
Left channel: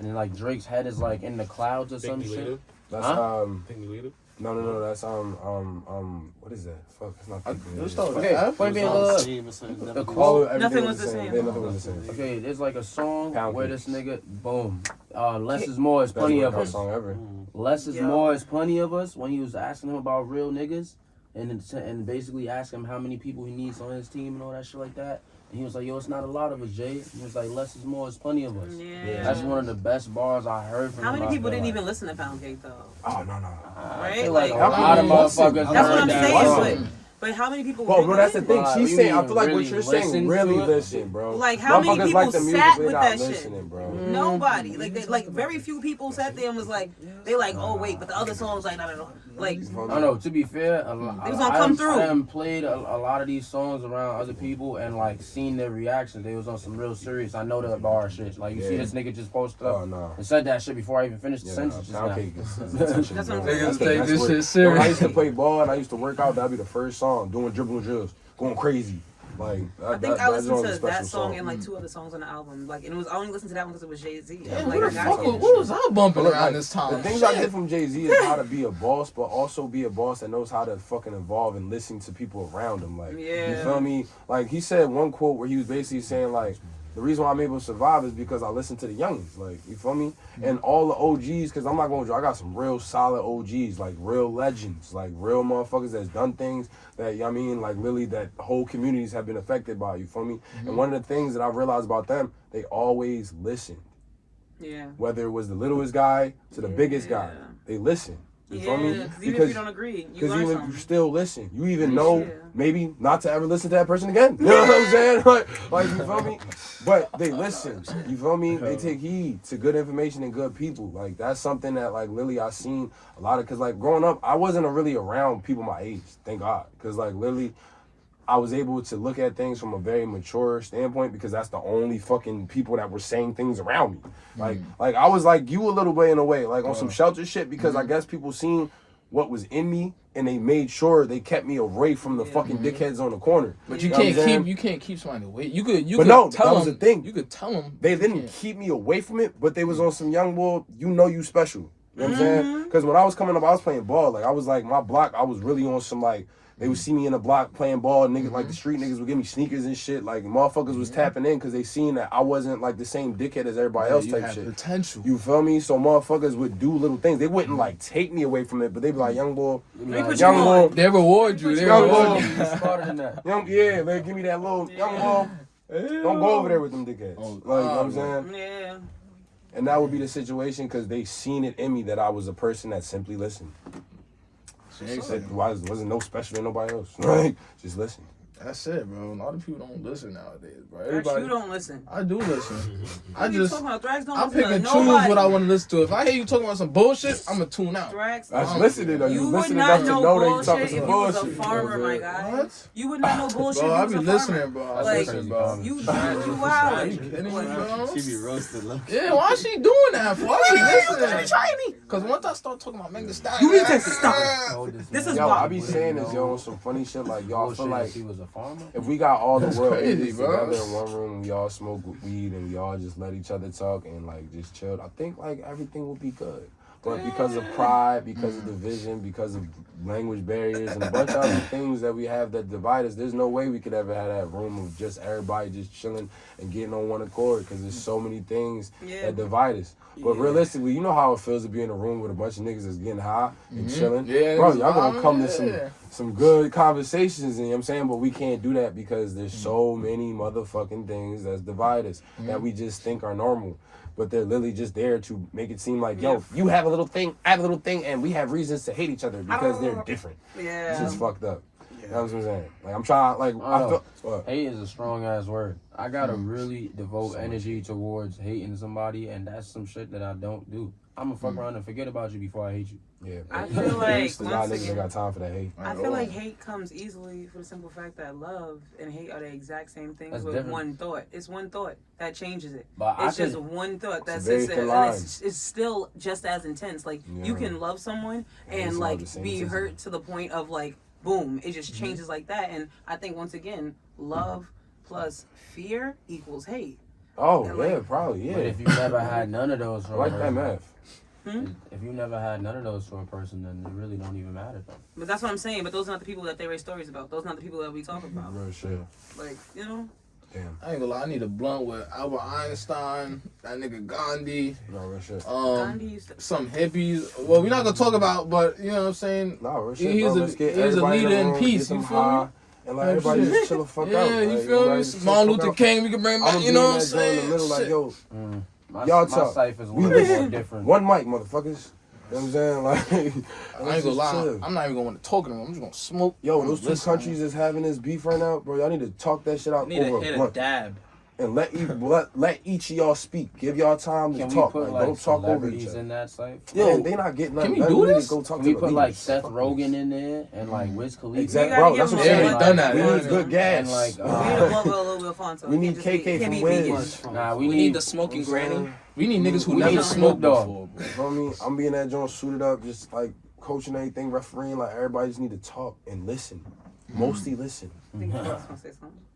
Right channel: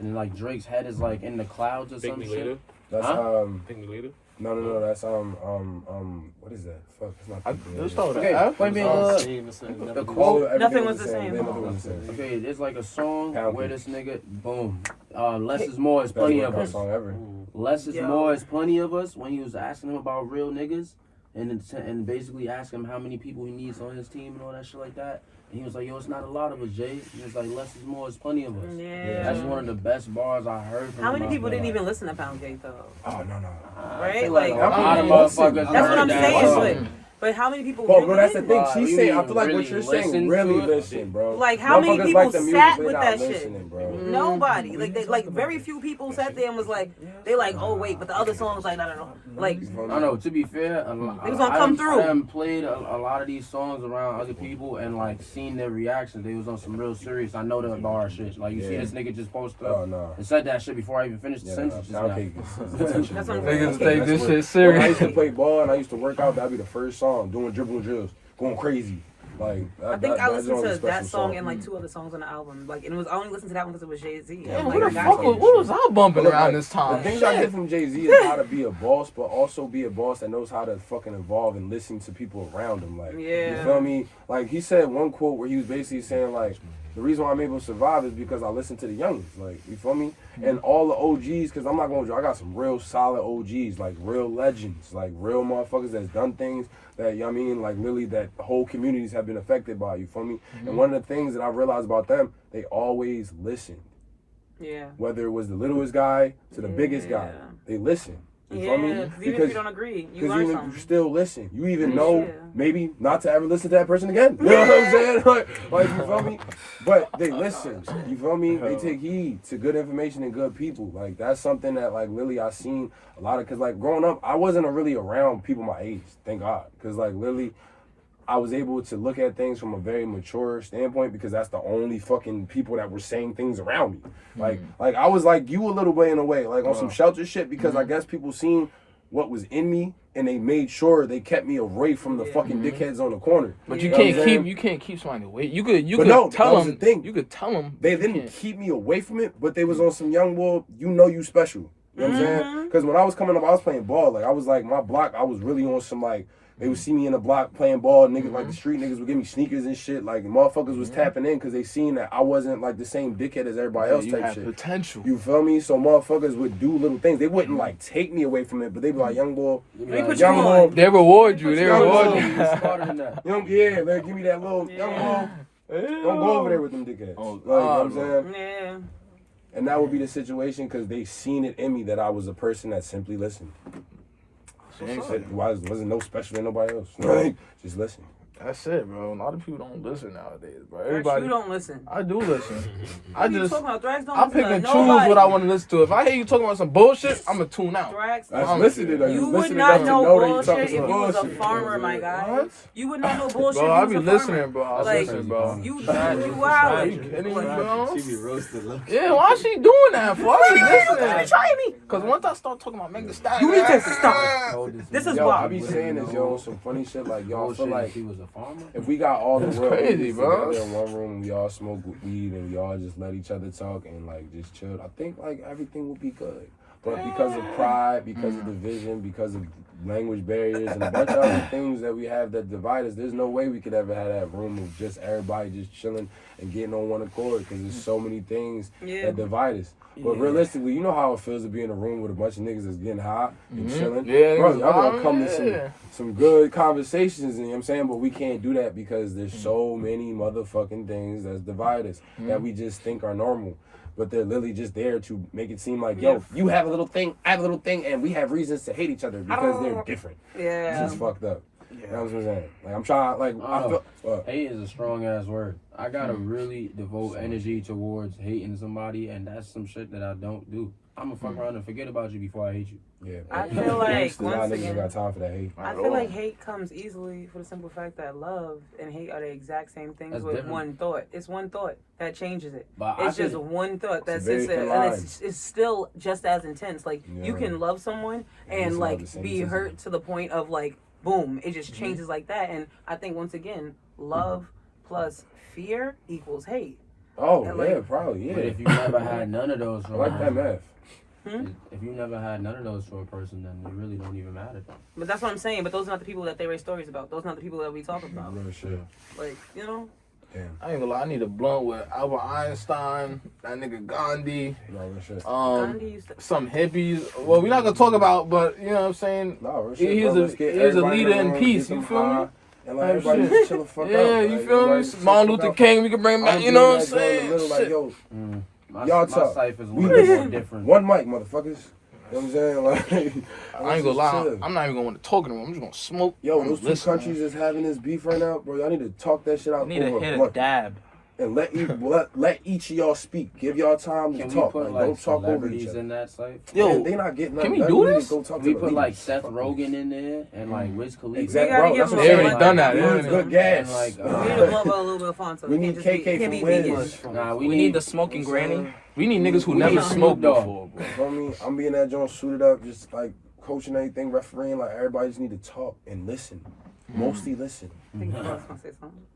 And then like Drake's head is like in the clouds or Pick some me shit. later. That's Huh? Pick me later. no, that's what is that? Fuck, it's not. Let's start with Okay, that. wait a minute. look. The quote. Everything Nothing was the same. Nothing was the same. Okay, there's like a song Pound where cake. this nigga, boom, less is more is That's plenty the of best us. song ever. Less is Yo. more is plenty of us. When he was asking him about real niggas, and basically asking him how many people he needs on his team and all that shit like that. And he was like, yo, it's not a lot of us, Jay. He was like, less is more is plenty of us. Yeah. That's one of the best bars I heard from How him. many I people feel didn't like. even listen to Pound Cake though? Oh no. I Right? feel like a Like, lot of motherfuckers. That's what heard I'm that saying. song. But But how many people? Bro, that's the thing. Right, She's you saying, I mean feel like what really you're saying, listen really to it? listen, bro. Like, how many Motherfuckers people like the music, sat they with not that listening, shit? bro. Nobody. Like, they, like very few people sat there and was like, they like, oh wait, but the other songs like, I don't know, like. I don't know. To be fair, It was gonna come through. I done played a lot of these songs around other people and like seen their reactions. They was on some real serious. I know the bar shit. Like you see this nigga just posted up and said that shit before I even finished the sentence. That's what I'm Niggas saying. take this shit When I serious. used to play ball and I used to work out, that'd be the first song, doing dribble drills, going crazy. Like, I think I listened to a that special song and like 2 other songs on the album. Like, and it was I only listened to that one because it was Jay-Z. Yeah, Like, what the I fuck? got you. What was I bumping But, around like, this time? The things I get from Jay-Z is how to be a boss, but also be a boss that knows how to fucking evolve and listen to people around him. Like, you feel me? Like, he said one quote where he was basically saying, like, the reason why I'm able to survive is because I listen to the youngins. Like, you feel me? And all the OGs, because I'm not going to, I got some real solid OGs, like real legends, like real motherfuckers that's done things that, you know what I mean, like literally that whole communities have been affected by, you feel me? And one of the things that I realized about them, they always listen. Yeah. Whether it was the littlest guy to the biggest guy, they listen. You feel me? Because even if you don't agree, you learn something. You still listen. You even know maybe not to ever listen to that person again. You know what I'm saying? Like you feel me? But they listen. You feel me? They take heed to good information and good people. Like that's something that like literally I seen a lot of. Cause like growing up, I wasn't really around people my age. Thank God. Cause like literally, I was able to look at things from a very mature standpoint because that's the only fucking people that were saying things around me. Like I was like you a little bit in a way, like on some shelter shit because I guess people seen what was in me and they made sure they kept me away from the fucking dickheads on the corner. But you can't keep somebody away. You could no, tell that was them. the thing. You could tell them. They didn't keep me away from it, but they was on some young boy, you know you special. You know what I'm saying? Because when I was coming up, I was playing ball. Like I was like my block, I was really on some like they would see me in the block playing ball. Niggas like the street niggas would give me sneakers and shit. Like motherfuckers was tapping in because they seen that I wasn't like the same dickhead as everybody else type shit. Potential. You feel me? So motherfuckers would do little things. They wouldn't like take me away from it, but they'd be like, young boy, young boy. They reward you. They reward you. Smarter than that. Yeah, man, give me that little young boy. Don't go over there with them dickheads. Like, you know what I'm saying? Yeah. And that would be the situation because they seen it in me that I was a person that simply listened. Wasn't no special than nobody else. Right? Just listen. That's it, bro. A lot of people don't listen nowadays, bro. Everybody, you don't listen. I do listen. I pick and choose what I want to listen to. If I hear you talking about some bullshit, I'm gonna tune out. That's listening. Though. You would not know bullshit if you was a farmer, my guy. What? You would not know bullshit Bro, if I you be was a listening, farmer. bro. Like, bro. you wild. She be roasted. Yeah, why she doing that for? You trying me? Because once I start talking about Meg the Stallion, You need to stop. This is why. I be saying this, yo, some funny shit like y'all feel like he was a farmer. if we got all the world crazy, bro. together in one room and we all smoke weed and we all just let each other talk and like just chill, I think like everything will be good. But because of pride, because of division, because of language barriers and a bunch of other things that we have that divide us, there's no way we could ever have that room of just everybody just chilling and getting on one accord because there's so many things that divide us. But realistically, you know how it feels to be in a room with a bunch of niggas that's getting high and chilling. Yeah, bro, y'all gonna come to some good conversations, and you know what I'm saying? But we can't do that because there's so many motherfucking things that divide us that we just think are normal. But they're literally just there to make it seem like, yo, you have a little thing, I have a little thing, and we have reasons to hate each other because they're different. Yeah. It's just fucked up. You know what I'm saying? Like, I'm trying, like, I feel, hate is a strong ass word. I gotta really devote energy towards hating somebody, and that's some shit that I don't do. I'm gonna fuck around and forget about you before I hate you. Yeah. I feel like once again, again, got time for that hate. I feel like hate comes easily for the simple fact that love and hate are the exact same things That's with different. one thought. It's one thought that changes it. But it's just one thought that sits there, and it's still just as intense. Like you can love someone and like be hurt to the point of like boom, it just changes like that. And I think once again, love plus fear equals hate. Oh yeah, probably But if you never had none of those, I like that math. If you never had none of those for a person, then they really don't even matter. But that's what I'm saying. But those are not the people that they write stories about. Those are not the people that we talk about. Real shit. Like, you know. Damn. I ain't gonna lie, I need a blunt with Albert Einstein, that nigga Gandhi, real shit. Some hippies. Well, we're not gonna talk about, but you know what I'm saying? No, real shit. He's a leader in peace. You feel me? And like everybody just chill the fuck out. Yeah, you feel me? Martin Luther King, we can bring back. You know what I'm saying? In the middle, like yo, My y'all my talk. life is We more listen. different. One mic, motherfuckers. what I'm saying? Like, I ain't gonna lie. chill. I'm not even going to talk to them. I'm just gonna smoke. Yo, those two Listen. countries that's having this beef right now, bro, y'all need to talk that shit out Need to over hit a blunt. dab. And let each of y'all speak. Give y'all time to Can we talk. put Like, like don't talk over each celebrities other. in that site? Yo, Man, they not getting can nothing. we do need to this? Go talk Can to we the put like leaders. Seth Fuck Rogen in there and like Wiz Khalifa? Exactly, We bro. gotta That's give what They I'm already saying. done that. We need good gas. And like, We need a little bit of Fonto. We need KK from Wiz. nah, We need the smoking granny. We need niggas who We never need smoked Snoop Dogg. before, bro. You feel me? I'm being that joint suited up, just like coaching everything, refereeing. Like everybody just need to talk and listen. Mostly listen.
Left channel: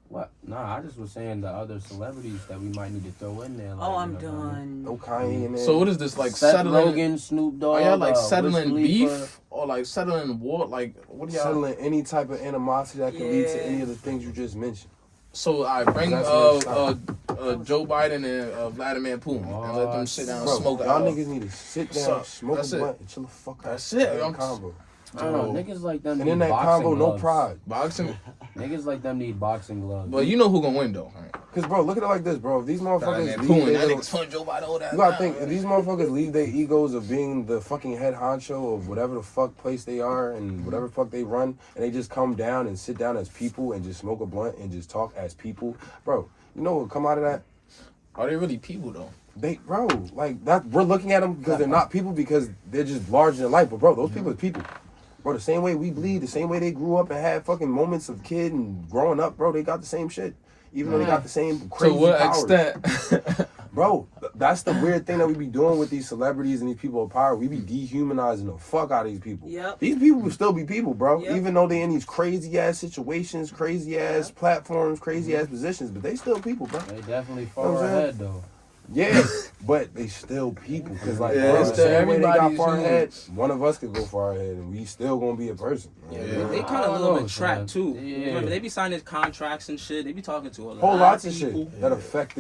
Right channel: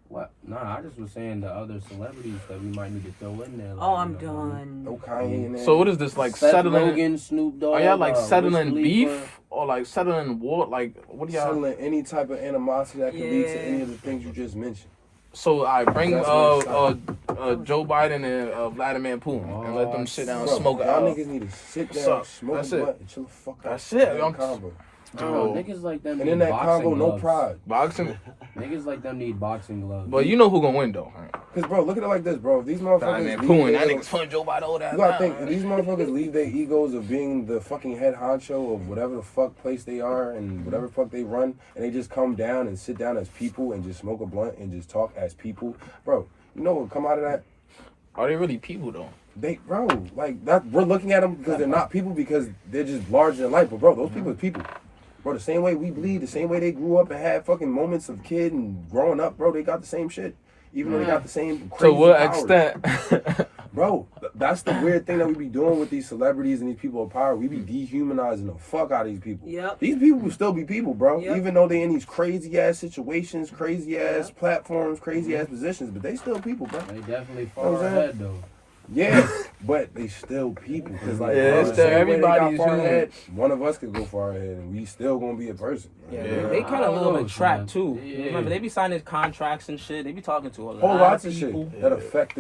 What? Nah, I just was saying the other celebrities that we might need to throw in there. Like, Oh, I'm you know, done. No Kanye in there. So what is this like Seth settling? Rogen, Snoop Dogg. Are y'all like Wiz settling Khalifa. beef or like settling war? Like what do y'all? Settling any type of animosity that can lead to Yeah. any of the things you just mentioned. So I bring That's what it's Joe Biden and Vladimir Putin and let them sit down and Bro, smoke. y'all niggas need to sit down, So, smoke that's a it. blunt, and chill the fuck out. That's it, Have a young- combo. I don't know, niggas like them And in need that boxing combo, no gloves. pride. boxing. Niggas like them need boxing gloves. But you know who gonna win though? Right? Cause bro, look at it like this, bro. If these Vladimir motherfuckers Putin. leave That their nigga's pulling Joe Biden all that. you gotta now, think, if right? these motherfuckers leave their egos of being the fucking head honcho of whatever the fuck place they are and whatever the fuck they run, and they just come down and sit down as people and just smoke a blunt and just talk as people, bro, you know what will come out of that? Are they really people though? They, bro, like that. We're looking at them because they're not people because they're just larger than life. But bro, those people are people. Bro, the same way we bleed, the same way they grew up and had fucking moments of kid and growing up, bro, they got the same shit. Even though they got the same crazy To what powers. extent? Bro, that's the weird thing that we be doing with these celebrities and these people of power. We be dehumanizing the fuck out of these people. Yep. These people will still be people, bro. Yep. Even though they in these crazy ass situations, crazy ass platforms, crazy ass positions, but they still people, bro. They definitely You know what far I'm saying? ahead though. Yeah, but they still people. Cause like, Yeah, bro, it's the still same way they got everybody's far human. ahead, one of us could go far ahead, and we still gonna be a person. Like, Yeah. you know? They kind of a I little don't bit know, trapped man. too. Yeah. Remember, they be signing contracts and shit. They be talking to a lot Whole lots of people. shit that affect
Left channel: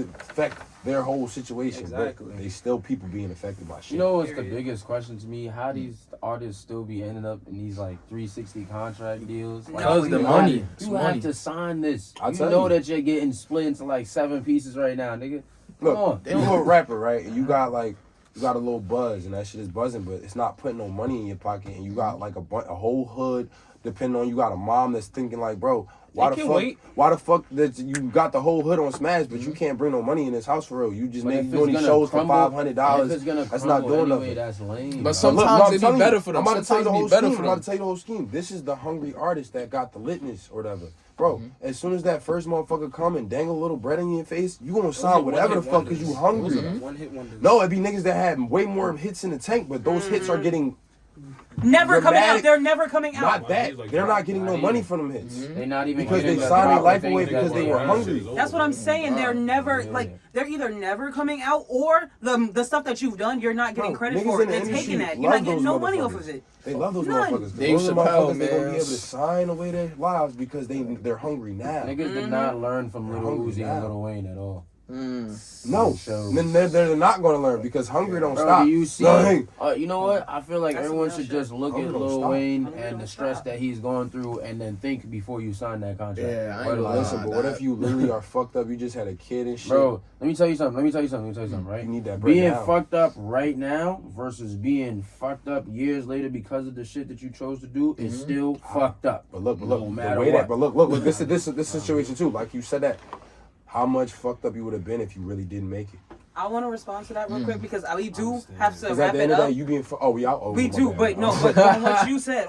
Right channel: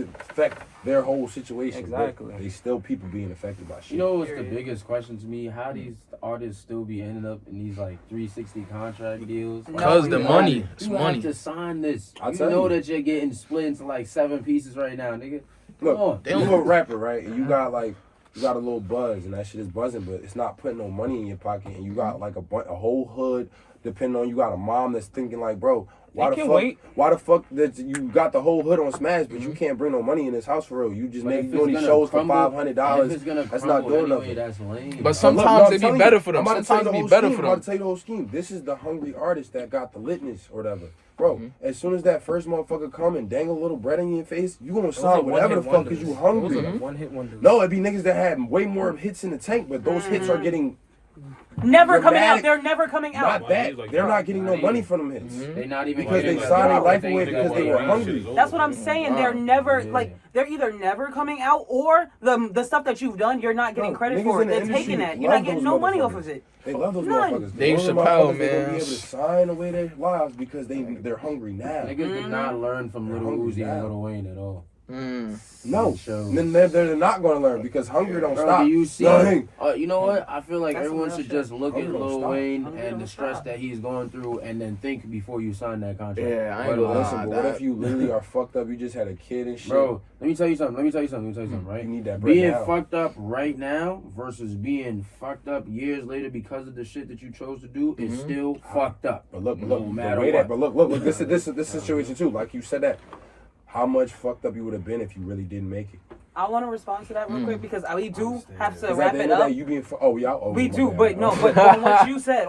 their whole situation. Exactly. But they still people being affected by shit. You know what's the Period. biggest question to me? How these artists still be ending up in these like 360 contract deals? Like, Because the you money. It's you have money. to sign this. I'll You tell know you. that you're getting split into like 7 pieces right now, nigga. Come on. Look, you a rapper, right? And you got a little buzz, and that shit is buzzing, but it's not putting no money in your pocket. And you got like a whole hood, depending on you got a mom that's thinking like, bro, why You the can fuck? wait. Why the fuck that you got the whole hood on Smash, but you can't bring no money in this house for real? You just But maybe if doing it's these gonna shows for crumble- If $500. it's gonna That's not crumble doing anyway, nothing. that's lame. But Look, sometimes I'm it telling be you, better for them. I'm about to tell you Sometimes the it whole be better scheme. for I'm about them. to tell you the whole scheme. This is the hungry artist that got the litness or whatever. Bro, as soon as that first motherfucker come and dangle a little bread in your face, you gonna sign whatever the fuck because you hungry. One hit wonders. No, it'd be niggas that had way more hits in the tank, but those hits are getting Never coming out. Dramatic. They're never coming out. not that. They're not getting no money from them hits. They not even Because they getting the signed their proper life things away that because they were hungry. That's what I'm saying. They're never Yeah. like they're either never coming out or the stuff that you've done you're not getting Bro, credit niggas for. in the They're industry taking that. You're love not getting those no money off motherfuckers. of it. They love those None. motherfuckers. Dave Those Chappelle, motherfuckers, they're gonna be man. able to sign away their lives because they're hungry now. Niggas did not learn from Lil hungry Uzi and now. Lil Wayne at all. No, Shows. then they're not gonna learn because hungry don't Bro, stop. do you see? Nothing. You know what? I feel like That's everyone some should real just look at Hungry don't Lil stop. Wayne Hungry and don't the stress stop. that he's going through, and then think before you sign that contract. Yeah, I ain't But, gonna like, lie. Listen, but what if you literally are fucked up? You just had a kid and shit. Bro, let me tell you something. Right? You need that bread Being now. fucked up right now versus being fucked up years later because of the shit that you chose to do is still fucked up. But look, No the matter way what. that, but look, this situation too. Like you said that, how much fucked up you would have been if you really didn't make it. I want to respond to that real quick because we do have to Because wrap at the it end of the up. day, you being We my do, bad. but no, but on what you said,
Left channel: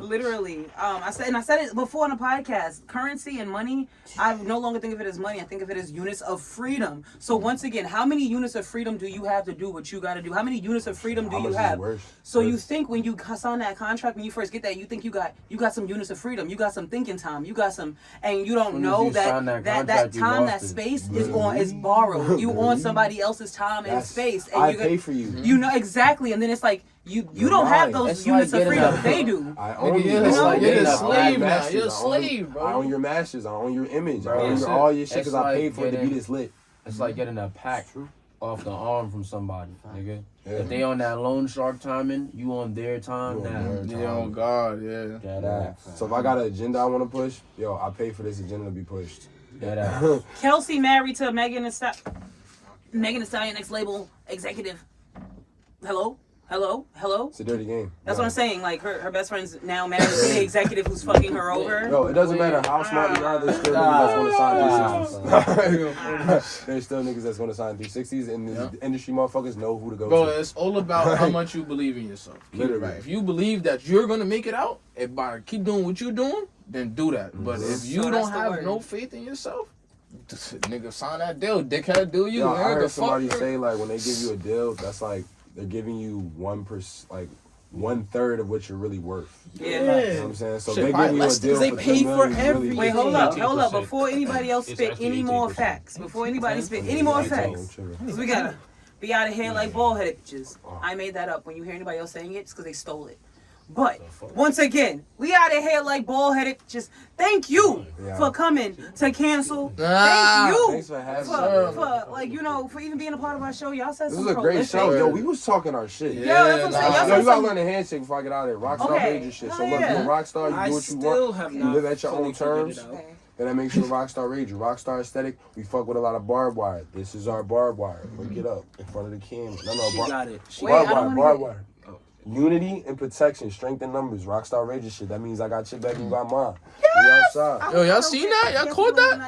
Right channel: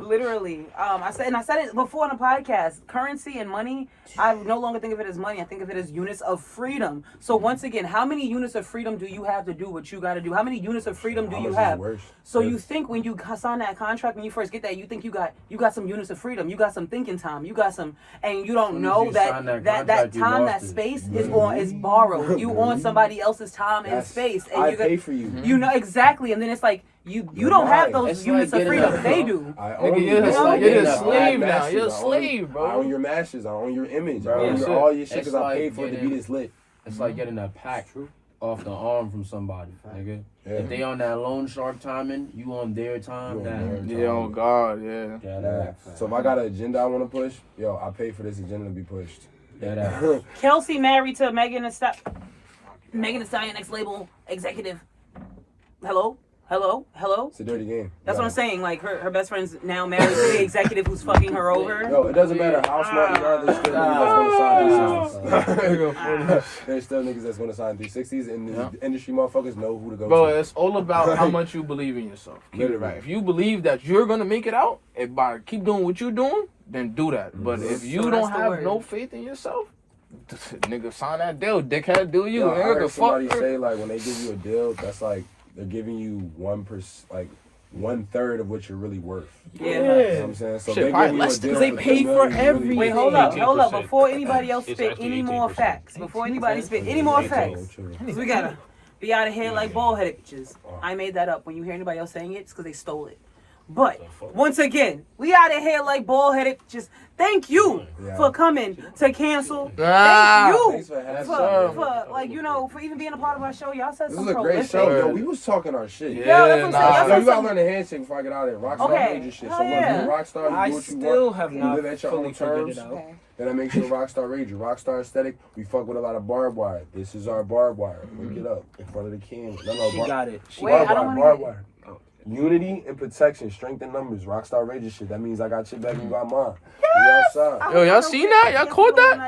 literally, I said it before on the podcast. Currency and money, I no longer think of it as money. I think of it as units of freedom. So once again, how many units of freedom do you have to do what you got to do? How many units of freedom do How you much is have? worse? So you think when you sign that contract, when you first get that, you think you got some units of freedom. You got some thinking time. You got some, and you don't Soon as know you that sign that that contract, you time, lost that it. space is borrowed. You on somebody else's time and That's- space, and I you pay for you. you know exactly, and then it's like you You're don't have mine. those It's units like of getting freedom. a- They do. I own you. You're bro. a I slave own now. my You're a masters. slave, bro. I own your masters. I own your image. Bro, I own that's your, it. all your shit It's because I paid like for it to getting- be this lit. It's like getting a pack off the arm from somebody, nigga. Yeah. If they on that loan shark timing, you on their time You on now. their Yeah, oh God, yeah. Get Yeah. that. So if I got an agenda I want to push, yo, I pay for this agenda to be pushed. Get that. Kelsey married to Megan the Stallion, next label executive. Hello. Hello? It's a dirty game. That's what I'm saying. Like, her best friend's now married to the executive who's fucking her over. No, it doesn't matter how smart you are, there's still niggas that's going to sign 360s. There's still niggas that's going to sign 360s, and the industry motherfuckers know who to go Bro, to. it's all about how much you believe in yourself. Literally. Right. If you believe that you're going to make it out, and by keep doing what you're doing, then do that. But if you don't have no faith in yourself, nigga, sign that deal. Dickhead, do you? Yo, I heard somebody say, like, when they give you a deal, that's like, they're giving you 1/3 of what you're really worth. Yeah. You know what I'm saying? So they're giving you a deal. They pay for every. everything. Wait, hold up. Before anybody else spit any more facts, because we gotta be out of here like bald-headed bitches. I made that up. When you hear anybody else saying it, it's because they stole it. But once again, we out of here like ball-headed. Just thank you for coming to cancel. Thank you for like, you know, for even being a part of our show. Y'all said some prolific. This was a great show. Yo, we was talking our shit. Yeah, that's what I'm saying. Yo, you gotta learn the handshake before I get out of there. Rockstar Ranger shit. So look, you're a rockstar, you do what you want. You live at your own terms. And that makes you a Rockstar Ranger. Rockstar aesthetic, we fuck with a lot of barbed wire. This is our barbed wire. Wake it up in front of the camera. She got it. Barbed wire. Unity and protection, strength in numbers, Rockstar Ranger shit. That means I got your back, you got mine. We outside. Yo, y'all seen that? Y'all caught that?